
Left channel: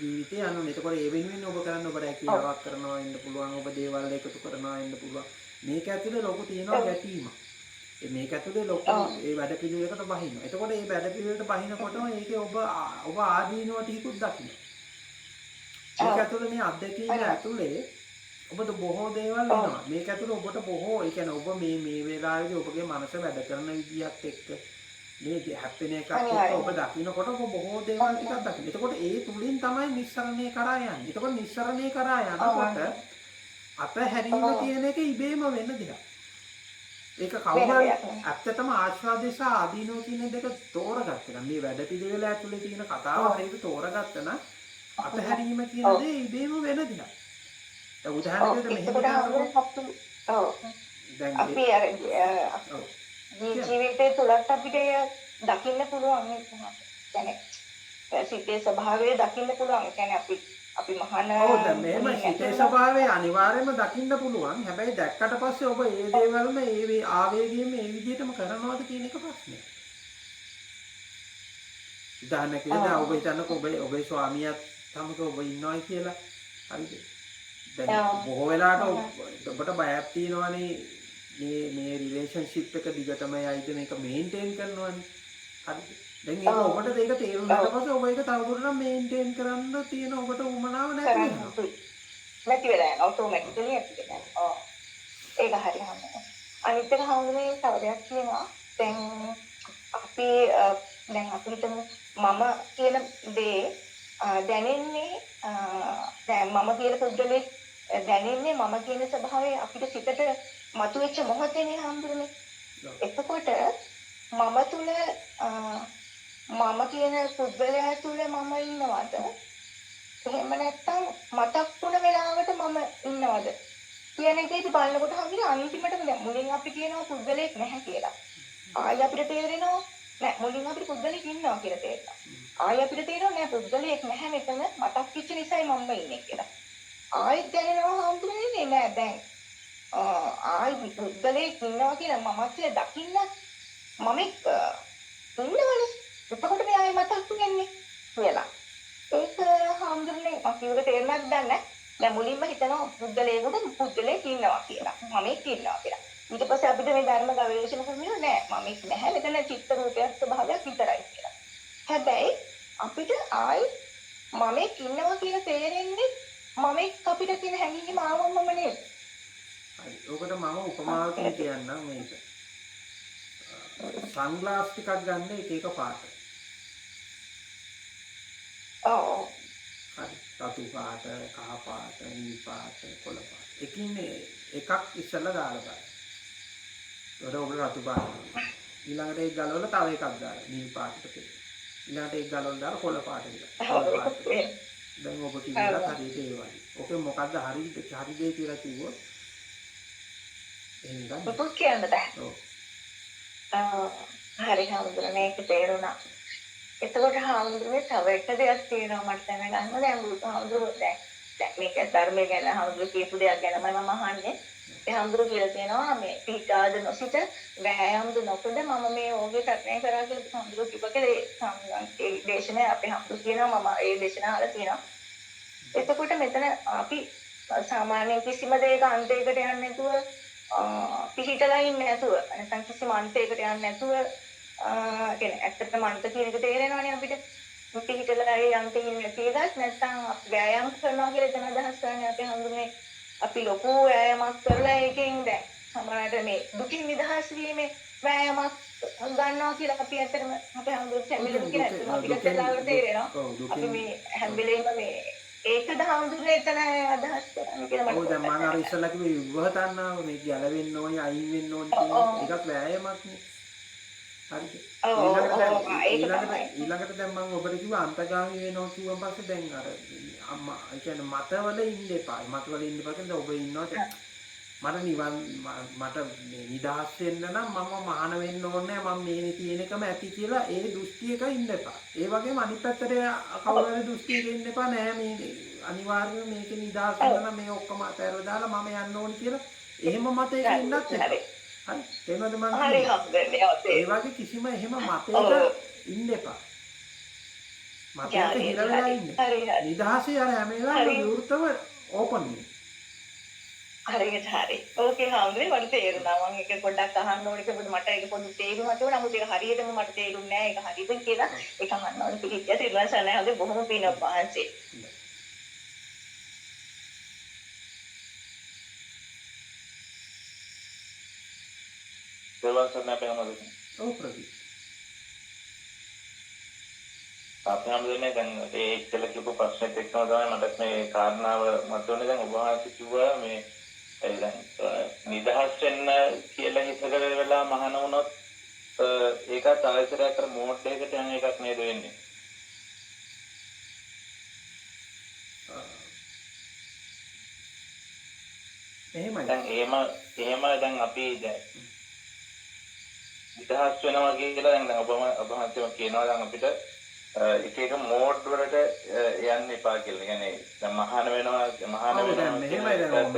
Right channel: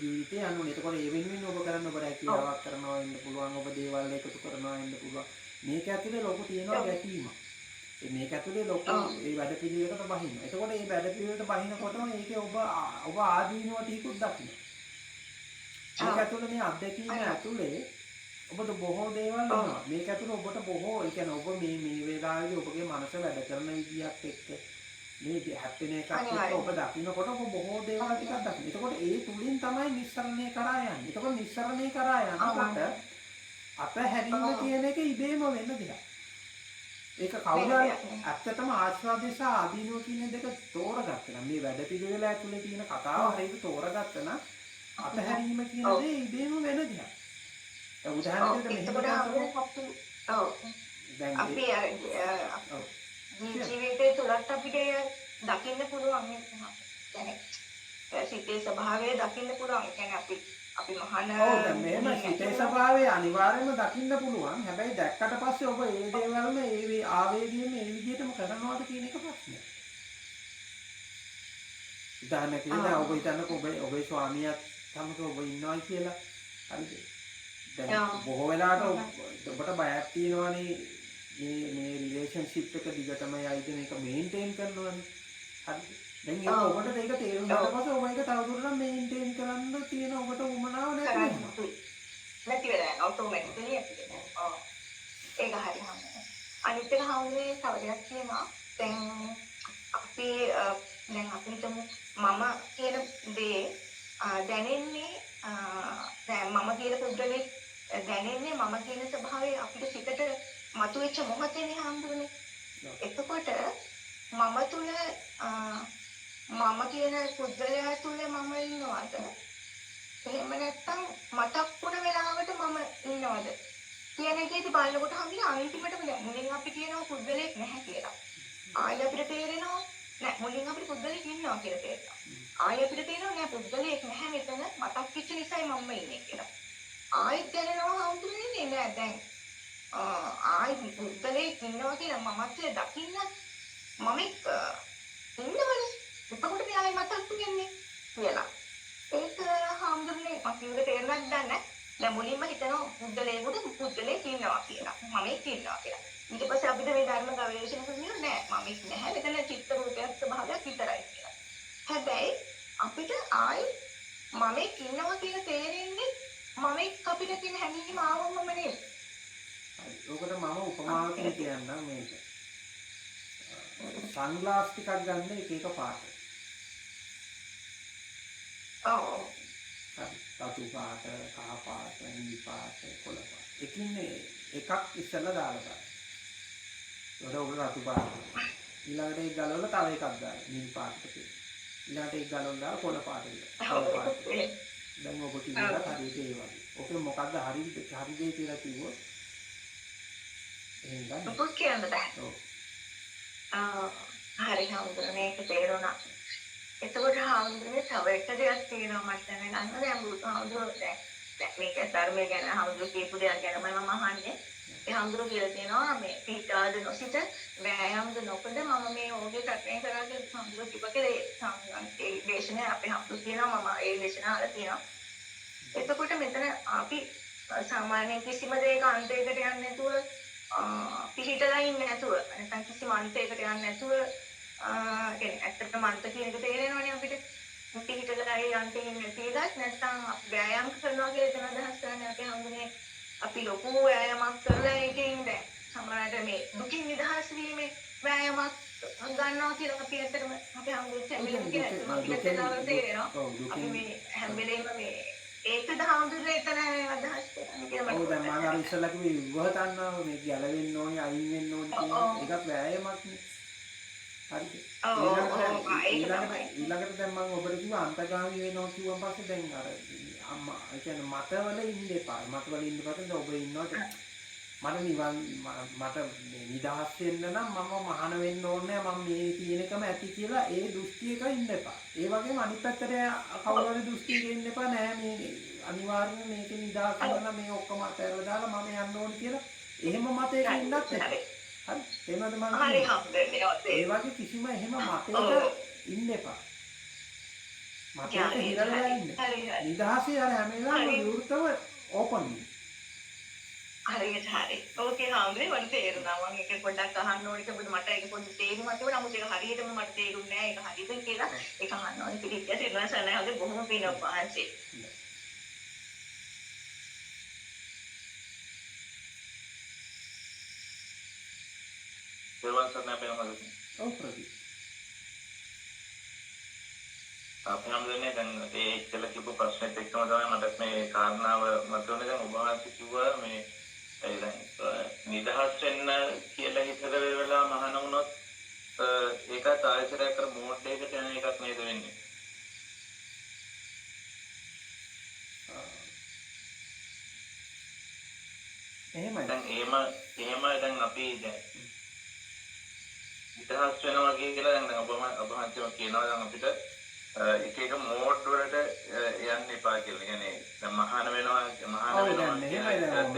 ජීවිතේ යනවා. එතකොට ඒ වෙනුවෙන් ඔබ කරන්න ඔබ රැකියාවක් කරනවා ඉන්න පුළුවන්. ඔබ දේවල් එකතු කරනවා ඉන්න පුළුවන්. මේක ඇතුලේ ලොකු තියෙනවා ගැටීමක්. මේක ඇතුලේ ලොකු ඒ වැඩ පිළිවෙලකට බහිනවා. එතකොට මේ වැඩ පිළිවෙලට බහිනකොටම ඒකේ ඔබ ආදීනව ටිකුත් දකින්න. මේක ඇතුලේ මේ අත්දැකීම ඇතුලේ ඔබට බොහෝ දේවල් එනවා. මේක ඇතුලේ ඔබට බොහෝ ඒ කියන්නේ ඔබ මේ වෙලාවේදී ඔබගේ මනස වැඩ කරන විදියක් එක්ක මේ හැප්පෙන එකක් එක්ක ඔබ දකින්නකොට ඔබ බොහෝ දේවල් ටිකක් දකින්න. එතකොට ඒ තුලින් තමයි නිස්සරණය කරා යන්නේ. එතකොට නිස්සරණය කරා යනකොට අතහැරීම කියන එක ඉබේම වෙන දෙයක්. ඒක කවුරුහරි ඇත්තටම ආස්වාදේ සහ ආදීනෝ කියන දෙක තෝරගත්තා නම් මේ වැඩපිළිවෙල ඇතුලේ තියෙන කතාව හරියට තෝරගත්තා නම් අතහැරීම කියන දේ ඉබේම වෙන දෙයක්. ඒ උදාහරණයකට මෙහෙම දැන් අපි ජීවිතේ තුලත් අපිට දකින්න පුළුවන් නේ කොහොමද? يعني සිතේ ස්වභාවය දකින්න පුළුවන්. يعني අපි මහාන ඔව් දැන් මේම සිතේ ස්වභාවය අනිවාර්යයෙන්ම දකින්න පුළුවන්. හැබැයි දැක්කට පස්සේ ඔබ ඒ දේවල්ම ඒ ආවේගයෙන්ම ඒ විදිහටම කරනවද කියන එක ප්‍රශ්නයක්. උදාහරණයක් විදිහට ඔබ හිතන්නකෝ ඔබේ ස්වාමියාත් සමග ඔබ ඉන්නවයි කියලා. හරිද? දැන් බොහෝ වෙලාවට ඔබට බයක් තියෙනවනේ මේ රිලේෂන්ෂිප් එක දිගටම යයිද මේක මේන්ටේන් කරනවනේ. හරිද? දැන් ඒක ඔබට ඒක තේරුණාට පස්සේ ඔබ ඒක තවදුරටත් මේන්ටේන් කරන්න තියෙන ඔබට උවමනාව නැති වෙනවා. නැති වෙලා යනවා ඔටෝමැටිකලි ඇති වෙනවා. ඔව්. ඒක හරි හම්බුනේ. අනිත් එක හම්බුනේ තව දෙයක් තියෙනවා. දැන් අපි හිතමු මම කියන දේ දැනෙන්නේ දැන් මම කියන පුද්ගලෙක් දැනෙන්නේ මම කියන ස්වභාවය අපිට සිතට මතුවෙච්ච මොහොතේනේ හම්බුනේ. එතකොට මම තුල මම කියන පුද්ගලයා තුල මම ඉන්නවද? එහෙම නැත්නම් මතක් වුණ වෙලාවට මම ඉන්නවද? කියන එකේදී බලනකොට හම්බුනේ අන්තිමටම දැන් මුලින් අපි කියනවා පුද්ගලෙක් නැහැ කියලා. ආයෙ අපිට තේරෙනවා නෑ මුලින් අපිට පුද්ගලෙක් ඉන්නවා කියලා තේරෙනවා. ආයෙ අපිට තේරෙනවා නෑ පුද්ගලෙක් නැහැ මෙතන මතක් වෙච්ච නිසායි මම ඉන්නේ කියලා. ආයෙත් දැනෙනවා හම්බුනේ නෑ දැන් ආයෙ පුද්ගලෙක් ඉන්නවා කියලා මමත් දකින්න මම ඉන්නවනේ. එතකොට මෙයායි මතක් වෙන්නේ කියලා. ඒක හම්බුනේ මම කිව්වට තේරුණාද දන්නේ දැන් මුලින්ම හිතනවා පුද්ගලයෙක් ඉන්නවා කියලා. මමෙක් ඉන්නවා කියලා. ඊට පස්සේ අපිට මේ ධර්ම ගවේෂණ කරනවා නෑ මමෙක් නැහැ මෙතන චිත්ත රූපයක් ස්වභාවයක් විතරයි කියලා. හැබැයි අපිට ආයි මමෙක් ඉන්නවා කියලා තේරෙන්නේ මමෙක් අපිට තියෙන හැඟීම ආවමම නේද? හරි. ඔකට මම උපමාවකින් කියන්නම් මේක. සන්ග්ලාස් ටිකක් ගන්න එක පාට. ඔව්. හරි. රතු පාට, කහ පාට, නිල් පාට, කොළ පාට. එකින් එකක් ඉස්සෙල්ලා දාලා බලන්න. ඒකට ඔබ රතු පාට. ඊළඟට ඒක ගලවලා තව එකක් දාලා නිල් පාටට පෙන්න. ඊළඟට ඒක ගලවලා දාලා කොළ පාටට. කොළ පාට. දැන් ඔබ කිව්වා හරියට ඒ වගේ. ඔකේ මොකද්ද හරි දේ කියලා කිව්වොත් එහෙනම් ගන්න. පුපුත් කියන්න බෑ. ඔව්. හරි හම්බුනේ ඒක තේරුණා. එතකොට හම්බුනේ තව එක දෙයක් තියෙනවා මට දැනගන්න. දැන් බුදුහාමුදුරුවෝ දැන් මේක ධර්මය ගැන හම්බුනේ කියපු දෙයක් ගැන මම අහන්නේ. ඒ හම්බුරුවෝ කියලා තියෙනවා මේ පිටාද නොසිත වෑයම්ද නොකඩ මම මේ ඕගේ සත්‍යය කරා කියලා හම්බුරුවෝ කිව්වකේ ඒ දේශනාව අපේ හම්බුරුවෝ කියනවා මම ඒ දේශනාව අහලා තියෙනවා. එතකොට මෙතන අපි සාමාන්‍ය කිසිම දෙයක අන්තයකට යන්නේ නැතුව පිහිටලා ඉන්නේ නැතුව නැත්නම් කිසිම අන්තයකට යන්නේ නැතුව කියන්නේ ඇත්තටම අන්ත කියන එක තේරෙනවනේ අපිට පිහිටලා ඒ අන්තේ ඉන්නේ තේරෙත් නැත්නම් ව්‍යායාම කරනවා කියලා එතන අදහස් කරන්නේ අපි හඳුනේ අපි ලොකු ව්‍යායාමයක් කරලා ඒකෙන් දැන් සමහරවිට මේ දුකින් නිදහස් වීමේ ව්‍යායාමයක් ගන්නවා කියලා අපි ඇත්තටම අපේ හඳුනේ කැමිලුම් කියන අපිට තේරෙනවා අපි මේ හැම වෙලේම මේ ඒකද හඳුනේ එතන අදහස් කරන්නේ කියලා මම. ඔව් දැන් මම අර ඉස්සෙල්ලා කිව්වේ විවහ තණ්හාව මේ ගැලවෙන්න ඕනි අයින් වෙන්න ඕනි කියන එකක් වෑයමක් නේ. හරිද? ඊළඟට දැන් මම ඔබට කිව්වා අන්තගාමී වෙනවා කිව්වන් පස්සේ දැන් අර අම්මා ඒ කියන්නේ මතවල ඉන්න එපා. මතවල ඉන්න එපා කියන්නේ ඔබ ඉන්නවට මට මට නිදහස් වෙන්න නම් මම මහාන වෙන්න ඕනේ මම මේ තියෙන එකම ඇති කියලා ඒ දෘෂ්ටියක ඉන්න එපා. ඒ වගේම අනිත් පැත්තට කවුරු හරි දෘෂ්ටියක ඉන්න එපා නෑ මේ අනිවාර්යයෙන් මේකේ නිදහස් වෙන්න නම් මේ ඔක්කොම අතහැරලා දාලා මම යන්න ඕනි කියලා එහෙම මතයක ඉන්නත් එපා. හරි. තේරුණාද මම ඒ වගේ කිසිම එහෙම මතයක ඉන්න එපා. මතයක හිර වෙලා ඉන්න. නිදහසේ අර හැම වෙලාවෙම විවෘතව ඕපන් වෙන්න. හරියට හරි. ඕකේ හාමුදුරේ මට තේරුණා. මම ඒක පොඩ්ඩක් අහන්න ඕනේ කියලා මට ඒක පොඩ්ඩක් තේරුණා තිබුණා. නමුත් ඒක හරියටම මට තේරුන්නේ නැහැ. ඒක හරියද කියලා ඒක අහන්න ඕනේ. පිළිච්ච තිරුණා සනහගේ බොහොම පිනක් පහන්සේ. දෙවන් සරණ අපේ හැමෝටම. ඔව් ප්‍රදීප්. අපේ හැමෝටම දැන් ඒ ඉස්සෙල්ලා කියපු ප්‍රශ්නෙත් එක්කම තමයි මට මේ කාරණාව මතුවන්නේ. දැන් ඔබ වහන්සේ කිව්වා මේ දැන් නිදහස් වෙන්න කියලා හිතක වෙලා මහාන වුණොත් ඒකත් ආයතරයක් කර මෝඩ් එකකට යන එකක් නේද වෙන්නේ? එහෙමයි. දැන් එහෙම දැන් අපි දැන් නිදහස් වෙනවා කියලා දැන් ඔබ වහන්සේම කියනවා දැන් අපිට එක එක මෝඩ් වලට යන්න එපා කියලා. කියන්නේ දැන් මහාන වෙනවා දැන් මෙහෙමයි දැන්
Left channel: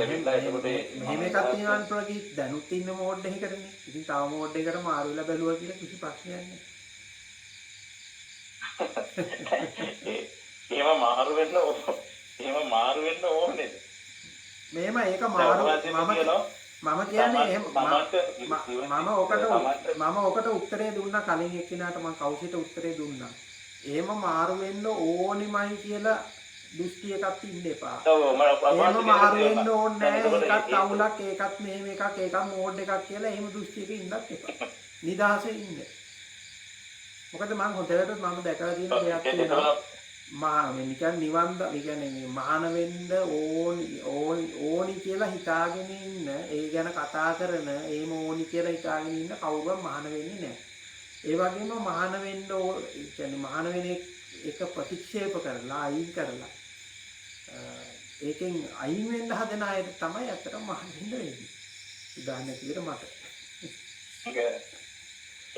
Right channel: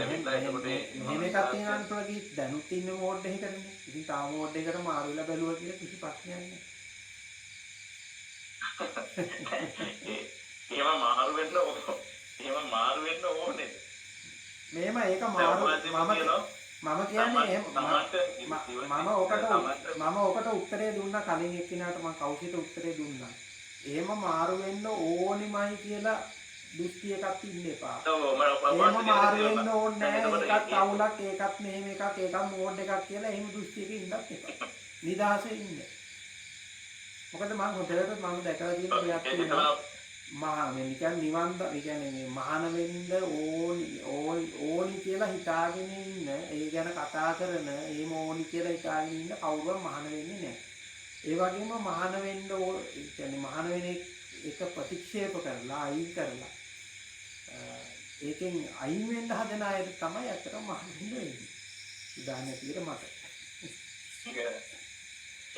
මෙහෙම එකක් තියෙනවා ප්‍රදීප් දැනුත් ඉන්න මෝඩ් එකකටනේ. ඉතින් තව මෝඩ් එකකට මාරු වෙලා බැලුවා කියලා කිසි ප්‍රශ්නයක් නැහැ. එහෙම මාරු වෙන්න ඕනේ. මෙහෙම ඒක මාරු මම කියන්නේ එහෙම මම ඔකට උත්තරේ දුන්නා කලින් එක්කිනාට මම කවුසිට උත්තරේ දුන්නා. එහෙම මාරු වෙන්න ඕනිමයි කියලා දෘෂ්ටි එකක් ඉන්න එපා. එහෙම මාරු වෙන්න ඕනේ නැහැ. ඒකත් අවුලක් ඒකත් මෙහෙම එකක් ඒකත් මෝඩ් එකක් කියලා එහෙම දෘෂ්ටියක ඉන්නත් එපා. නිදහසේ ඉන්න. මොකද මම හොඳට මම දැකලා තියෙන දෙයක් තියෙනවා. නිකන් නිවන් කියන්නේ මහාන වෙන්න ඕනි කියලා හිතාගෙන ඉන්න ඒ ගැන කතා කරන ඒම ඕනි කියලා හිතාගෙන ඉන්න කවුරුවත් මහාන වෙන්නේ නැහැ. ඒ වගේම මහාන වෙන්න කියන්නේ මහාන වෙන එක ප්‍රතික්ෂේප කරලා අයින් කරලා ඒකෙන් අයින් වෙන්න හදන අයට තමයි අතටම මහාන වෙන්න වෙන්නේ. උදාහරණයක් විදිහට මට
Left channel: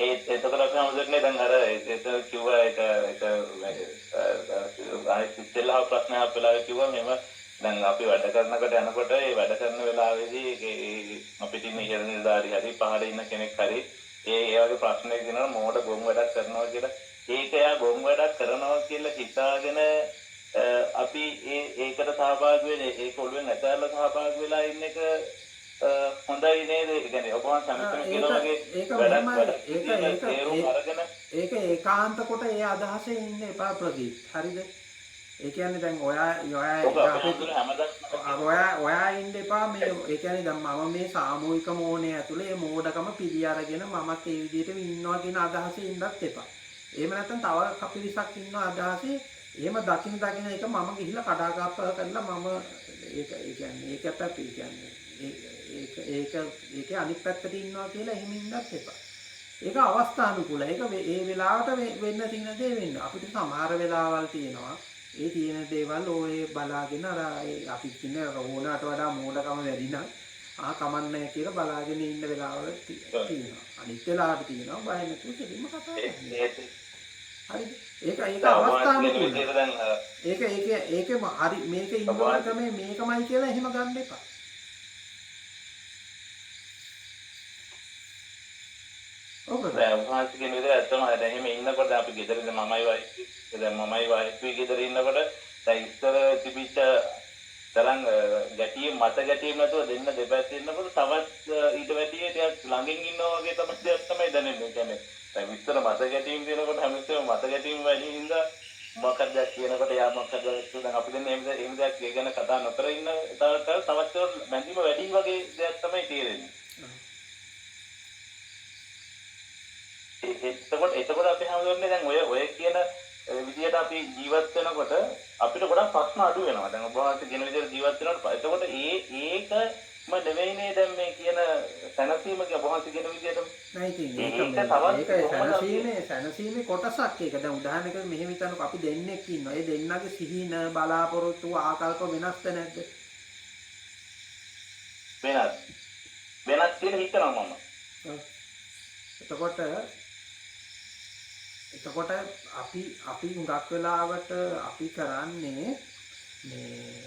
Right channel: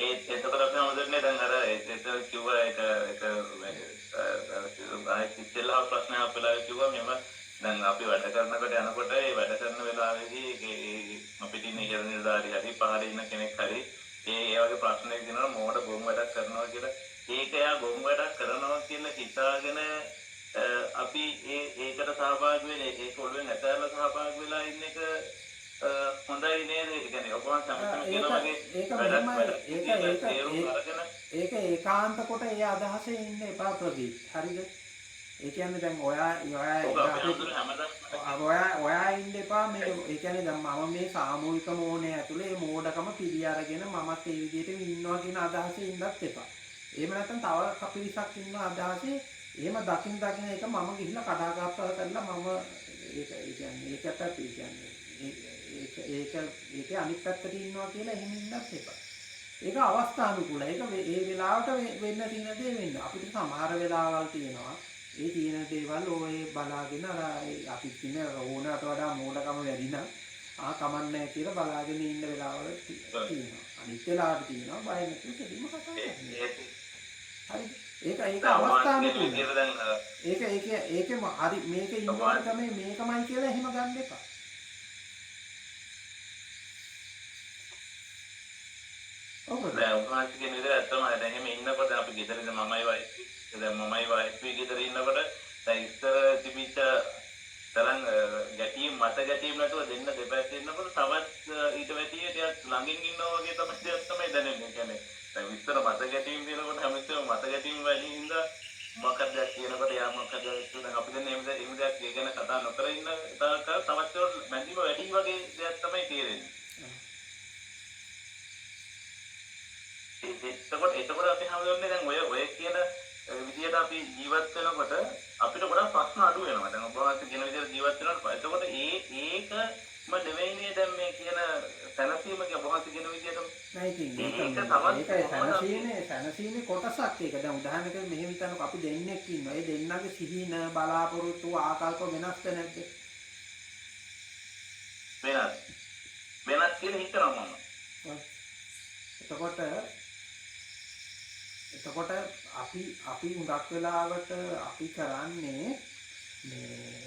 එතකොට අපි හමුදුනේ දැන් අර ඒක කිව්වා ඒක ඉස්සෙල්ලා ප්‍රශ්න අපලා කිව්වා මෙහෙම දැන් අපි වැඩ කරනකොට යනකොට ඒ වැඩ කරන වෙලාවේදී අපිට ඉන්න ඉහළ නිලධාරි හරි පහළ ඉන්න කෙනෙක් හරි ඒ වගේ ප්‍රශ්නයක් දෙනවා මෝඩ ගොම් වැඩක් කරනවා කියලා. ඒක එයා ගොම් වැඩක් කරනවා කියලා හිතාගෙන අපි ඒකට සහභාගී වෙන්නේ ඒක ඔළුවෙන් ඇතැල්ල සහභාගී වෙලා ඉන්න එක හොඳයි නේද? ඒ කියන්නේ ඔබ සම්පූර්ණ කියන වගේ ඒක වැඩක් මෙහෙමයි. තේරුම් අරගෙන ඒක ඒකාන්ත කොට ඒ අදහසේ ඉන්න එපා ප්‍රදීප්. හරිද? ඒ කියන්නේ දැන් ඔයා ඉන්න එපා මේ ඒ කියන්නේ දැන් මම මේ සාමූහික මෝහණය ඇතුලේ මේ මෝඩකම පිළි අරගෙන මමත් ඒ විදිහට ඉන්නවා කියන අදහසේ ඉන්නත් එපා. එහෙම නැත්නම් තව කපිරිසක් ඉන්න අදහසේ එහෙම දකින්න එක මම ගිහිල්ලා කඩාකප්පල කරලා මම ඒ කියන්නේ ඒකත් අපි කියන්නේ ඒකේ අනිත් පැත්තට ඉන්නවා කියලා එහෙම ඉන්නත් එපා. ඒක අවස්ථානුකූලයි. ඒක ඒ වෙලාවට වෙන්න තියෙන දේ වෙන්න. අපිට සමහර වෙලාවල් තියෙනවා. ඒ තියෙන දේවල් ඔය බලාගෙන අර අපි කියන ඕනකට වඩා මෝඩකම වැඩි නම් කමන්නේ කියලා බලාගෙන ඉන්න වෙලාවල් තියෙනවා. අනිත් වෙලාවට තියෙනවා බය නැතුව කෙලින්ම කතා කරන්න. හරිද? ඒක අවස්ථානුකූලයි. ඒකෙම හරි මේක ඉන්නකොට තමයි මේකමයි කියලා එහෙම ගන්න එපා. දැන් උන්වහන්සේ කියන විදිහට ඇත්තම දැන් එහෙම ඉන්නකොට අපි ගෙදරින්ද මමයි වයිෆයි දැන් මමයි වයිෆයි ගෙදර ඉන්නකොට දැන් ඉස්සර තිබිච්ච තරම් ගැටියෙ මත ගැටියෙ නැතුව දෙන්න දෙපැත්තේ ඉන්නකොට තවත් ඊට වැඩිය ටිකක් ළඟින් ඉන්නවා වගේ තමයි දැනෙන්නේ. ඒ කියන්නේ දැන් ඉස්සර මත ගැටියෙම දිනකොට හැමතිස්සෙම මත ගැටියෙම වැඩි හින්දා මොකක්ද කියනකොට යා මොකක්ද දැන් අපි දැන් එහෙම දෙයක් ගැන කතා නොකර ඉන්න තවත් මැදිම වැඩි වගේ දෙයක් තමයි තේරෙන්නේ. එතකොට අපි හඳුනන්නේ දැන් ඔය කියන විදියට අපි ජීවත් වෙනකොට අපිට ගොඩක් ප්‍රශ්න අඩු වෙනවා. දැන් ඔබ වහන්සේ කියන විදියට ජීවත් වෙනකොට එතකොට ඒකම නෙවෙයිනේ දැන් මේ කියන සැනසීම කිය ඔබ වහන්සේ කියන විදියට නෑ ඉතින් ඒක සැනසීමේ කොටසක් ඒක. දැන් උදාහරණයකට මෙහෙම හිතන්නකො අපි දෙන්නෙක් ඉන්නවා. ඒ දෙන්නගේ සිහින බලාපොරොත්තු ආකල්ප වෙනස්ද නැද්ද? වෙනස් කියලා හිතනවා මම. එතකොට අපි හුඟක් වෙලාවට අපි කරන්නේ මේ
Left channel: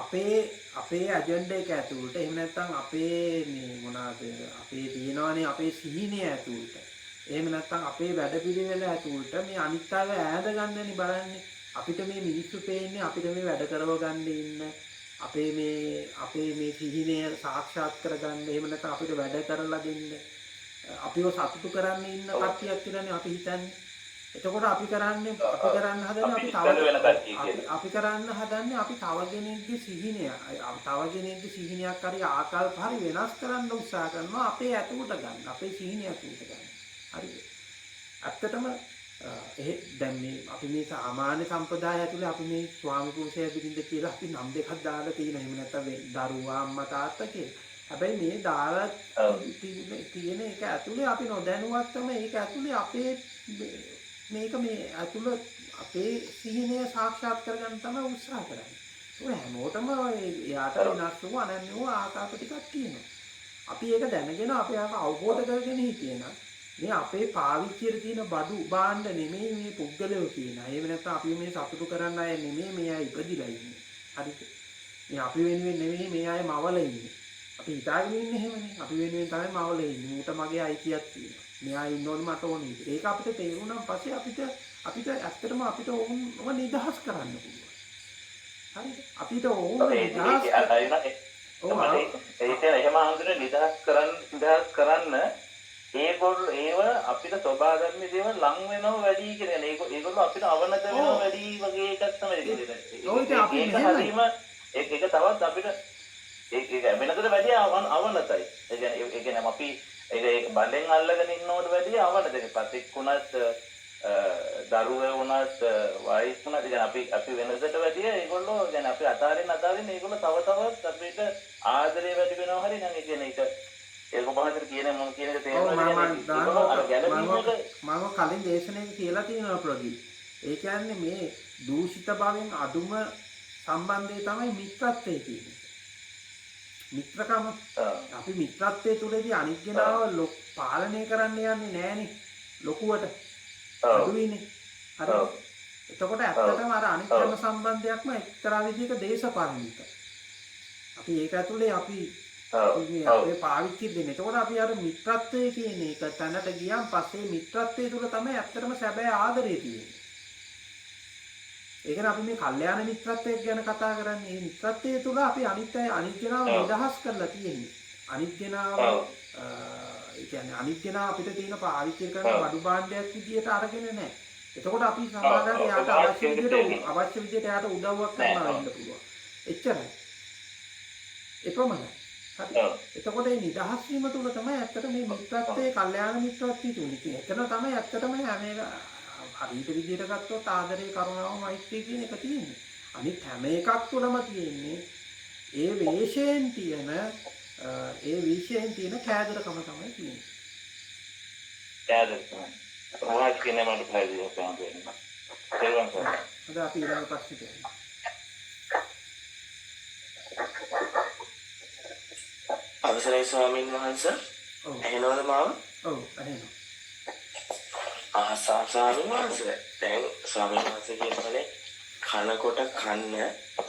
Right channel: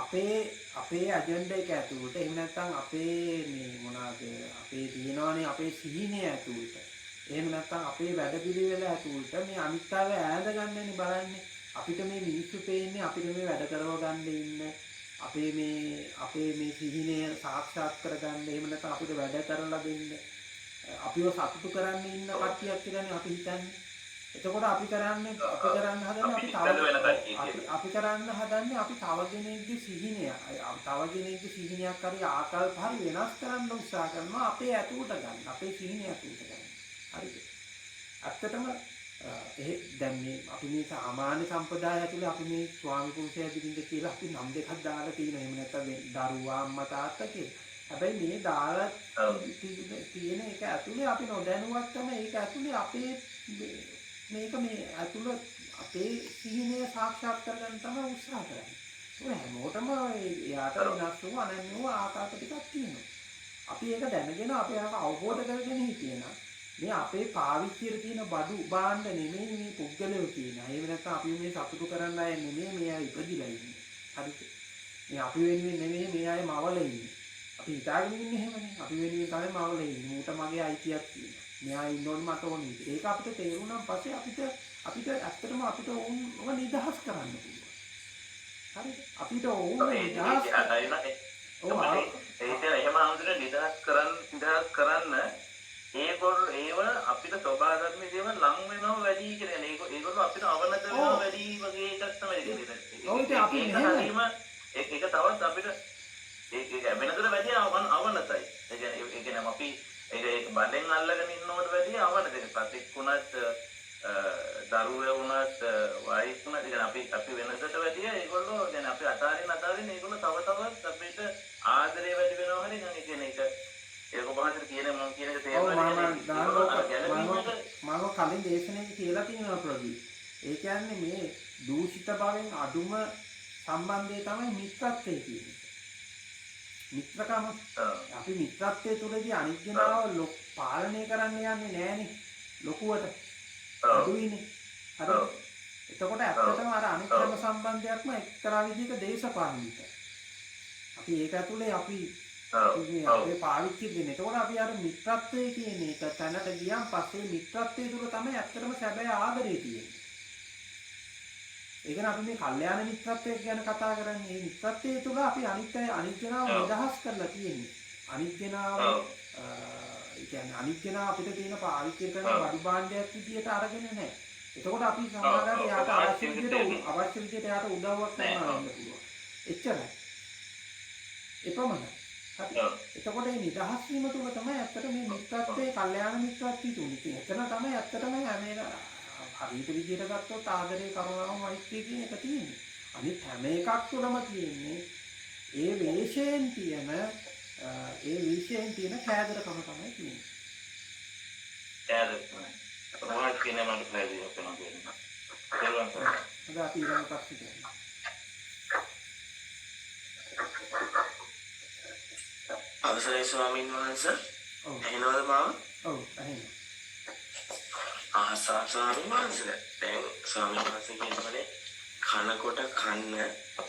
අපේ ඇජෙන්ඩා එක ඇතුළට එහෙම නැත්නම් අපේ මේ මොනවාද අපේ තියෙනවානේ අපේ සිහිනය ඇතුළට එහෙම නැත්නම් අපේ වැඩපිළිවෙල ඇතුළට මේ අනිත් අය ඈඳ ගන්නනේ බලන්නේ. අපිට මේ මිනිස්සු පේන්නේ අපිට මේ වැඩ කරව ගන්න ඉන්න අපේ මේ සිහිනය සාක්ෂාත් කරගන්න එහෙම නැත්නම් අපිට වැඩ කරලා දෙන්න අපිව සතුටු කරන්න ඉන්න කට්ටියක් කියලානේ අපි හිතන්නේ. එතකොට අපි කරන්න හදන්නේ අපි තව කෙනෙක්ගේ සිහිනයක් හරි ආකල්ප හරි වෙනස් කරන්න උත්සාහ කරනවා අපේ ඇතුළට ගන්න අපේ සිහිනය ඇතුළට ගන්න. හරිද? ඇත්තටම දැන් මේ අපි මේ සාමාන්‍ය සම්ප්‍රදාය ඇතුලේ අපි මේ ස්වාමි පුරුෂය බිරිඳ කියලා අපි නම් දෙකක් දාලා තියෙනවා. එහෙම නැත්නම් දරුවා අම්මා තාත්තා කියලා. හැබැයි මේ දාලා තියෙන එක ඇතුලේ අපි නොදැනුවත්වම ඒක ඇතුලේ අපේ මේ ඇතුලේ අපේ සිහිනය සාක්ෂාත් කරගන්න තමයි උත්සාහ කරන්නේ. ඔය හැමෝටම එයාට වෙනස් වූ අනන්‍ය වූ ආකාර ටිකක් තියෙනවා. අපි ඒක දැනගෙන අපි ඒක අවබෝධ කරගෙන හිටියනම් මේ අපේ පාවිච්චියට තියෙන බඩු බාණ්ඩ නෙමෙයි මේ පුද්ගලයෝ කියනවා. එහෙම නැත්නම් අපි මේ සතුටු කරන්න අය නෙමෙයි මේ අය ඉපදිලා ඉන්නේ. හරිද? මේ අපි වෙනුවෙන් නෙමෙයි මේ අය මවල ඉන්නේ. අපි හිතාගෙන ඉන්නේ එහෙමනේ. අපි වෙනුවෙන් තමයි මවල ඉන්නේ. මූට මගේ අයිතියක් තියෙනවා. මෙයා ඉන්න ඕනේ මට ඕනේ. ඒක අපිට තේරුණාන් පස්සේ අපිට ඇත්තටම අපිට ඕනම නිදහස් කරන්න පුළුවන්. හරිද? අපිට ඕන නිදහස් එහෙම හඳුනන නිදහස් කරන්න ඒව අපිට ස්වභාව ධර්ම දේවල් ලං වෙනව වැඩි කියලා නේ. ඒගොල්ලෝ අපිට අවනත වෙනව වැඩි වගේ එකක් තමයි දෙන්නේ. ඔව් ඉතින් අපි මෙහෙම ඒක තවත් අපිට ඒක වෙනතට වැඩි අවනතයි. ඒ කියන්නේ අපි ඒක බඩෙන් අල්ලගෙන ඉන්නවට වැඩි අවනත දෙයක්. පතික් වුණත් දරුවෝ වුණත් වයිෆ් වුණත් අපි වෙනසට වැඩි ඒගොල්ලෝ දැන් අපි අතාරින්න ඒගොල්ලෝ තව තවත් අපිට ආදරේ වැඩි වෙනවා හරි නම් ඒ කියන්නේ ඒක කොහොමද කියන්නේ මම කියන එක තේරෙන්නේ මම කලින් දේශනාවේ කියලා තියෙනවා ප්‍රදීප්. ඒ කියන්නේ මේ දූෂිත භාවයෙන් අඩුම සම්බන්ධය තමයි මිත්‍රත්වය කියන්නේ. මිත්‍රකම අපි මිත්‍රත්වයේ තුලදී අනිත් කෙනාව පාලනය කරන්න යන්නේ නැහනේ ලොකුවට අඩුයිනේ. හරිද? එතකොට ඇත්තටම අර අනිත් හැම සම්බන්ධයක්ම එක්තරා විදිහක දේශපාලනිකයි. අපි ඒක ඇතුලේ අපි අපේ පාවිච්චි වෙන්නේ. එතකොට අපි අර මිත්‍රත්වය කියන එක තැනට ගියාන් පස්සේ මිත්‍රත්වයේ තුල තමයි ඇත්තටම සැබෑ ආදරය තියෙන්නේ. ඒ කියන්නේ අපි මේ කල්යාණ මිත්‍රත්වයක් ගැන කතා කරන්නේ. මේ මිත්‍රත්වයේ තුල අපි අනිත් කෙනාව නිදහස් කරලා තියෙන්නේ. අනිත් කෙනාව ඒ කියන්නේ අනිත් කෙනා අපිට තියෙන පාවිච්චි කරන වඩු භාණ්ඩයක් විදියට අරගෙන නැහැ. එතකොට අපි සමාජයට යාට අවශ්‍ය විදියට යාට උදව්වක් කරනවා වෙන්න පුළුවන්. එච්චරයි. එපමණයි. හරි. එතකොට මේ නිදහස් වීම තුල තමයි ඇත්තට මේ මිත්‍රත්වයේ කල්යාණ මිත්‍රත්වයේ තුනේ. එතන තමයි ඇත්තටම හැම හරියට විදියට ගත්තොත් ආදරේ කරුණාව මෛත්‍රී කියන එක තියෙන්නේ. අනිත් හැම එකක් තුළම තියෙන්නේ ඒ වේශයෙන් තියෙන කෑදරකම තමයි තියෙන්නේ. කෑදරකම. රහස් කියන මට ප්‍රයෝජනයක් ගන්නවා. අද අපි ඊළඟ ප්‍රශ්නෙට යමු. අවසරයි ස්වාමීන් වහන්සේ. ඇහෙනවද මාව? ඔව් ඇහෙනවා. ස්වාමීන් වහන්සේ දැන් ස්වාමීන් වහන්සේ කියනවානේ කනකොට කන්න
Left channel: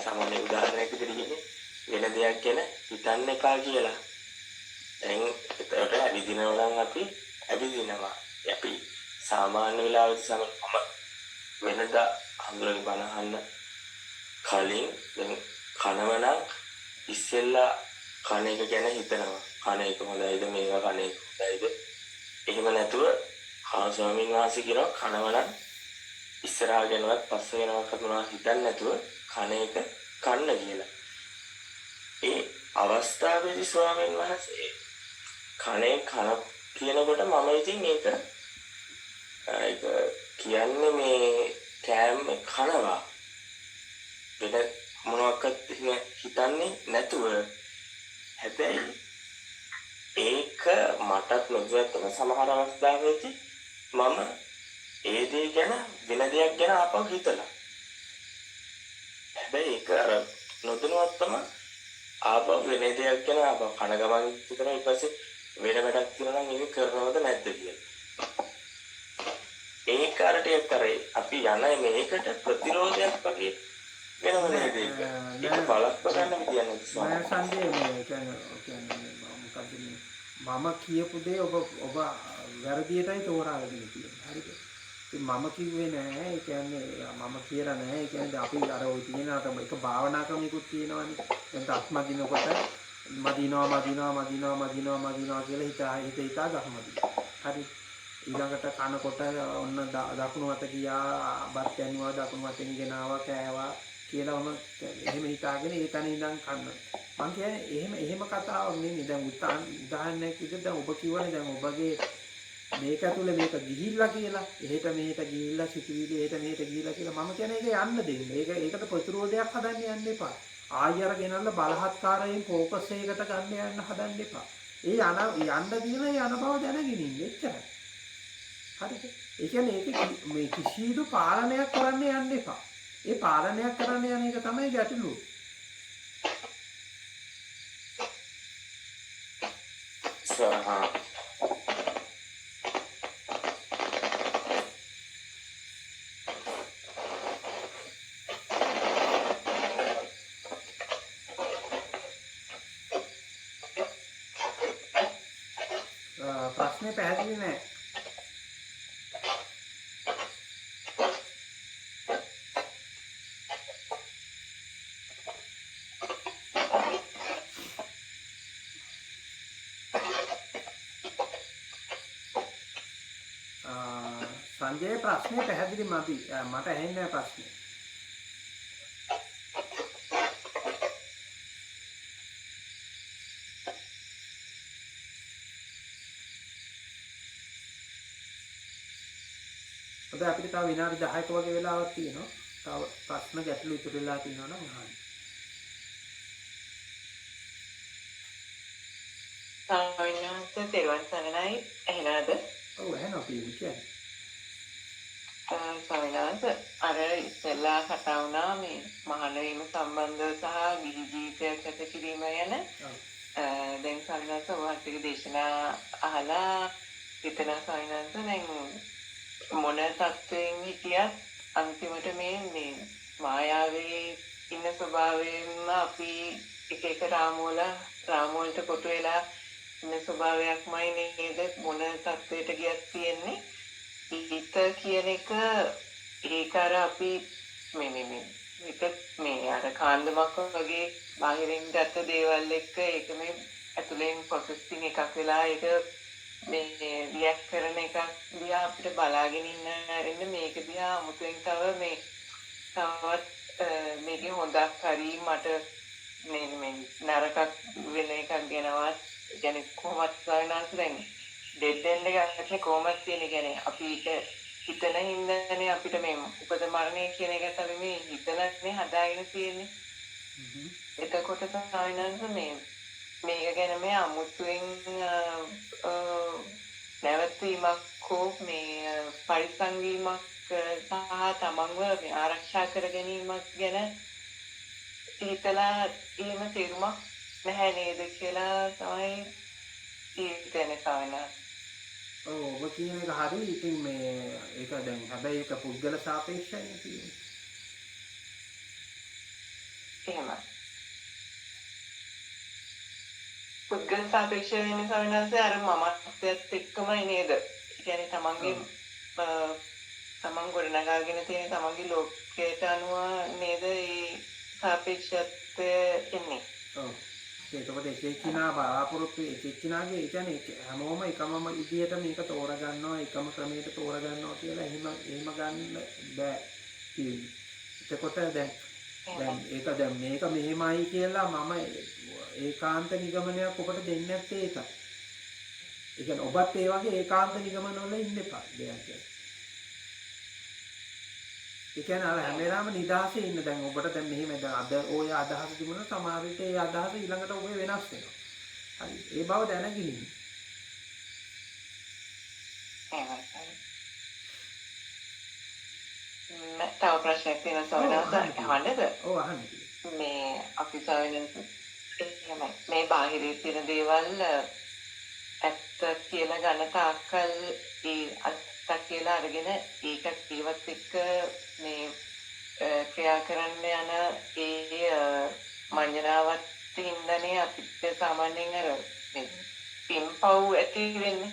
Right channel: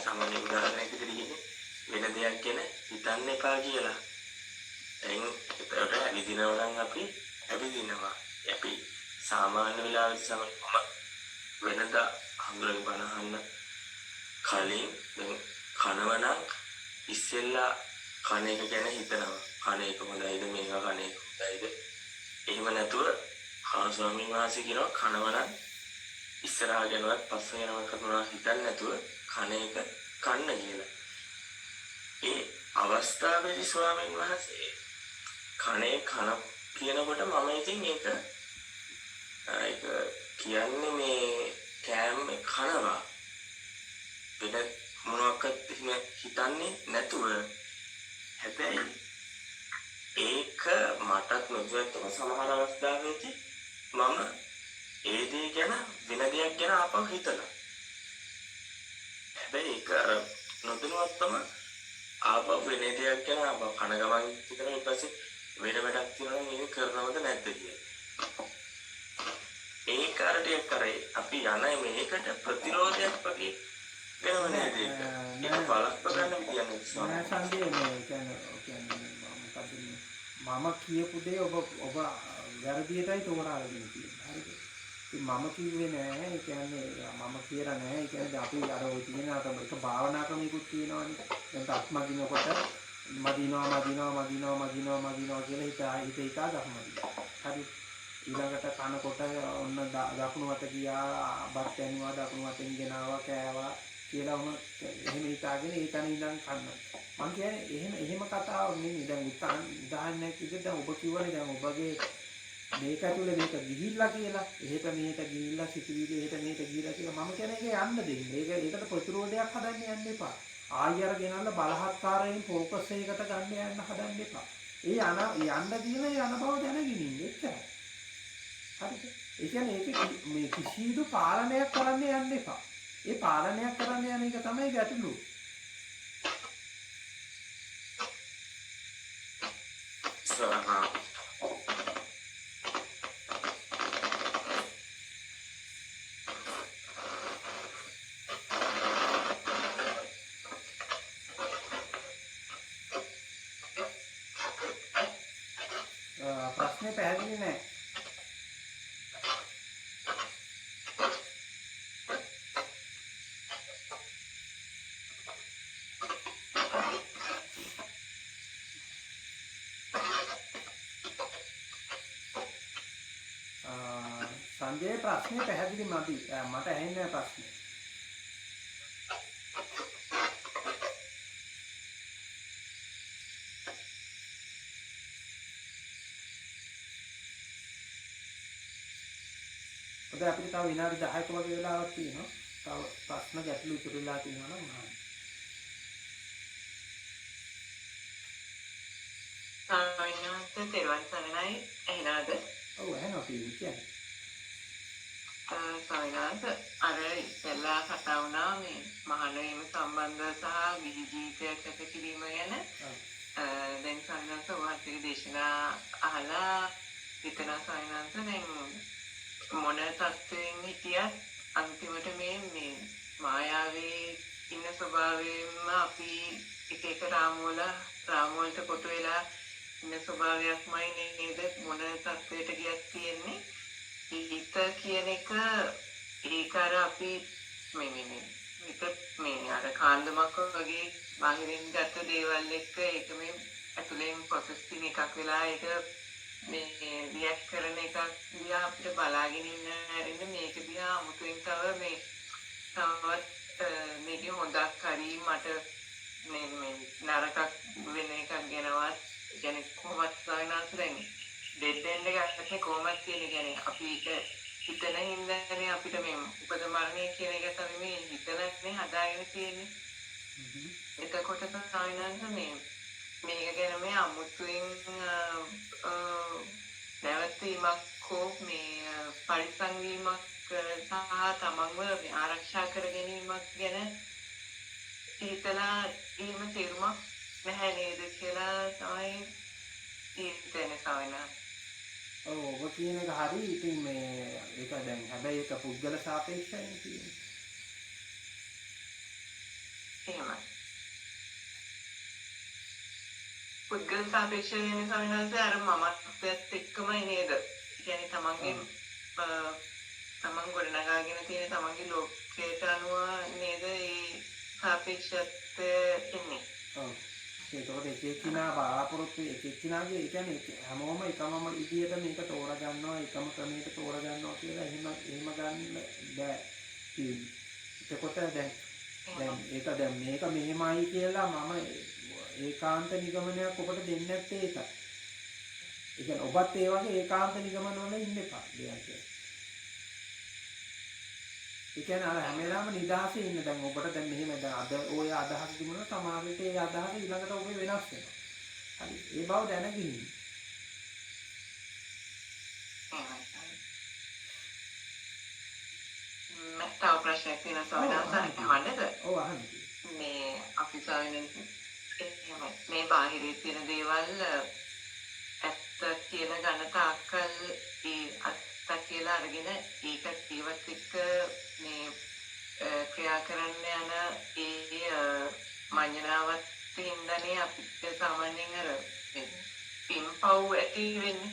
සාමාන්‍ය උදාහරණයක් විදිහට වෙන දෙයක් ගැන හිතන්න එපා කියලා. දැන් ඒකට ඇවිදිනවා නම් අපි ඇවිදිනවා. අපි සාමාන්‍ය වෙලාවෙදි සමහරම වෙනදා හඳුනගෙන බණ අහන්න කලින් දැන් කනවා නම් ඉස්සෙල්ලා කන එක ගැන හිතනවා. කන එක හොඳයිද මේවා කන එක හොඳයිද? එහෙම නැතුව ස්වාමීන් වහන්සේ කියනවා කනවා නම් ඉස්සරහා ගැනවත් පස්ස ගැනවත් මොනවා හිතන්නේ නැතුව කන එක කන්න කියලා. ඒ අවස්ථාවේදී ස්වාමීන් වහන්සේ කනේ කන කියනකොට මම ඉතින් ඒක කියන්නේ මේ කෑම කනවා වෙන මොනවාක්වත් හිතන්නේ නැතුව. හැබැයි ඒක මටත් නොදැක්කම සමහර අවස්ථාවලදී මම ඒ දේ ගැන වෙන දෙයක් ගැන ආපහු හිතලා. හැබැයි ඒක නොදැනුවත්වම ආපහු වෙන දෙයක් ගැන ආපහු කන ගමන් හිතලා ඊට පස්සේ වෙන වැඩක් තියෙනවා නම් ඒක කරනවද නැද්ද කියලා. ඒක කාර්යයක් කරේ අපි යන මේකට ප්‍රතිරෝධයක් වගේ වෙනම නේද ඒක. ඒක බලස්ප ගන්න විදියක් නෑ. නෑ සංජය මේ කියන්නේ මොකද්ද මම කියපු දේ ඔබ වැරදියටයි තෝරාගෙන තියෙන්නේ. හරිද? ඉතින් මම කිව්වේ නෑ. ඒ කියන්නේ මම කියලා නෑ. ඒ කියන්නේ අපි අර ওই තියෙන අර එක භාවනා ක්‍රමිකුත් තියෙනවානේ. දැන් අත්මදිනකොට මදිනවා කියලා හිතා ගහමදි. හරි. ඊළඟට කනකොට ඔන්න දකුණු අත ගියා බත් ඇනුවා දකුණු අතෙන් ගෙනාවා කෑවා කියලා ඔන්න එහෙම හිතාගෙන ඒ තැන ඉඳන් කන්න. මං කියන්නේ එහෙම කතාවක් නෙමෙයි. දැන් උදාහරණයක් විදිහට දැන් ඔබ කියවනේ දැන් ඔබගේ මේක ඇතුලේ මේක ගිහිල්ලා කියලා. එහෙට මෙහෙට ගිහිල්ලා සිතුවිලි එහෙට මෙහෙට ගිහිල්ලා කියලා මම කියන්නේ ඒක යන්න දෙන්න. ඒකට ප්‍රතිරෝධයක් හදන්න යන්න එපා. ආයෙ ගෙනල්ලා බලහත්කාරයෙන් ફોකස් එකකට ගන්න යන්න හදන්න එපා. ඒ යන්න තියෙන ඒ යන බව දැනගෙන ඉන්න එච්චරයි. හරිද? ඒ කියන්නේ ඒක මේ කිසිදු පාලනයක් කරන්න යන්න එපා. ඒ පාලනයක් කරන්න යන එක තමයි ගැටලුව. ප්‍රශ්නේ පැහැදිලි නෑ. සංජය ප්‍රශ්නේ පැහැදිලි මදි. මට ඇහෙන්නේ නැහැ ප්‍රශ්නේ. අද අපිට තව විනාඩි 10ක වගේ වෙලාවක් තියෙනවා. තව ප්‍රශ්න ගැටලු ඉතුරු වෙලා තියෙනවා නම් අහන්න. සාමාන්‍යයෙන් තෙරුවන් සරණයි ඇහෙනවද? ඔව් ඇහෙනවා කියන්නේ. සවිනාස අර ඉස්සෙල්ලා කතා වුණා මේ මහාන වීම සම්බන්ධව සහ ගිහි ජීවිතයක් ගත කිරීම ගැන. දැන් සවිනාස වහන්සේගේ දේශනා අහලා හිතන සවිනාස දැන් මොන තත්ත්වයෙන් හිටියත් අන්තිමට මේ මායාවේ ඉන්න ස්වභාවයෙන්ම අපි එක රාමුවලට කොටු වෙලා ඉන්න ස්වභාවයක්මයි නේද මොන තත්වයට ගියත් තියෙන්නේ. හිත කියන එක ඒක අර අපි මේ අර කාන්දමක් වගේ බාහිරින් ගත්ත දේවල් එක්ක ඒක මේ ඇතුලෙන් ප්‍රොසෙසින් එකක් වෙලා ඒක මේ රියැක්ට් කරන එකක් දිහා අපිට බලාගෙන ඉන්න හැරෙන්න මේක දිහා අමුතුවෙන් තවත් මේකේ හොඳක් හරි මට මේ නරකක් වෙන එකක් ගැනවත් කියන්නේ කොහොමද සායනාස් වෙන්නේ ඩෙඩ් එන්ඩ් එකක් කොහොමද කියන්නේ අපි ඒක හිතන හින්දානේ අපිට මේ උපත මරණය කියන එක තමයි මේ හිතනනේ හදාගෙන තියෙන්නේ. එතකොට සායනාස් මේක ගැන මේ අමුතුවෙන් නැවතීමක් හෝ මේ පරිස්සම් වීමක් සහ තමන්ව මේ ආරක්ෂා කර ගැනීමක් ගැන හිතලා එහෙම තේරුමක් නැහැ නේද කියලා තමයි හිතන්නේ සායනාස්. ඔබ කියන එක හරි. ඉතින් මේ ඒක දැන් හැබැයි ඒක පුද්ගල සාපේක්ෂයි කියන්නේ. එහෙමයි. පුද්ගල සාපේක්ෂ වෙන සවිනාසය අර මමත්වයත් එක්කමයි නේද? කියන්නේ තමන් ගොඩනගාගෙන තියෙන තමන්ගේ ලෝකයට අනුව නේද මේ සාපේක්ෂත්වය එන්නේ. ඔව්. ඒකකොට එක එක්කිනා බලාපොරොත්තු එක එක්කිනාගේ ඒ කියන්නේ හැමෝම එකම විදියට මේක තෝරගන්නවා එකම ක්‍රමයකට තෝරගන්නවා කියලා එහෙම ගන්න බෑ කියන්නේ. එතකොට දැන් ඒක දැන් මේක මෙහෙමයි කියලා මම ඒකාන්ත නිගමනයක් ඔබට දෙන්නේ නැත්තේ ඒකයි. ඒ කියන්නේ ඔබත් ඒ වගේ ඒකාන්ත නිගමන වල ඉන්න එපා දෙයක් කියන්නේ. ඒ කියන්නේ අර හැම වෙලාවම නිදහසේ ඉන්න. දැන් ඔබට දැන් මෙහෙම දැන් අද ඔය අදහස තිබුණා සමහර විට ඒ අදහස ඊළඟට ඔබේ වෙනස් වෙනවා. හරි. ඒ බව දැනගෙන ඉන්න. තව ප්‍රශ්නයක් තියෙනවා සවිනාස අහන්නද? ඔව් අහන්න. මේ අපි සවිනාස මේ බාහිරේ තියෙන දේවල් ඇත්ත කියලා ගන්න තාක්කල් ඒ ඇත්ත කියලා අරගෙන ඒකත් ඒවත් එක්ක මේ ක්‍රියා කරන්න යන ඒ මඤ්ඤණාවත් හින්දානේ අපිට සාමාන්‍යයෙන් අර මේ පින්පව් ඇති වෙන්නේ.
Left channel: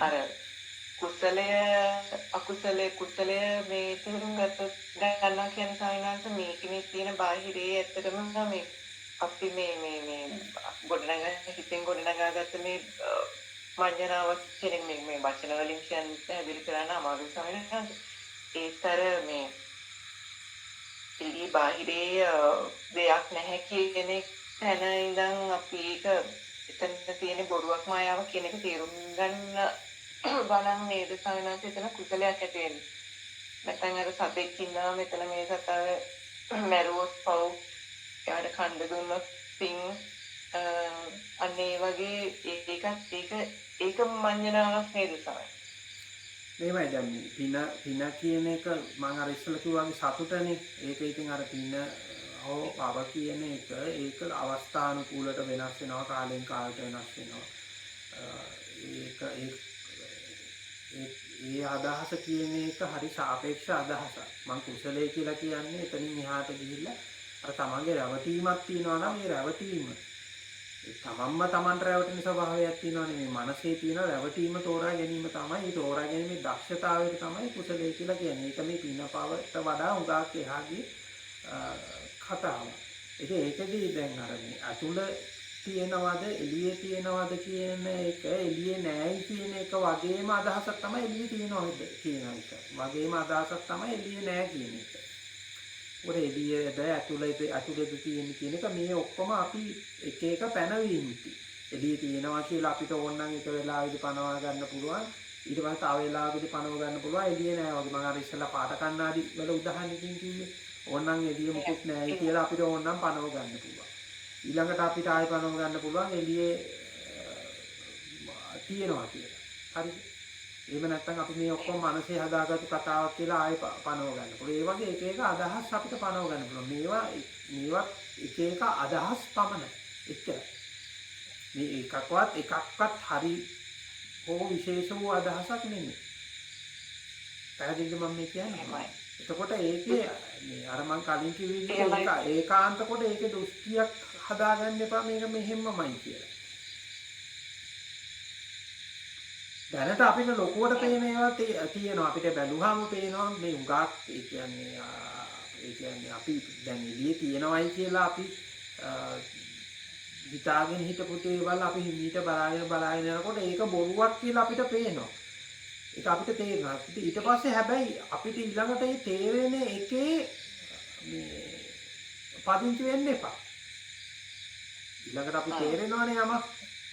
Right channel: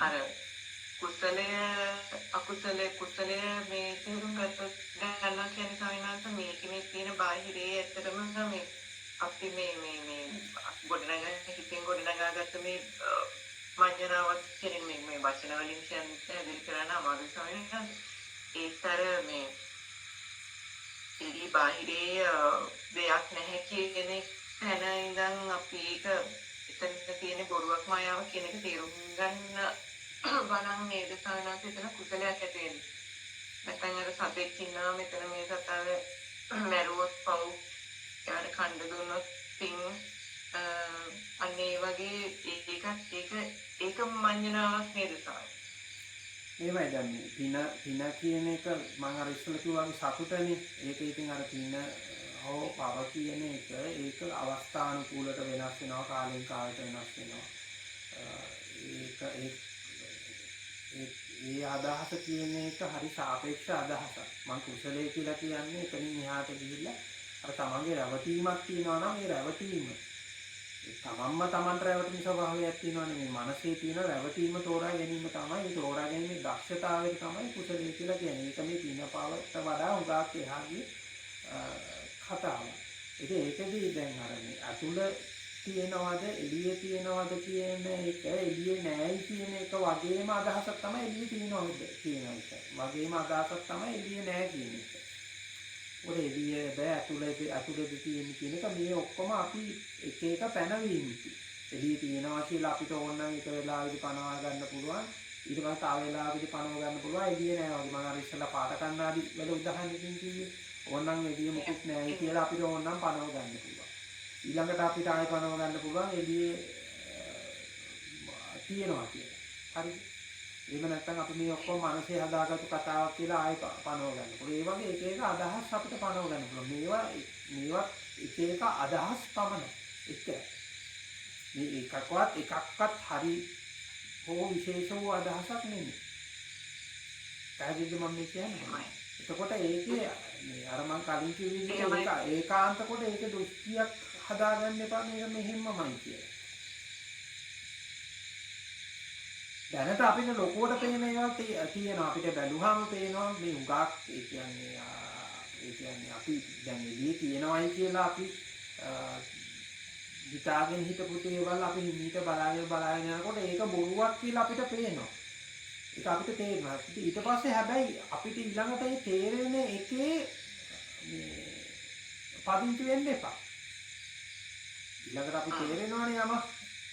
අර කුසලය මේ තේරුම් ගන්නවා කියන සායනාංශ මේකනේ තියෙන බාහිරේ ඇත්තටම මේ අපි මේ හිතෙන් ගොඩනගාගත්ත මේ මඤ්ඤණාවක් කියන මේ වචන වලින් කියන්නේ පැහැදිලි කරන්න අමාරු සායනාංශ. ඒතර මේ බාහිරේ දෙයක් නැහැ කියන තැන ඉඳන් අපි ඒක එතන තියෙන බොරුවක් මායාවක් කියන එක තේරුම් ගන්න බලන් නේද සායනාංශ එතන කුසලයක් ඇති වෙන්නේ. නැත්නම් අර සතෙක් ඉන්නවා මෙතන මේ සතාව මැරුවොත් පව් එයාට කණ්ඩ දුන්නොත් පින් අන්න ඒ වගේ ඒක මඤ්ඤණාවක් නේද සායනාංශ. මේවයි දැන් පින කියන එක මම අර ඉස්සෙල්ලා කිව්වා වගේ සතුටනේ. ඒක ඉතින් අර පින හෝ පව කියන එක ඒක අවස්ථානුකූලට වෙනස් වෙනවා කාලෙන් කාලට වෙනස් වෙනවා. ඒ අදහස කියන එක හරි සාපේක්ෂ අදහසක්. මම කුසලයේ කියලා කියන්නේ එතනින් එහාට ගිහිල්ලා අර තමන්ගේ රැවටීමක් තියෙනවා නම් ඒ රැවටීම තමන්ම තමන්ට රැවටෙන ස්වභාවයක් තියෙනවානේ. මේ මනසේ තියෙන රැවටීම තෝරා ගැනීම තමයි ඒ තෝරා ගැනීමේ දක්ෂතාවයට තමයි කුසලයේ කියලා කියන්නේ. ඒක මේ පින පවට වඩා උගාක් එහාගේ කතාවක්. ඒකදී දැන් අර මේ අතුල තියෙනවද එළියේ තියෙනවද කියන එක එළියේ නැයි කියන එක වගේම අදහසක් තමයි එළියේ තියෙනවද කියන එක. වගේම අදහසක් තමයි එළියේ නැහැ කියන එක. උඩ එළියේද අතුලේද තියෙන කියන එක මේ ඔක්කොම අපි එක එක පැනවීම්. එළියේ තියෙනවා කියලා අපිට ඕන නම් එක වෙලාවෙදි පනවා ගන්න පුළුවන්. ඊට පස්සේ තව වෙලාවකදී පනව ගන්න පුළුවන්. එළියේ නැහැ වගේ. මම අර ඉස්සෙල්ලා පාට කණ්ණාඩි වල උදාහරණකින් කිව්වේ. ඕන නම් එළියේ මුකුත් නැහැ කියලා අපිට ඕන නම් පනව ගන්න පුළුවන්. ඊළඟට අපිට ආයෙ පනව ගන්න පුළුවන් එළියේ තියෙනවා කියලා. හරිද? එහෙම නැත්නම් අපි මේ ඔක්කොම මනසේ හදාගත්තු කතාවක් කියලා ආයෙ පනව ගන්න පුළුවන්. ඒ වගේ එක එක අදහස් අපිට පනව ගන්න පුළුවන්. මේවත් එක එක අදහස් පමණයි. එච්චරයි. මේ එකක්වත් හරි හෝ විශේෂ වූ අදහසක් නෙමෙයි. පැහැදිලිද මම මේ කියන්නේ? එතකොට ඒකේ මේ අර මං කලින් කිව්ව විදිහට ඒකාන්ත කොට ඒකේ දෘෂ්ටියක් හදාගන්න එපා මේක මෙහෙම්මමයි කියලා. දැනට අපිට ලොකුවට පේන ඒවා තියෙනවා. අපිට බැලුවාම පේනවා මේ උගාක් ඒ කියන්නේ අපි දැන් එළියේ තියෙනවයි කියලා අපි හිතාගෙන හිටපු දේවල් අපි හිමීට බලාගෙන යනකොට ඒක බොරුවක් කියලා අපිට පේනවා. ඒක අපිට තේරෙනවා. ඊට පස්සේ හැබැයි අපිට ඊළඟට මේ තේරෙන එකේ මේ පදිංචි වෙන්න එපා. ඊළඟට අපි තේරෙනවනේ යමක්.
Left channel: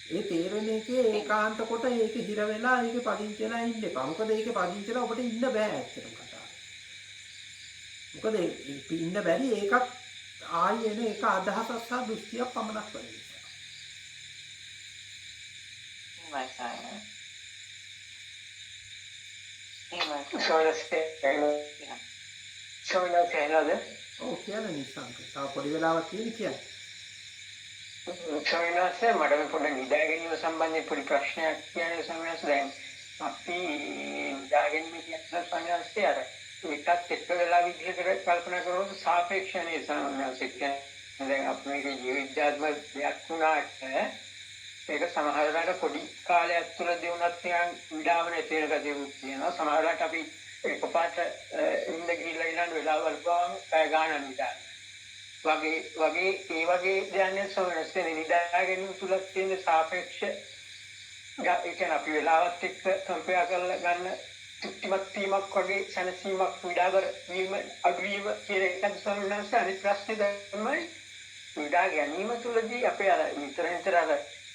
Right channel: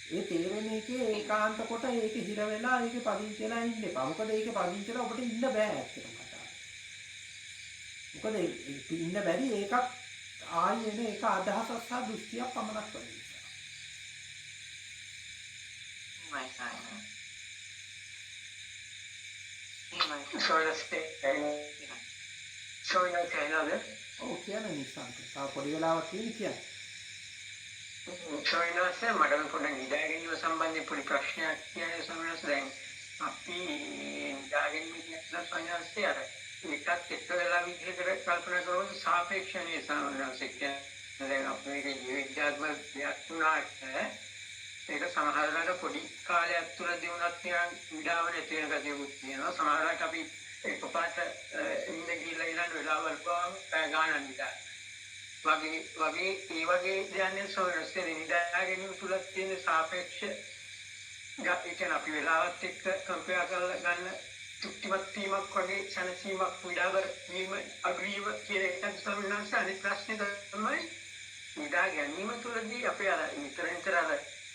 ඒ තේරෙන එකේ ඒකාන්ත කොට ඒක හිර වෙලා ඒකේ පදිංචි වෙලා ඉන්න එපා. මොකද ඒකේ පදිංචි වෙලා ඔබට ඉන්න බෑ ඇත්තටම කතාව. මොකද ඉන්න බැරි ඒකක් ආයි එන එක අදහසක් සහ දෘෂ්ටියක් පමණක් වෙන නිසා. ඔව් කියන නිසංක. තව පොඩි වෙලාවක් තියෙන කියන්නේ. සොයනස මට පොඩ්ඩක් නිදා ගැනීම සම්බන්ධයෙන් පොඩි ප්‍රශ්නයක් කියන්නේ සොයනස දැන් අපි නිදා ගැනීම කියන සොයනස අර ඒකත් එක්ක වෙලා විදිහකට කල්පනා කරනකොට සාපේක්ෂණීය සොයනස කියන්නේ දැන් අපි මේක ජීවිතාත්මක දෙයක් වුණාට ඒක සමහරවිට පොඩි කාලයක් තුළදී වුණත් නිකන් විඩාව නැති වෙන ගතියක් තියෙනවා. සමහරවිට අපි එකපාරට ඉඳ ගිහිල්ලා ඊළඟ වෙලාවල් ගාන පැය ගානක් නිදා වගේ ඒ වගේ දැනෙන සොයනස් කියන්නේ නිදා ගැනීම තුල තියෙන සාපේක්ෂ ඒ කියන්නේ අපි වෙලාවත් එක්ක කම්පෙයාර් කරලා ගන්න තෘප්තිමත් වීමක් වගේ සැනසීමක් විඩාවර වීම අග්‍රීව කියන එකත් සොයනස් අනිත් ප්‍රශ්නේ තමයි නිදා ගැනීම තුලදී අපේ අර නිතර අර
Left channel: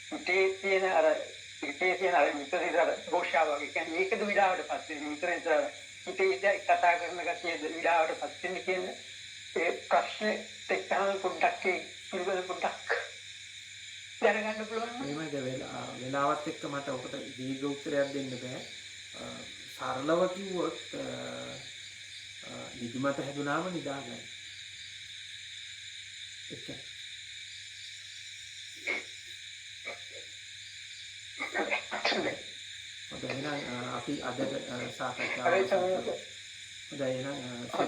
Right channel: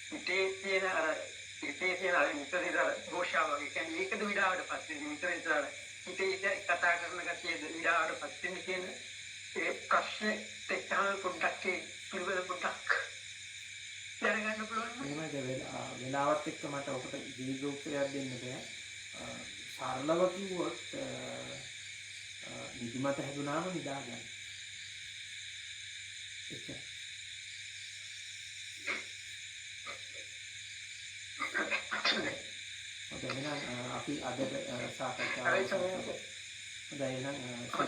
හිතේ තියෙන අර නිතර ගෝෂාව වගේ කියන්නේ ඒකද විඩාවට පත් වෙන්නේ නිතර අර හිතේ කතා කරන ගැතිය විඩාවට පත් වෙන්නේ කියන ඒ ප්‍රශ්නේ එක්කම පොඩ්ඩක් පිළිවෙල පොඩ්ඩක් දැනගන්න පුළුවන්. එහෙමද වෙලාවත් එක්ක මට ඔකට දීර්ඝ උත්තරයක් දෙන්න බෑ. සරලව කිව්වොත් නිදිමත හැදුනාම නිදා ගන්න. එච්චරයි. හොඳයි එහෙනම් අපි අද සාකච්ඡාව හොඳයි එහෙනම්